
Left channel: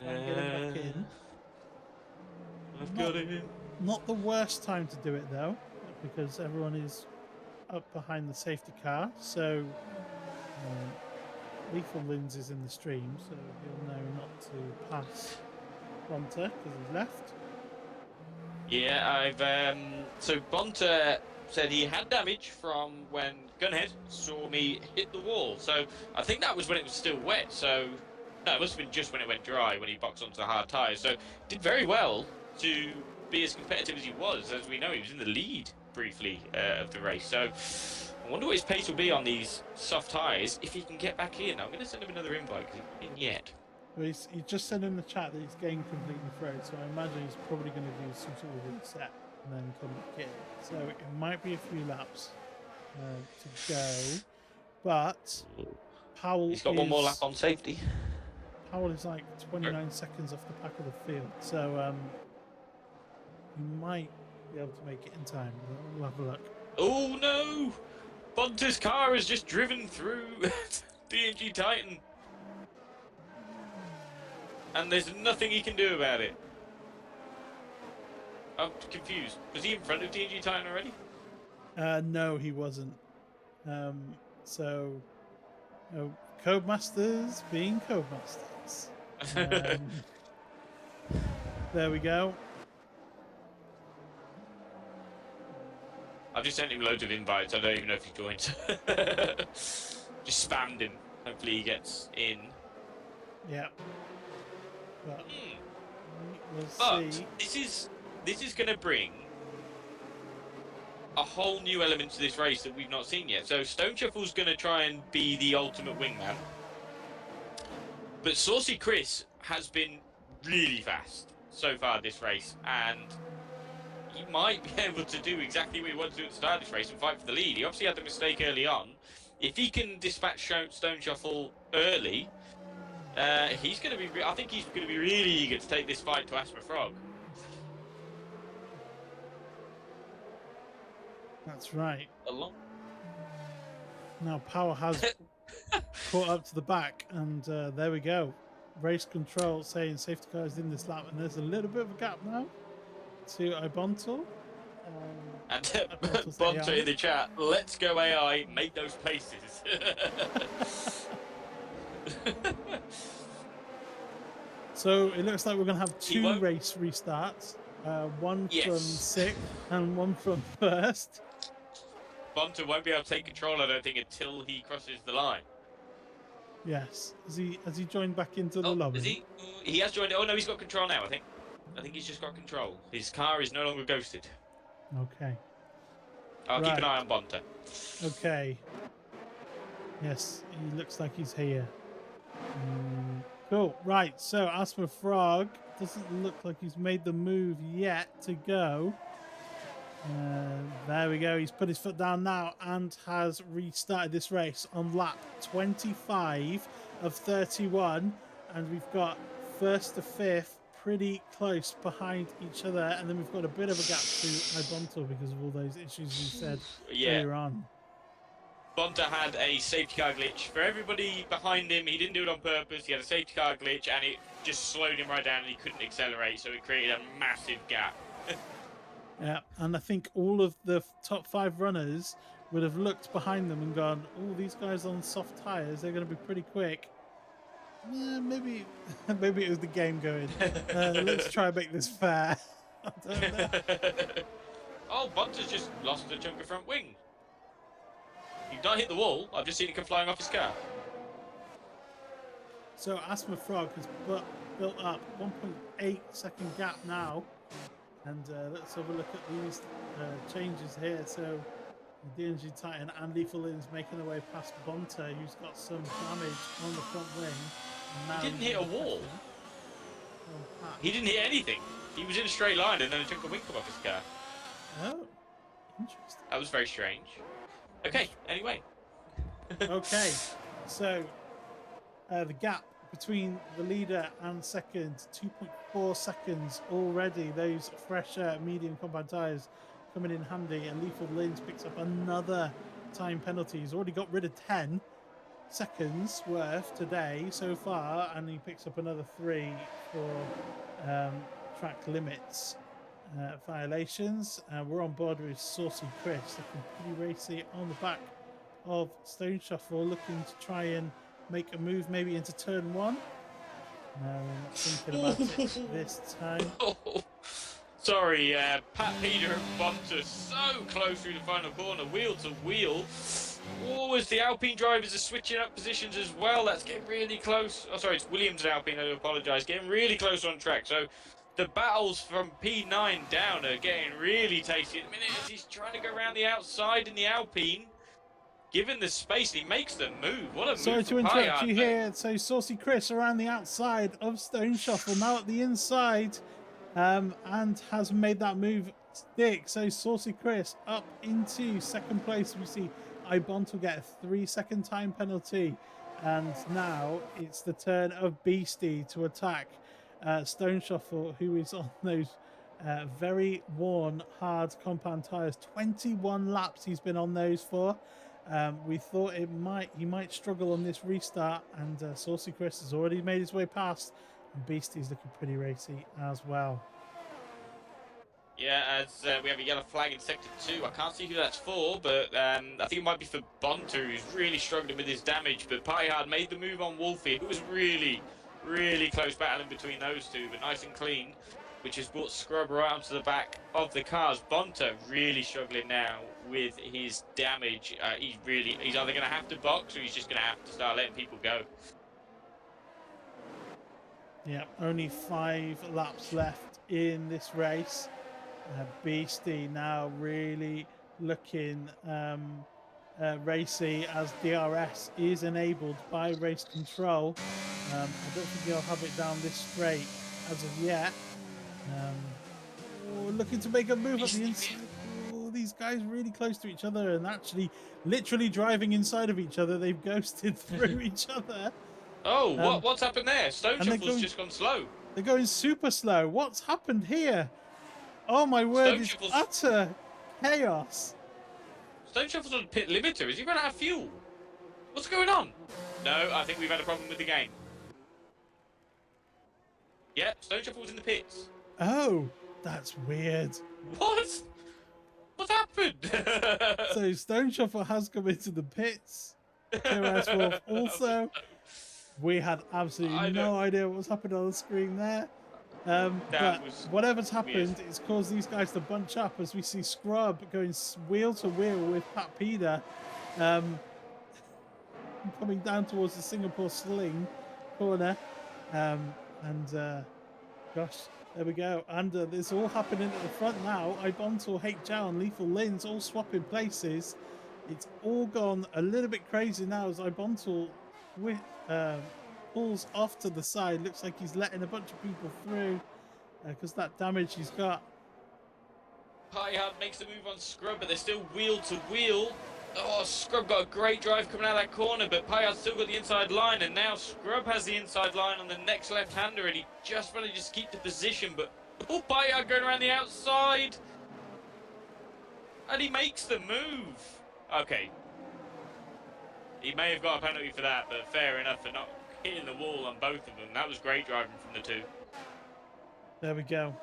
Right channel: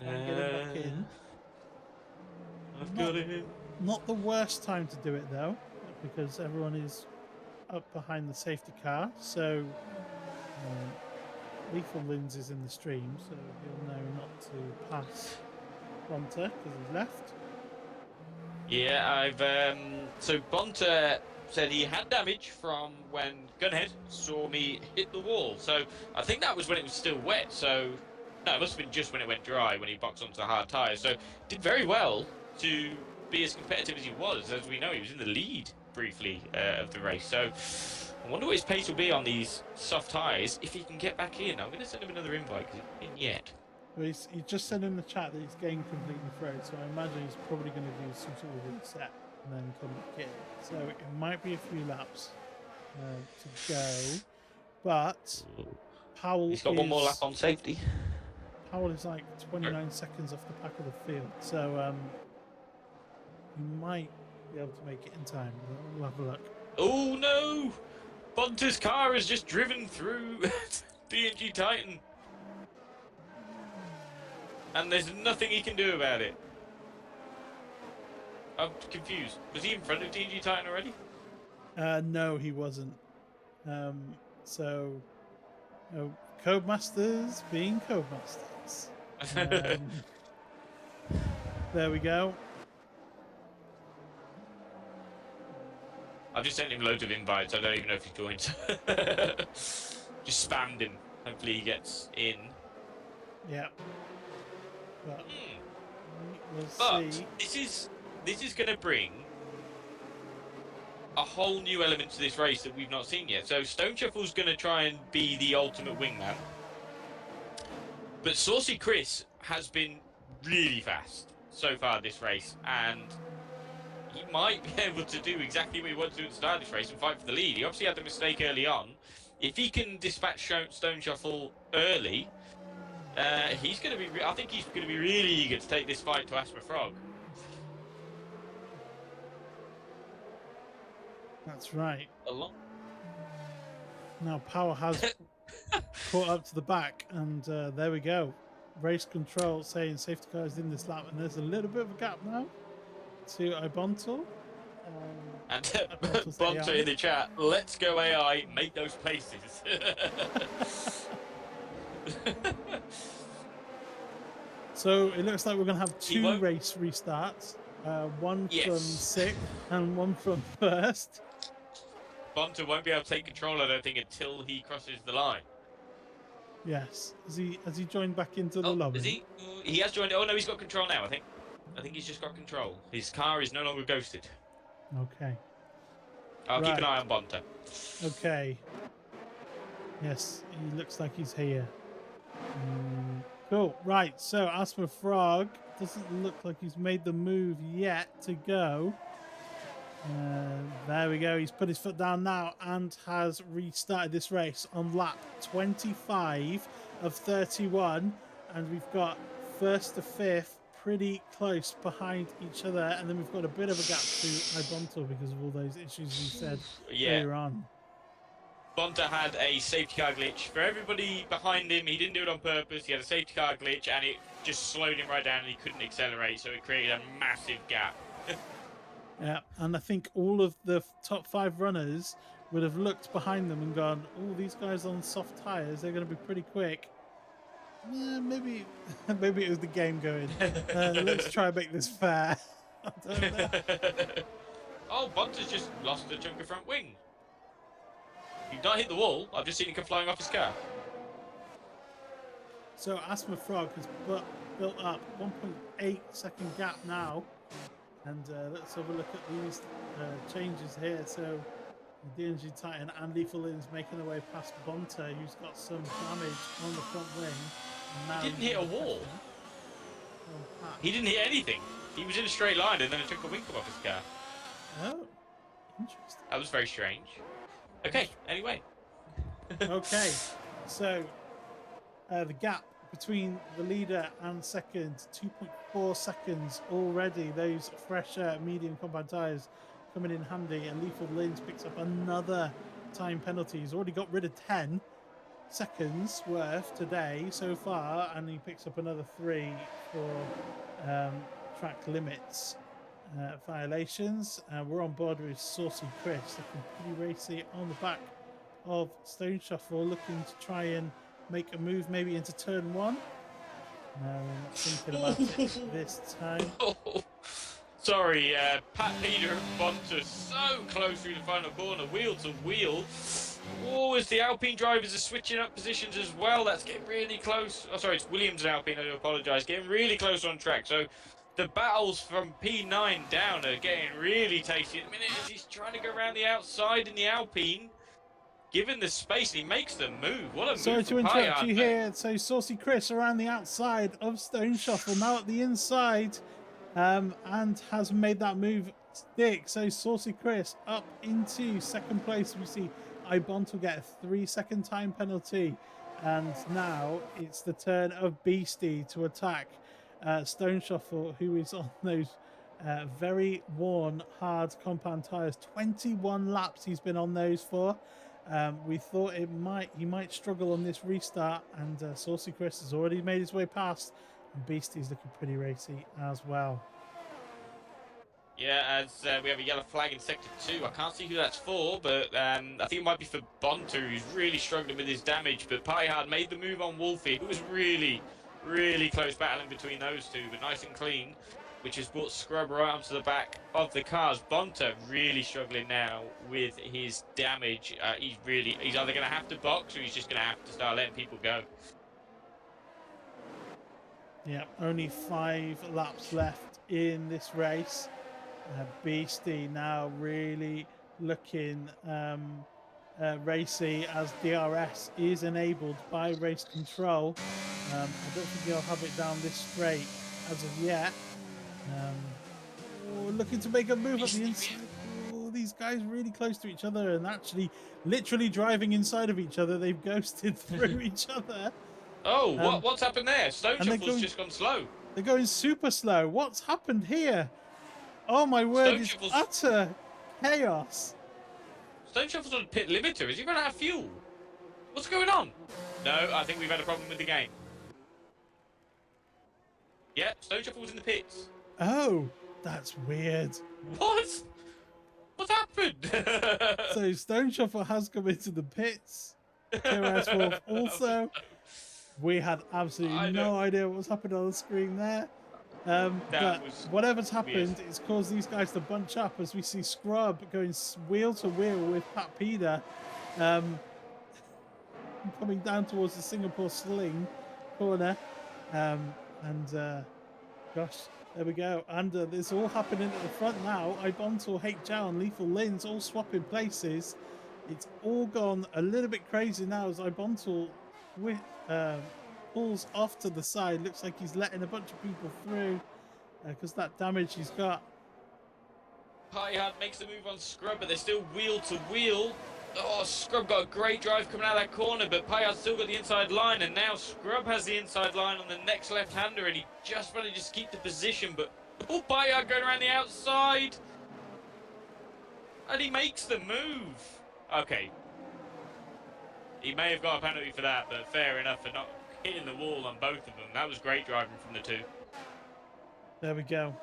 Try and get him back in. I've got him. Not the worst time to do it though, because everyone is up behind the safety car. So Lethal Lins is in the stream, so he'll know not to pass Bonter because he's left. Yeah, so Bonter said he had damage from when Gunhead saw me hit the wall. So I think that was when it was still wet. So no, it must have been just when it went dry, when he boxed onto the hard tyres. So did very well to be as competitive as he was. As we know, he was in the lead briefly of the race. So I wonder what his pace will be on these soft tyres if he can get back in. I'm going to send him another invite because he's not in yet. Well, he just said in the chat that he's getting completely thrown, so I imagine he's probably going to do some sort of reset and then come back in. So it might be a few laps to go, but Powell He's got one more lap on safety. Powell is like 29 seconds off the back of the field, so he might be able to make it in time. We'll have a look. Oh no! Bunter's car has just driven through DNG Titan. And there's nothing he can do about it. I'm confused. Was he in front of DNG Titan already? No, he wasn't. So, Codemasters being Codemasters. There we go. I've just sent him loads of invites. I don't even know if he joins. Just spammed him. Hopefully he gets in. Yeah. But we'll see. This is going to bring a whole new element to this race that we've not seen yet. So Stoneshuffle's going to try and be the ultimate wingman. But Saucy Chris has been really fast so far this race, and he might be able to do exactly what he wanted to do at the start of this race and fight for the lead. He obviously had the mistake early on. If he can dispatch Stoneshuffle early, He's going to be. I think he's going to be really eager to take this fight to AsthmaFrog. That's right. Along. Now Power has caught up to the back, and there we go. Race control saying safety car is in this lap, and there's a little bit of a gap now to Ibontal. And Ibontal's Bonter AI. in the chat, let's go AI, make those paces. So it looks like we're going to have He 2 won't- race restarts, one from Yes. 6th and one from 1st. Bonter won't be able to take control, I don't think, until he crosses the line. Yes. Has he joined back into the Oh, lobby? is he? He has joined. Oh no, he's got control now. I think he's just got control. His car is no longer ghosted. Okay. I'll keep an eye on Bonter. Okay. Yes, he looks like he's here. Cool. Right. So AsthmaFrog doesn't look like he's made the move yet to go. There we go. He's put his foot down now and has restarted this race on lap 25 of 31. And we've got 1st to 5th pretty close behind each other. And then we've got a bit of a gap to Ibontal because of all those issues we said earlier on. Bonter had a safety car glitch. For everybody behind him, he didn't do it on purpose. He had a safety car glitch and it just slowed him right down and he couldn't accelerate. So it created a massive gap. Yeah, and I think all of the top 5 runners would have looked behind them and gone, "Oh, these guys on soft tyres, they're going to be pretty quick." Yeah, maybe it was the game going. Let's try and make this fair. I don't know. Oh, Bonter's just lost a chunk of front wing. He's not hit the wall. I've just seen him come flying off his car. So AsthmaFrog has built up 1.8 second gap now. And let's have a look at these changes here. So DNG Titan and Lethal Lyn's making their way past Bonter, who's got some damage on the front wing. And now He didn't he's hit a under wall. pressure. Oh, Pat. He didn't hit anything. He was in a straight line and then it took the wing off his car. Oh, interesting. That was very strange. Okay, anyway. Okay, so the gap between the leader and second, 2.4 seconds already. Those fresh medium compound tyres coming in handy, and Lethal Lynch picks up another time penalty. He's already got rid of 10 seconds worth today so far, and he picks up another 3 for track limits violations. We're on board with Saucy Chris, looking pretty racy on the back of Stoneshuffle, looking to try and make a move maybe into turn 1. Thinking about it this time. Oh, sorry, Pat Peter and Bonter so close through the final corner, wheel to wheel. Oh, as the Alpine drivers are switching up positions as well, that's getting really close. Oh, sorry, it's Williams and Alpine, I do apologise. Getting really close on track. So the battles from P9 down are getting really tasty at the minute as he's trying to go around the outside in the Alpine. Given the space, he makes the move. What a Sorry move to from interrupt Payard, you mate. here. So Saucy Chris around the outside of Stoneshuffle, now at the inside, and has made that move stick. So Saucy Chris up into second place. We see Ibont will get a 3-second time penalty, and now it's the turn of Beastie to attack Stoneshuffle, who is on those very worn hard compound tyres. 21 laps he's been on those for. We thought he might struggle on this restart, and Saucy Chris has already made his way past, and Beastie's looking pretty racy as well. Yeah, as we have a yellow flag in sector 2. I can't see who that's for, but I think it might be for Bonter, who's really struggling with his damage. But Payard made the move on Wolfie. It was really, really close battling between those two, but nice and clean, which has brought Scrub right onto the back of the cars. Bonter really struggling now with his damage. He's either going to have to box or he's just going to have to start letting people go. Yeah, only 5 laps left in this race. Beastie now really looking racy as DRS is enabled by race control. I don't think he'll have it down this straight as of yet. Looking to make a move at the inside. Oh, these guys really close to each other and actually literally driving inside of each other. They've ghosted through each other. Oh, what's happened there? Stoneshuffle's just gone slow. They're going super slow. What's happened here? Oh my word! It's Stoneshuffle's utter chaos. Stoneshuffle's on pit limiter. Is he running out of fuel? What's going on? No, I think we've had a problem with the game. Yeah, Stoneshuffle's in the pits. Oh, that's weird. What? What's happened? So Stoneshuffle has come into the pits. KOS Wolf also. We had absolutely no idea what was happening on the screen there. But whatever's happened, it's caused these guys to bunch up as we see Scrub going wheel to wheel with Pat Peder, coming down towards the Singapore Sling corner. Gosh, there we go. And it's all happening at the front now. Ibontal, Hake Chow, and Lethal Lins all swapping places. It's all gone a little bit crazy now as Ibontal pulls off to the side. Looks like he's letting a bunch of people through because that damage he's got. Pyhard makes the move on Scrub, but they're still wheel to wheel. Oh, Scrub got a great drive coming out of that corner, but Pyhard's still got the inside line, and now Scrub has the inside line on the next left-hander, and he just manages to keep the position, but Pyhard going around the outside, and he makes the move. Okay. He may have got a penalty for that, but fair enough for not hitting the wall on both of them. That was great driving from the two. There we go.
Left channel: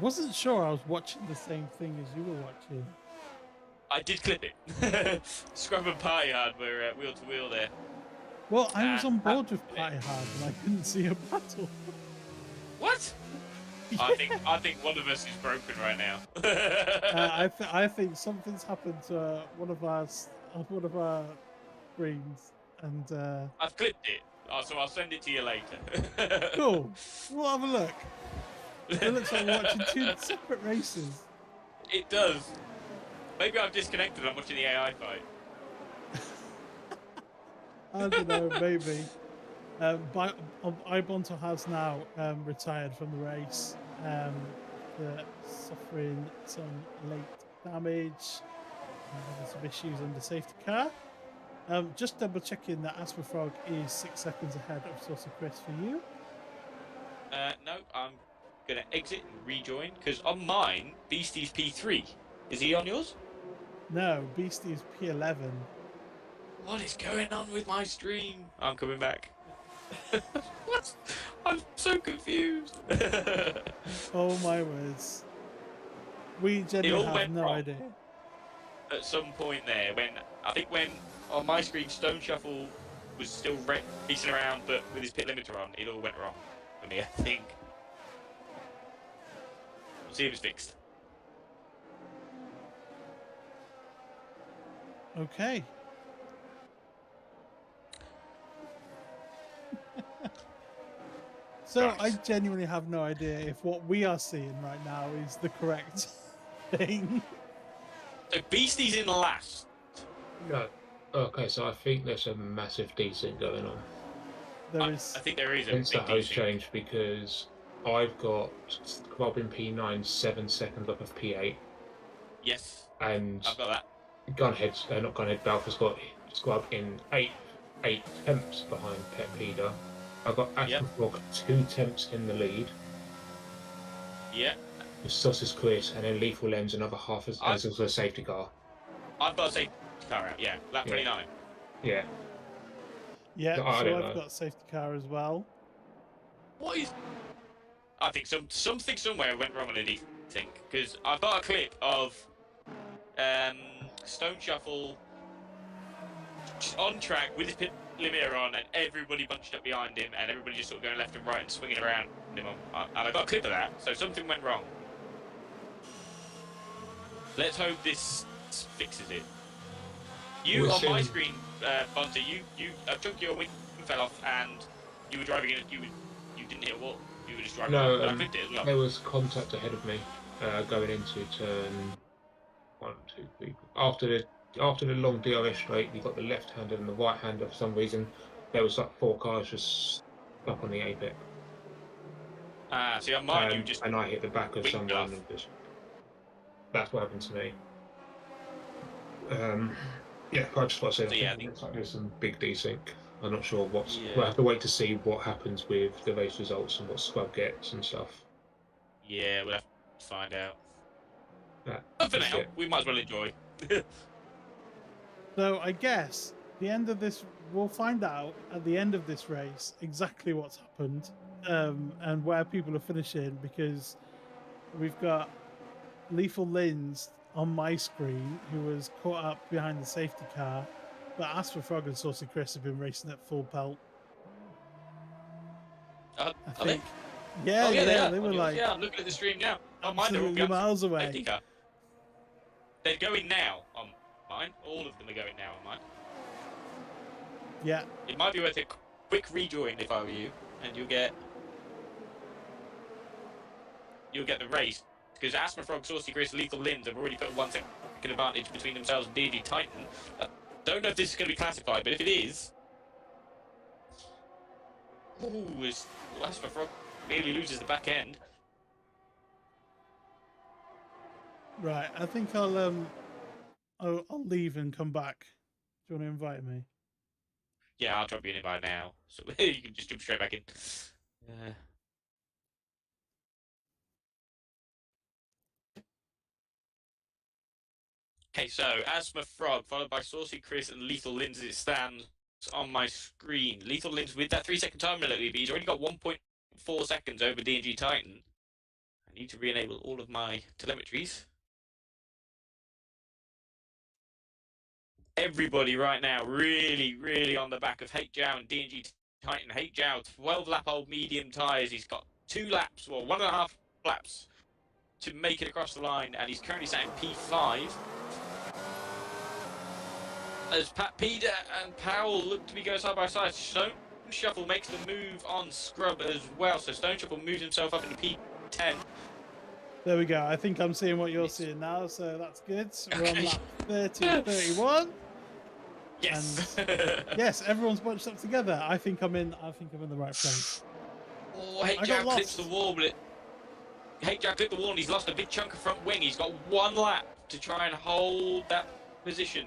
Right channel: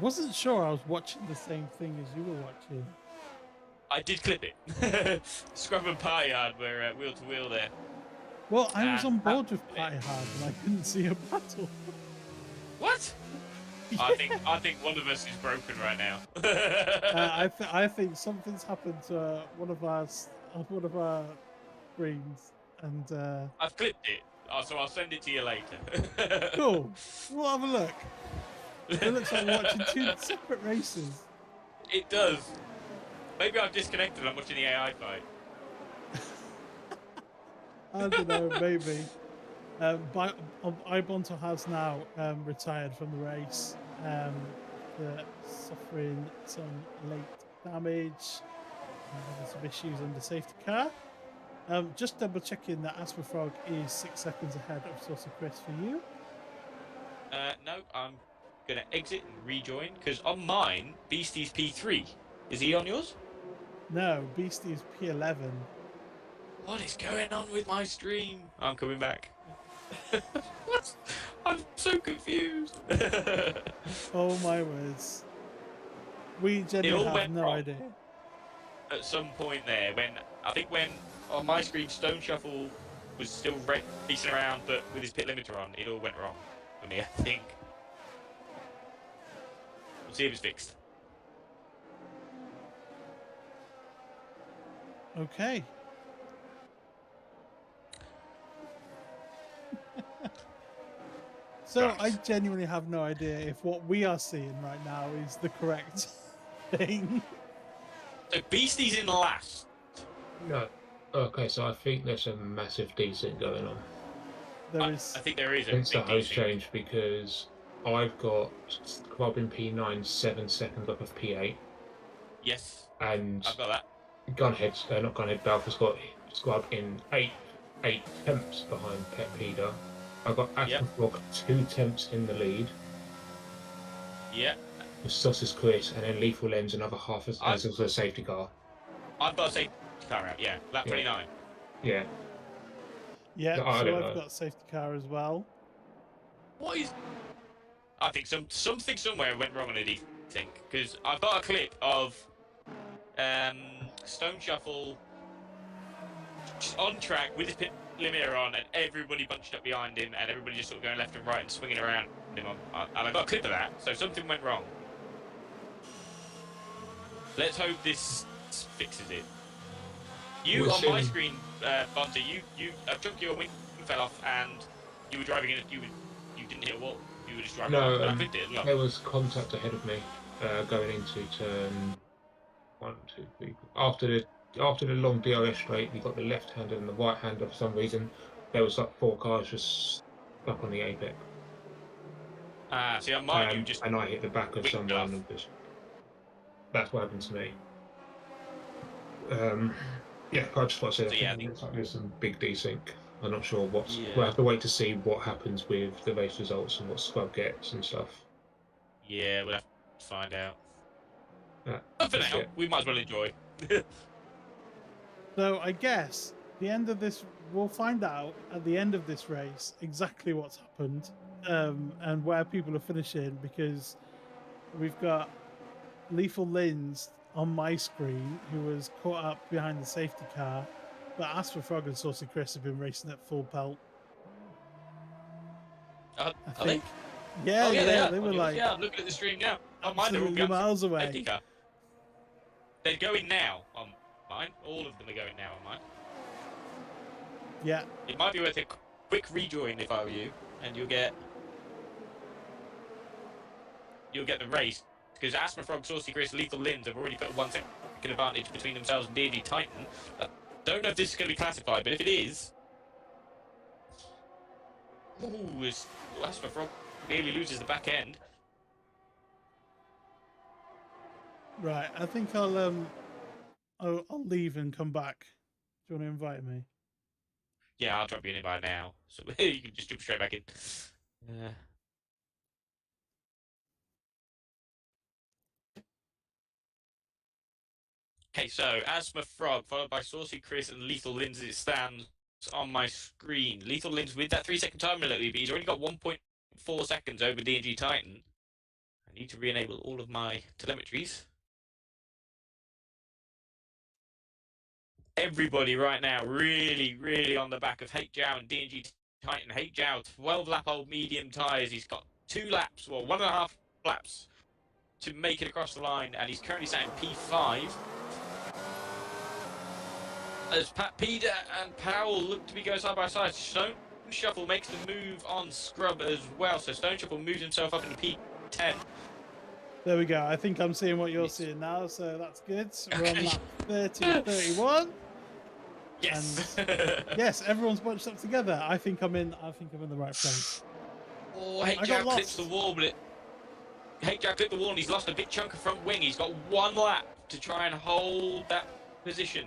Wasn't sure I was watching the same thing as you were watching. I did clip it. Scrub and Pyhard were wheel to wheel there. Well, I was on board with Pyhard and I couldn't see a battle. What? Yeah. I think one of us is broken right now. I think something's happened to one of our screens, and I've clipped it, so I'll send it to you later. Cool. We'll have a look. It looks like we're watching two separate races. It does. Maybe I've disconnected and I'm watching the AI fight. I don't know, maybe. Ibonto has now retired from the race. Suffering some late damage. There's some issues on the safety car. Just double checking that AsthmaFrog is 6 seconds ahead of Saucer Chris for you. No, I'm going to exit and rejoin because on mine, Beastie's P3. Is he on yours? No, Beastie is P11. What is going on with my stream? I'm coming back. What? I'm so confused. Oh my words. We genuinely have no idea. At some point there, when on my screen Stoneshuffle was still racing around, but with his pit limiter on, it all went wrong for me, I think. We'll see if it's fixed. Okay. So Right. I genuinely have no idea if what we are seeing right now is the correct thing. So Beastie's in last. No. Okay, so I think there's a massive desync going on. There is. I think there is a Since the big host desync. change, because I've got Club in P9 7 seconds off of P8, Yes, and I've got that. not Gunhead, Balfour's got Squab in 8 tenths behind Pet Leader. I've got AsthmaFrog 2 tenths in the lead. Yeah. With Saucer's Chris, and then Lethal Lens another half as a safety car. I've got a safety car out, yeah. Lap 29. Yeah. Yeah, I so don't I've know. got safety car as well. What is... I think something somewhere went wrong on a desync, because I've got a clip of Stoneshuffle on track with his pit limiter on, and everybody bunched up behind him, and everybody just sort of going left and right and swinging around him. And I got a clip of that, so something went wrong. Let's hope this fixes it. You We'll on my see. screen, Bunter, you took your wing fell off, and you were driving in. You didn't hit a wall. You were just driving. No, but I clipped it as well. there was contact ahead of me going into turn 1, 2, 3. After the long DRS straight, you got the left hander and the right hander for some reason. There was like 4 cars just stuck on the apex. See, on mine, you just and I hit the back of winged someone. off. And that's what happened to me. Yeah, I just want to say So, yeah, it's like there's some big desync. I'm not sure what's. Yeah. We'll have to wait to see what happens with the race results and what Scrub gets and stuff. Yeah, we'll have to find out. That, But for that's now, it. we might as well enjoy. So I guess the end of this, we'll find out at the end of this race exactly what's happened and where people are finishing, because we've got Lethal Lins on my screen who was caught up behind the safety car, but AsthmaFrog and Saucy Chris have been racing at full pelt. I Are they? think. Yeah, Oh, yeah, they were like Yeah, I'm looking at the stream now. On mine, they're all absolutely guns. miles away. Safety car. They're going now on mine. All of them are going now on mine. Yeah. It might be worth a quick rejoin if I were you, and you'll get the race, because AsthmaFrog, Saucy Chris, Lethal Lins have already put 1 second advantage between themselves and DNG Titan. Don't know if this is going to be classified, but if it is, AsthmaFrog nearly loses the back end. Right. I think I'll leave and come back. Do you want to invite me? Yeah, I'll drop you an invite now, so you can just jump straight back in. Okay, so AsthmaFrog, followed by Saucy Chris and Lethal Lins as it stands on my screen. Lethal Lins with that 3-second time limit, but he's already got 1.4 seconds over DNG Titan. I need to re-enable all of my telemetries. Everybody right now really, really on the back of Hate Jow and DNG Titan. Hate Jow, 12-lap-old medium tyres. He's got 2 laps, well, 1.5 laps to make it across the line, and he's currently sat in P5. As Pat Peder and Powell look to be going side by side, Stoneshuffle makes the move on Scrub as well. So Stoneshuffle moves himself up into P10. There we go. I think I'm seeing what you're seeing now, so that's good. We're on lap 30, 31. Yes. And yes, everyone's bunched up together. I think I'm in the right place. Oh, Hate Jow clips the wall, but Hate Jow clipped the wall and he's lost a big chunk of front wing. He's got 1 lap to try and hold that position.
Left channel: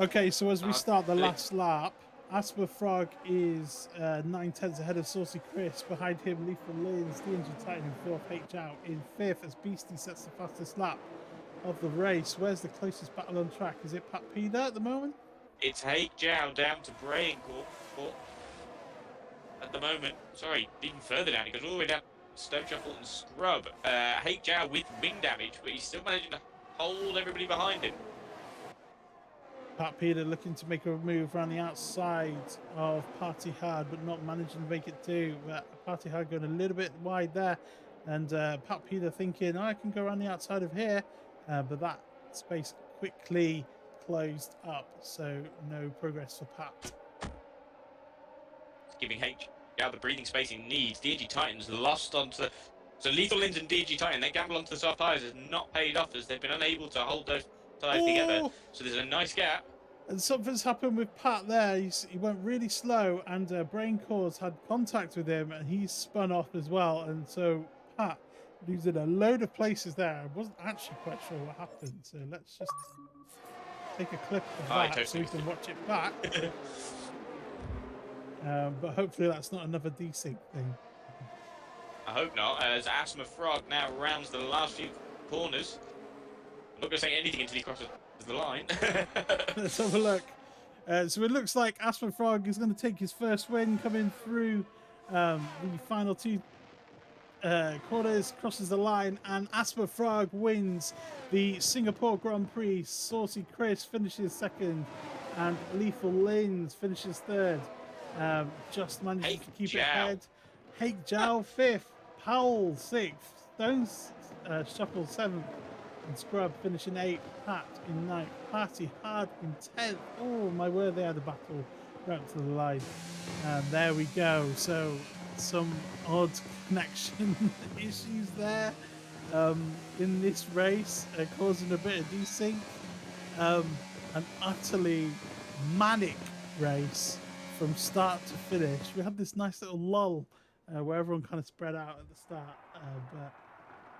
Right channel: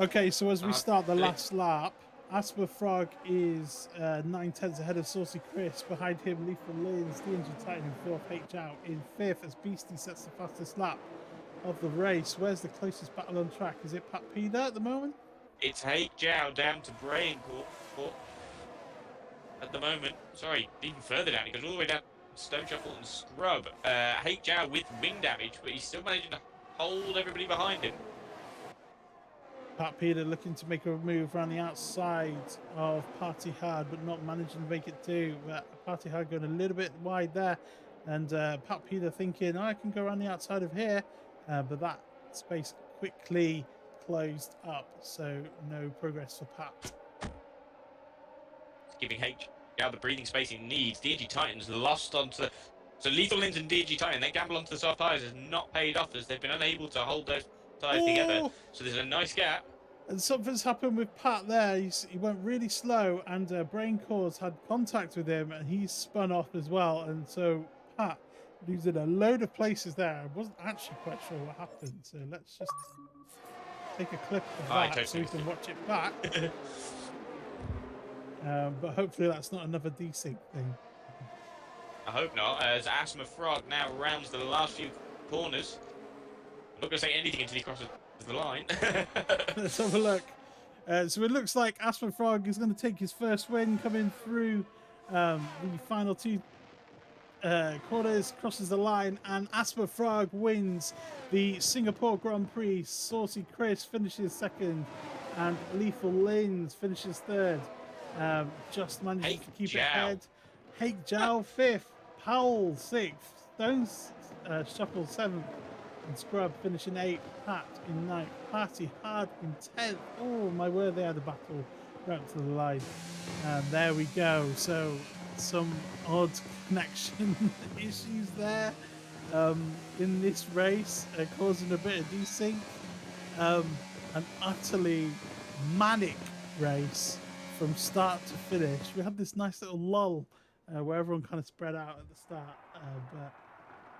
Okay, so as we start the last lap, AsthmaFrog is 9/10 ahead of Saucy Chris. Behind him, Lethal Lins, DNG Titan in 4th, H out in 5th as Beastie sets the fastest lap of the race. Where's the closest battle on track? Is it Pat Peder at the moment? It's Hate Jow down to Braincourt at the moment. Sorry, even further down. It goes all the way down to Stoneshuffle and Scrub. Hate Jow with wing damage, but he's still managing to hold everybody behind him. Pat Peder looking to make a move around the outside of Party Hard, but not managing to make it to. Party Hard going a little bit wide there. And Pat Peder thinking, I can go around the outside of here. But that space quickly closed up. So no progress for Pat. Giving H-Jow the breathing space he needs. DNG Titan's lost onto the... So Lethal Lins and DNG Titan, they gamble onto the soft tyres has not paid off as they've been unable to hold those tyres together. So there's a nice gap. And something's happened with Pat there. He went really slow and Braincourt had contact with him and he's spun off as well. And so Pat losing a load of places there. I wasn't actually quite sure what happened. So let's just take a clip of that so we can watch it back. But hopefully that's not another desync thing. I hope not, as AsthmaFrog now rounds the last few corners. I'm not going to say anything until he crosses the line. Let's have a look. So it looks like AsthmaFrog is going to take his first win coming through the final 2 corners, crosses the line, and AsthmaFrog wins the Singapore Grand Prix. Saucy Chris finishes 2nd, and Lethal Lins finishes 3rd. Just managing to keep it ahead. Hate Jow 5th, Powell 6th, Stoneshuffle 7th, and Scrub finishing 8th, Pat in 9th, Party Hard in 10th. Oh my word, they had a battle right up to the line. And there we go. So some odd connection issues there in this race, causing a bit of desync. An utterly manic race from start to finish. We had this nice little lull where everyone kind of spread out at the start, but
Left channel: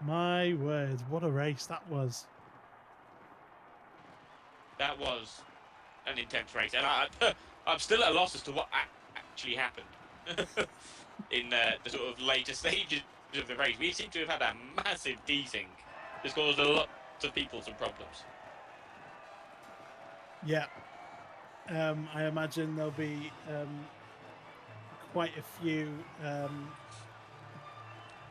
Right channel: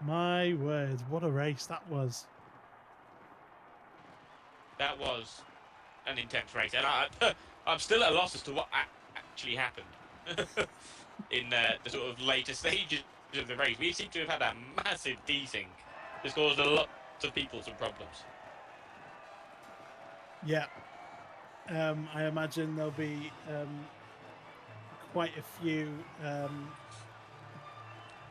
my word, what a race that was. That was. an intense race, and I'm still at a loss as to what actually happened in the sort of later stages of the race. We seem to have had a massive desync that's caused a lot of people some problems. Yeah. I imagine there'll be quite a few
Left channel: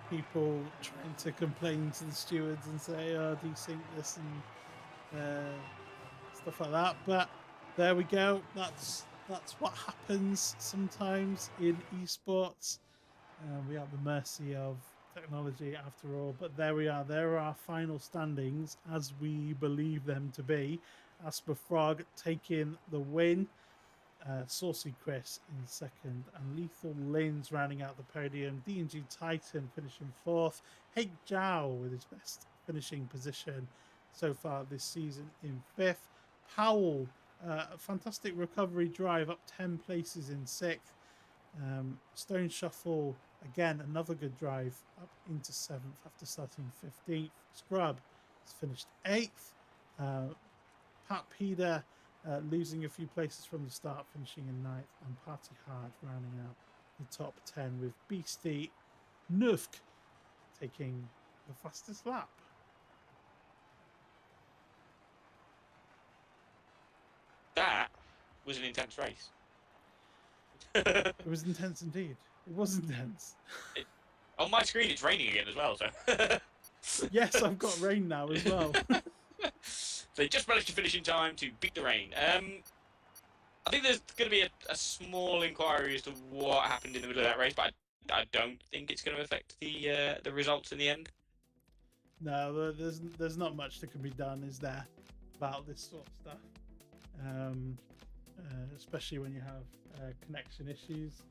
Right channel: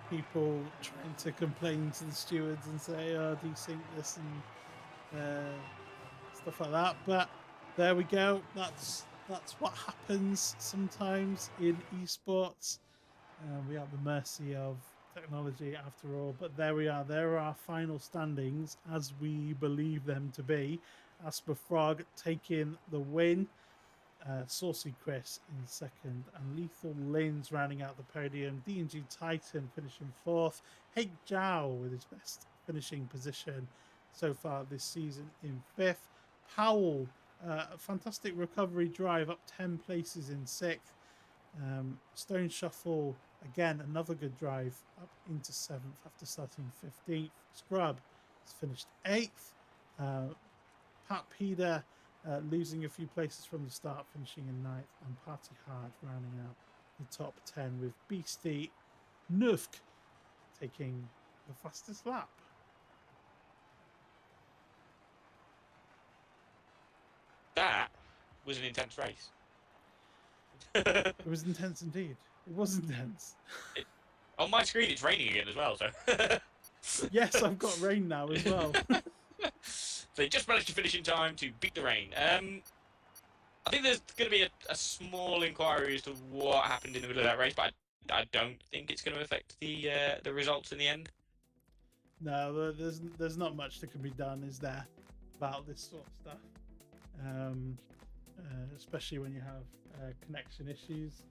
people trying to complain to the stewards and say, "Oh, desync this," and stuff like that. But there we go. That's what happens sometimes in esports. We are at the mercy of technology after all. But there we are. There are our final standings as we believe them to be. AsthmaFrog taking the win. Saucy Chris in second, and Lethal Lins rounding out the podium. D&G Titan finishing fourth. Hake Zhao with his best finishing position so far this season in fifth. Powell, a fantastic recovery drive up 10 places in sixth. Stoneshuffle, again, another good drive up into seventh after starting 15th. Scrub has finished eighth. Pat Peder losing a few places from the start, finishing in ninth, and Party Hard rounding out the top 10 with Beastie Nufk taking the fastest lap. That was an intense race. It was intense indeed. It was intense. On my screen, it's raining again as well. So Yes, I've got rain now as well. So they just managed to finish in time to beat the rain. I think there's going to be a small inquiry as to what happened in the middle of that race, but I don't think it's going to affect the results in the end. No, there's not much that can be done, is there, about this sort of stuff, especially when you have connection issues.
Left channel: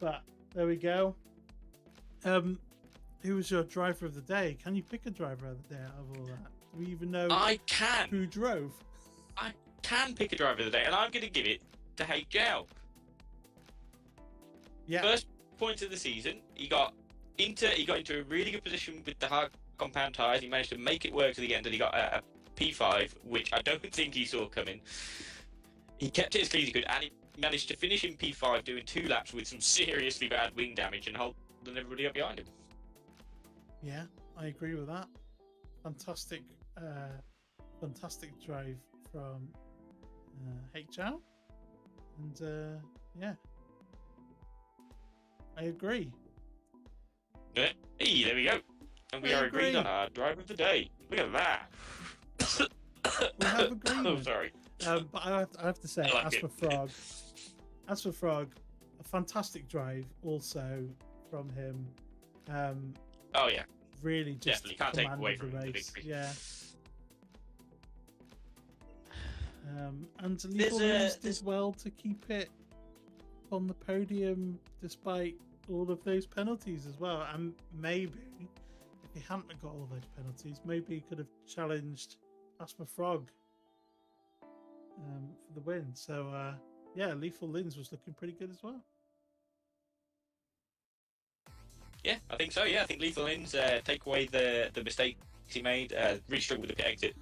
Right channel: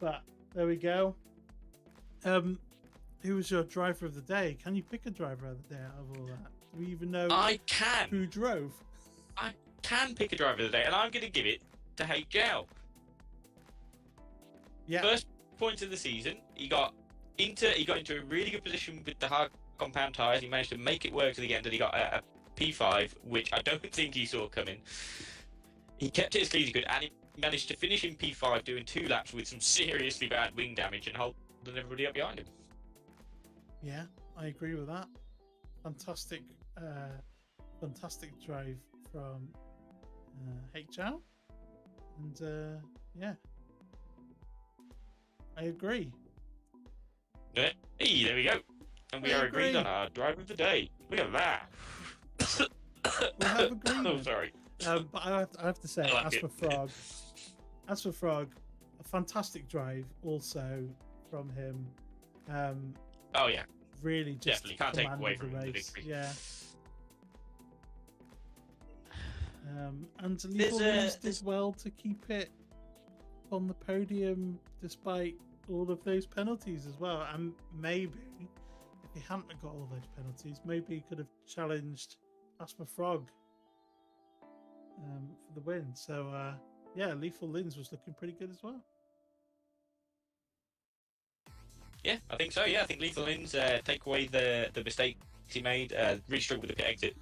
But there we go. Who was your driver of the day? Can you pick a driver of the day out of all that? Do we even know who drove? I can pick a driver of the day, and I'm going to give it to Hake Zhao. Yeah. First point of the season, he got into a really good position with the hard compound tyres. He managed to make it work to the end, and he got a P5, which I don't think he saw coming. He kept it as clean as he could, and he managed to finish in P5, doing 2 laps with some seriously bad wing damage and holding everybody up behind him. Yeah, I agree with that. Fantastic drive from Hake Zhao. And yeah, I agree. Hey, there we go. And we are agreed on our driver of the day. Look at that. We have agreement. Oh, sorry. But I have to say, AsthmaFrog, a fantastic drive also from him. Oh yeah, really just definitely can't take away commanded from the the race. victory. Yeah. And Lethal Lins did well to keep it on the podium despite all of those penalties as well. And maybe if he hadn't got all those penalties, maybe he could have challenged AsthmaFrog for the win. So yeah, Lethal Lins was looking pretty good as well. Yeah, I think so. Yeah, I think Lethal Lins take away the mistakes he made. Really struggled with the pit exit.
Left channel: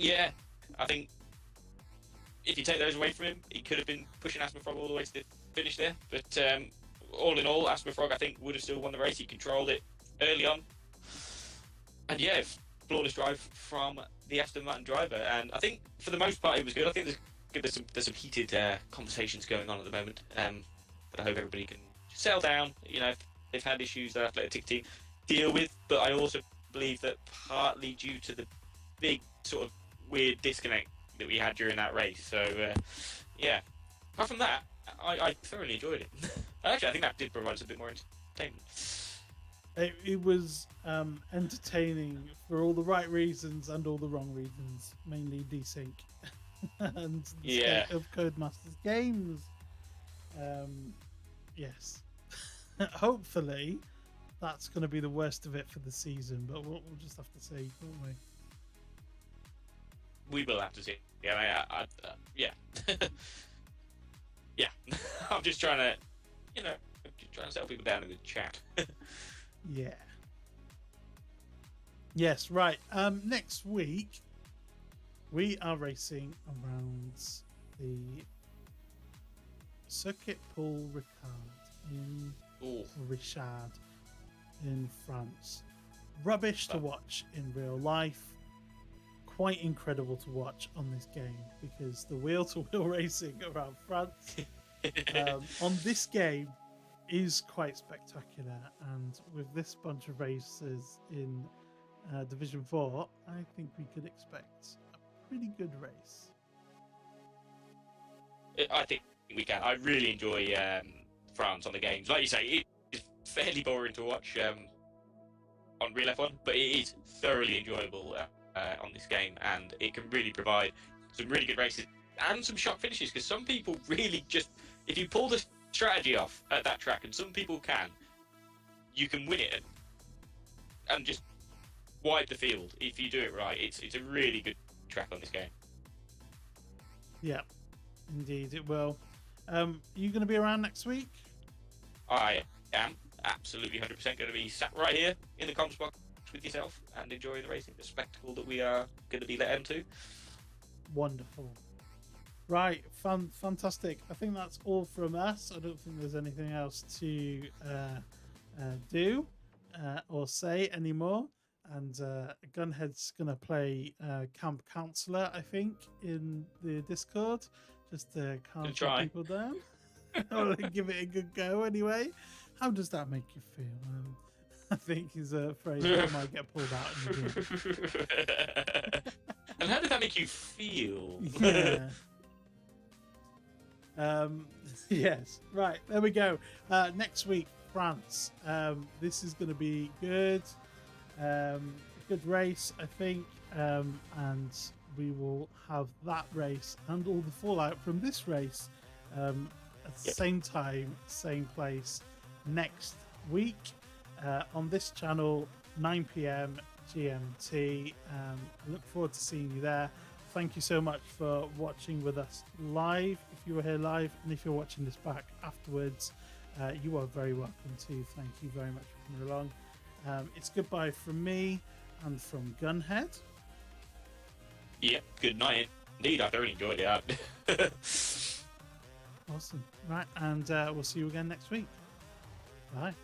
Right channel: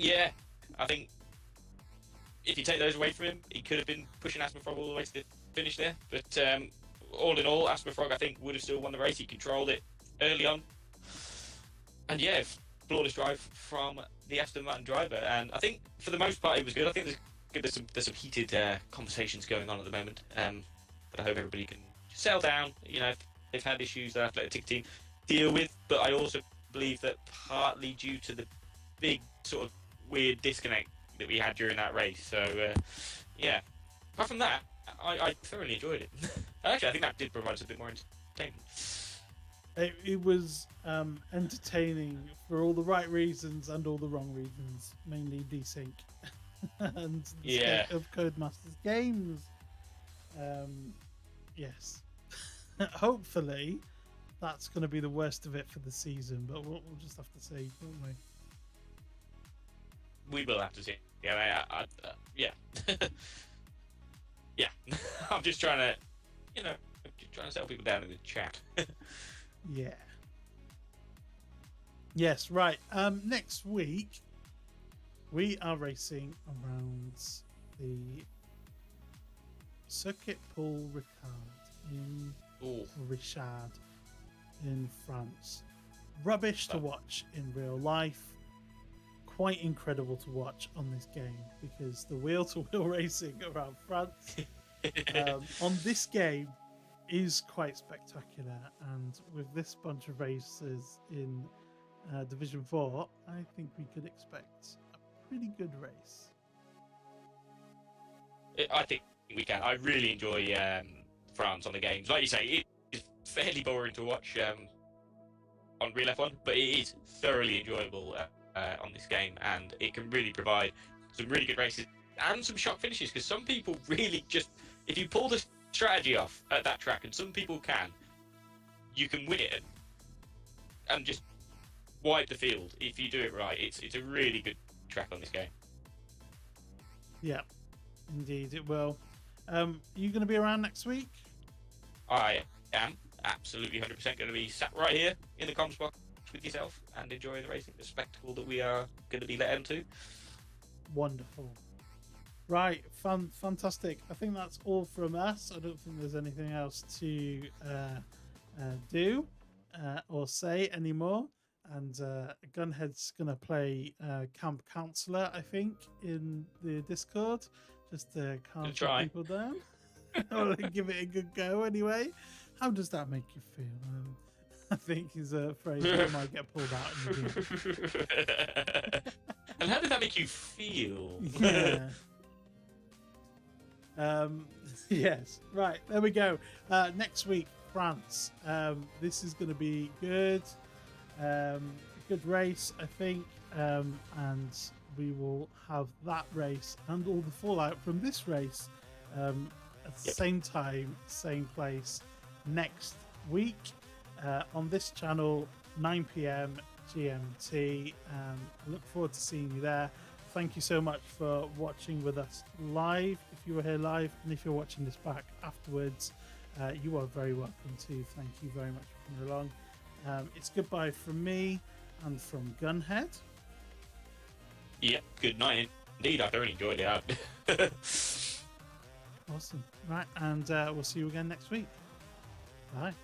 Yeah, I think if you take those away from him, he could have been pushing AsthmaFrog all the way to the finish there. But all in all, AsthmaFrog I think would have still won the race. He controlled it early on, and yeah, flawless drive from the Aston Martin driver. And I think for the most part it was good. I think there's some heated conversations going on at the moment. But I hope everybody can settle down. You know, they've had issues that Athletic team deal with, but I also believe that partly due to the big sort of weird disconnect that we had during that race. So yeah, apart from that, I thoroughly enjoyed it. Actually, I think that did provide us a bit more entertainment. It was entertaining for all the right reasons and all the wrong reasons, mainly desync and the state of Codemasters games. Yes. Hopefully that's going to be the worst of it for the season, but we'll just have to see, won't we? We will have to see. Yeah, yeah. Yeah. I'm just trying to, settle people down in the chat. Yeah. Yes, right. Next week we are racing around the Circuit Paul Ricard in Ooh, Richard in France. Rubbish to watch in real life. Quite incredible to watch on this game because the wheel-to-wheel racing around France on this game is quite spectacular, and with this bunch of races in Division 4, I think we could expect a pretty good race. I think we can. I really enjoy France on the games. Like you say, it's fairly boring to watch on Real F1, but it is thoroughly enjoyable on this game, and it can really provide some really good races and some shock finishes, because some people really just, if you pull the strategy off at that track, and some people can, you can win it and just wipe the field if you do it right. It's a really good track on this game. Yeah, indeed it will. Are you going to be around next week? I am absolutely 100% going to be sat right here in the comms box with yourself and enjoying the racing, the spectacle that we are going to be let into. Wonderful. Right, fantastic. I think that's all from us. I don't think there's anything else to do or say anymore. And Gunhead's going to play Camp Counselor, I think, in the Discord, just to calm some people down. Or give it a good go anyway. How does that make you feel? I think is a phrase that might get pulled out in the game. And how did that make you feel? Yeah. Yes. Right. There we go. Next week, France. This is going to be good. Good race, I think. And we will have that race and all the fallout from this race at the same time, same place next week on this channel, 9 p.m. GMT. I look forward to seeing you there. Thank you so much for watching with us live, if you were here live, and if you're watching this back afterwards, you are very welcome too. Thank you very much for coming along. It's goodbye from me and from Gunhead. Yep, good night indeed. I thoroughly enjoyed it. Awesome. Right, and we'll see you again next week. Bye.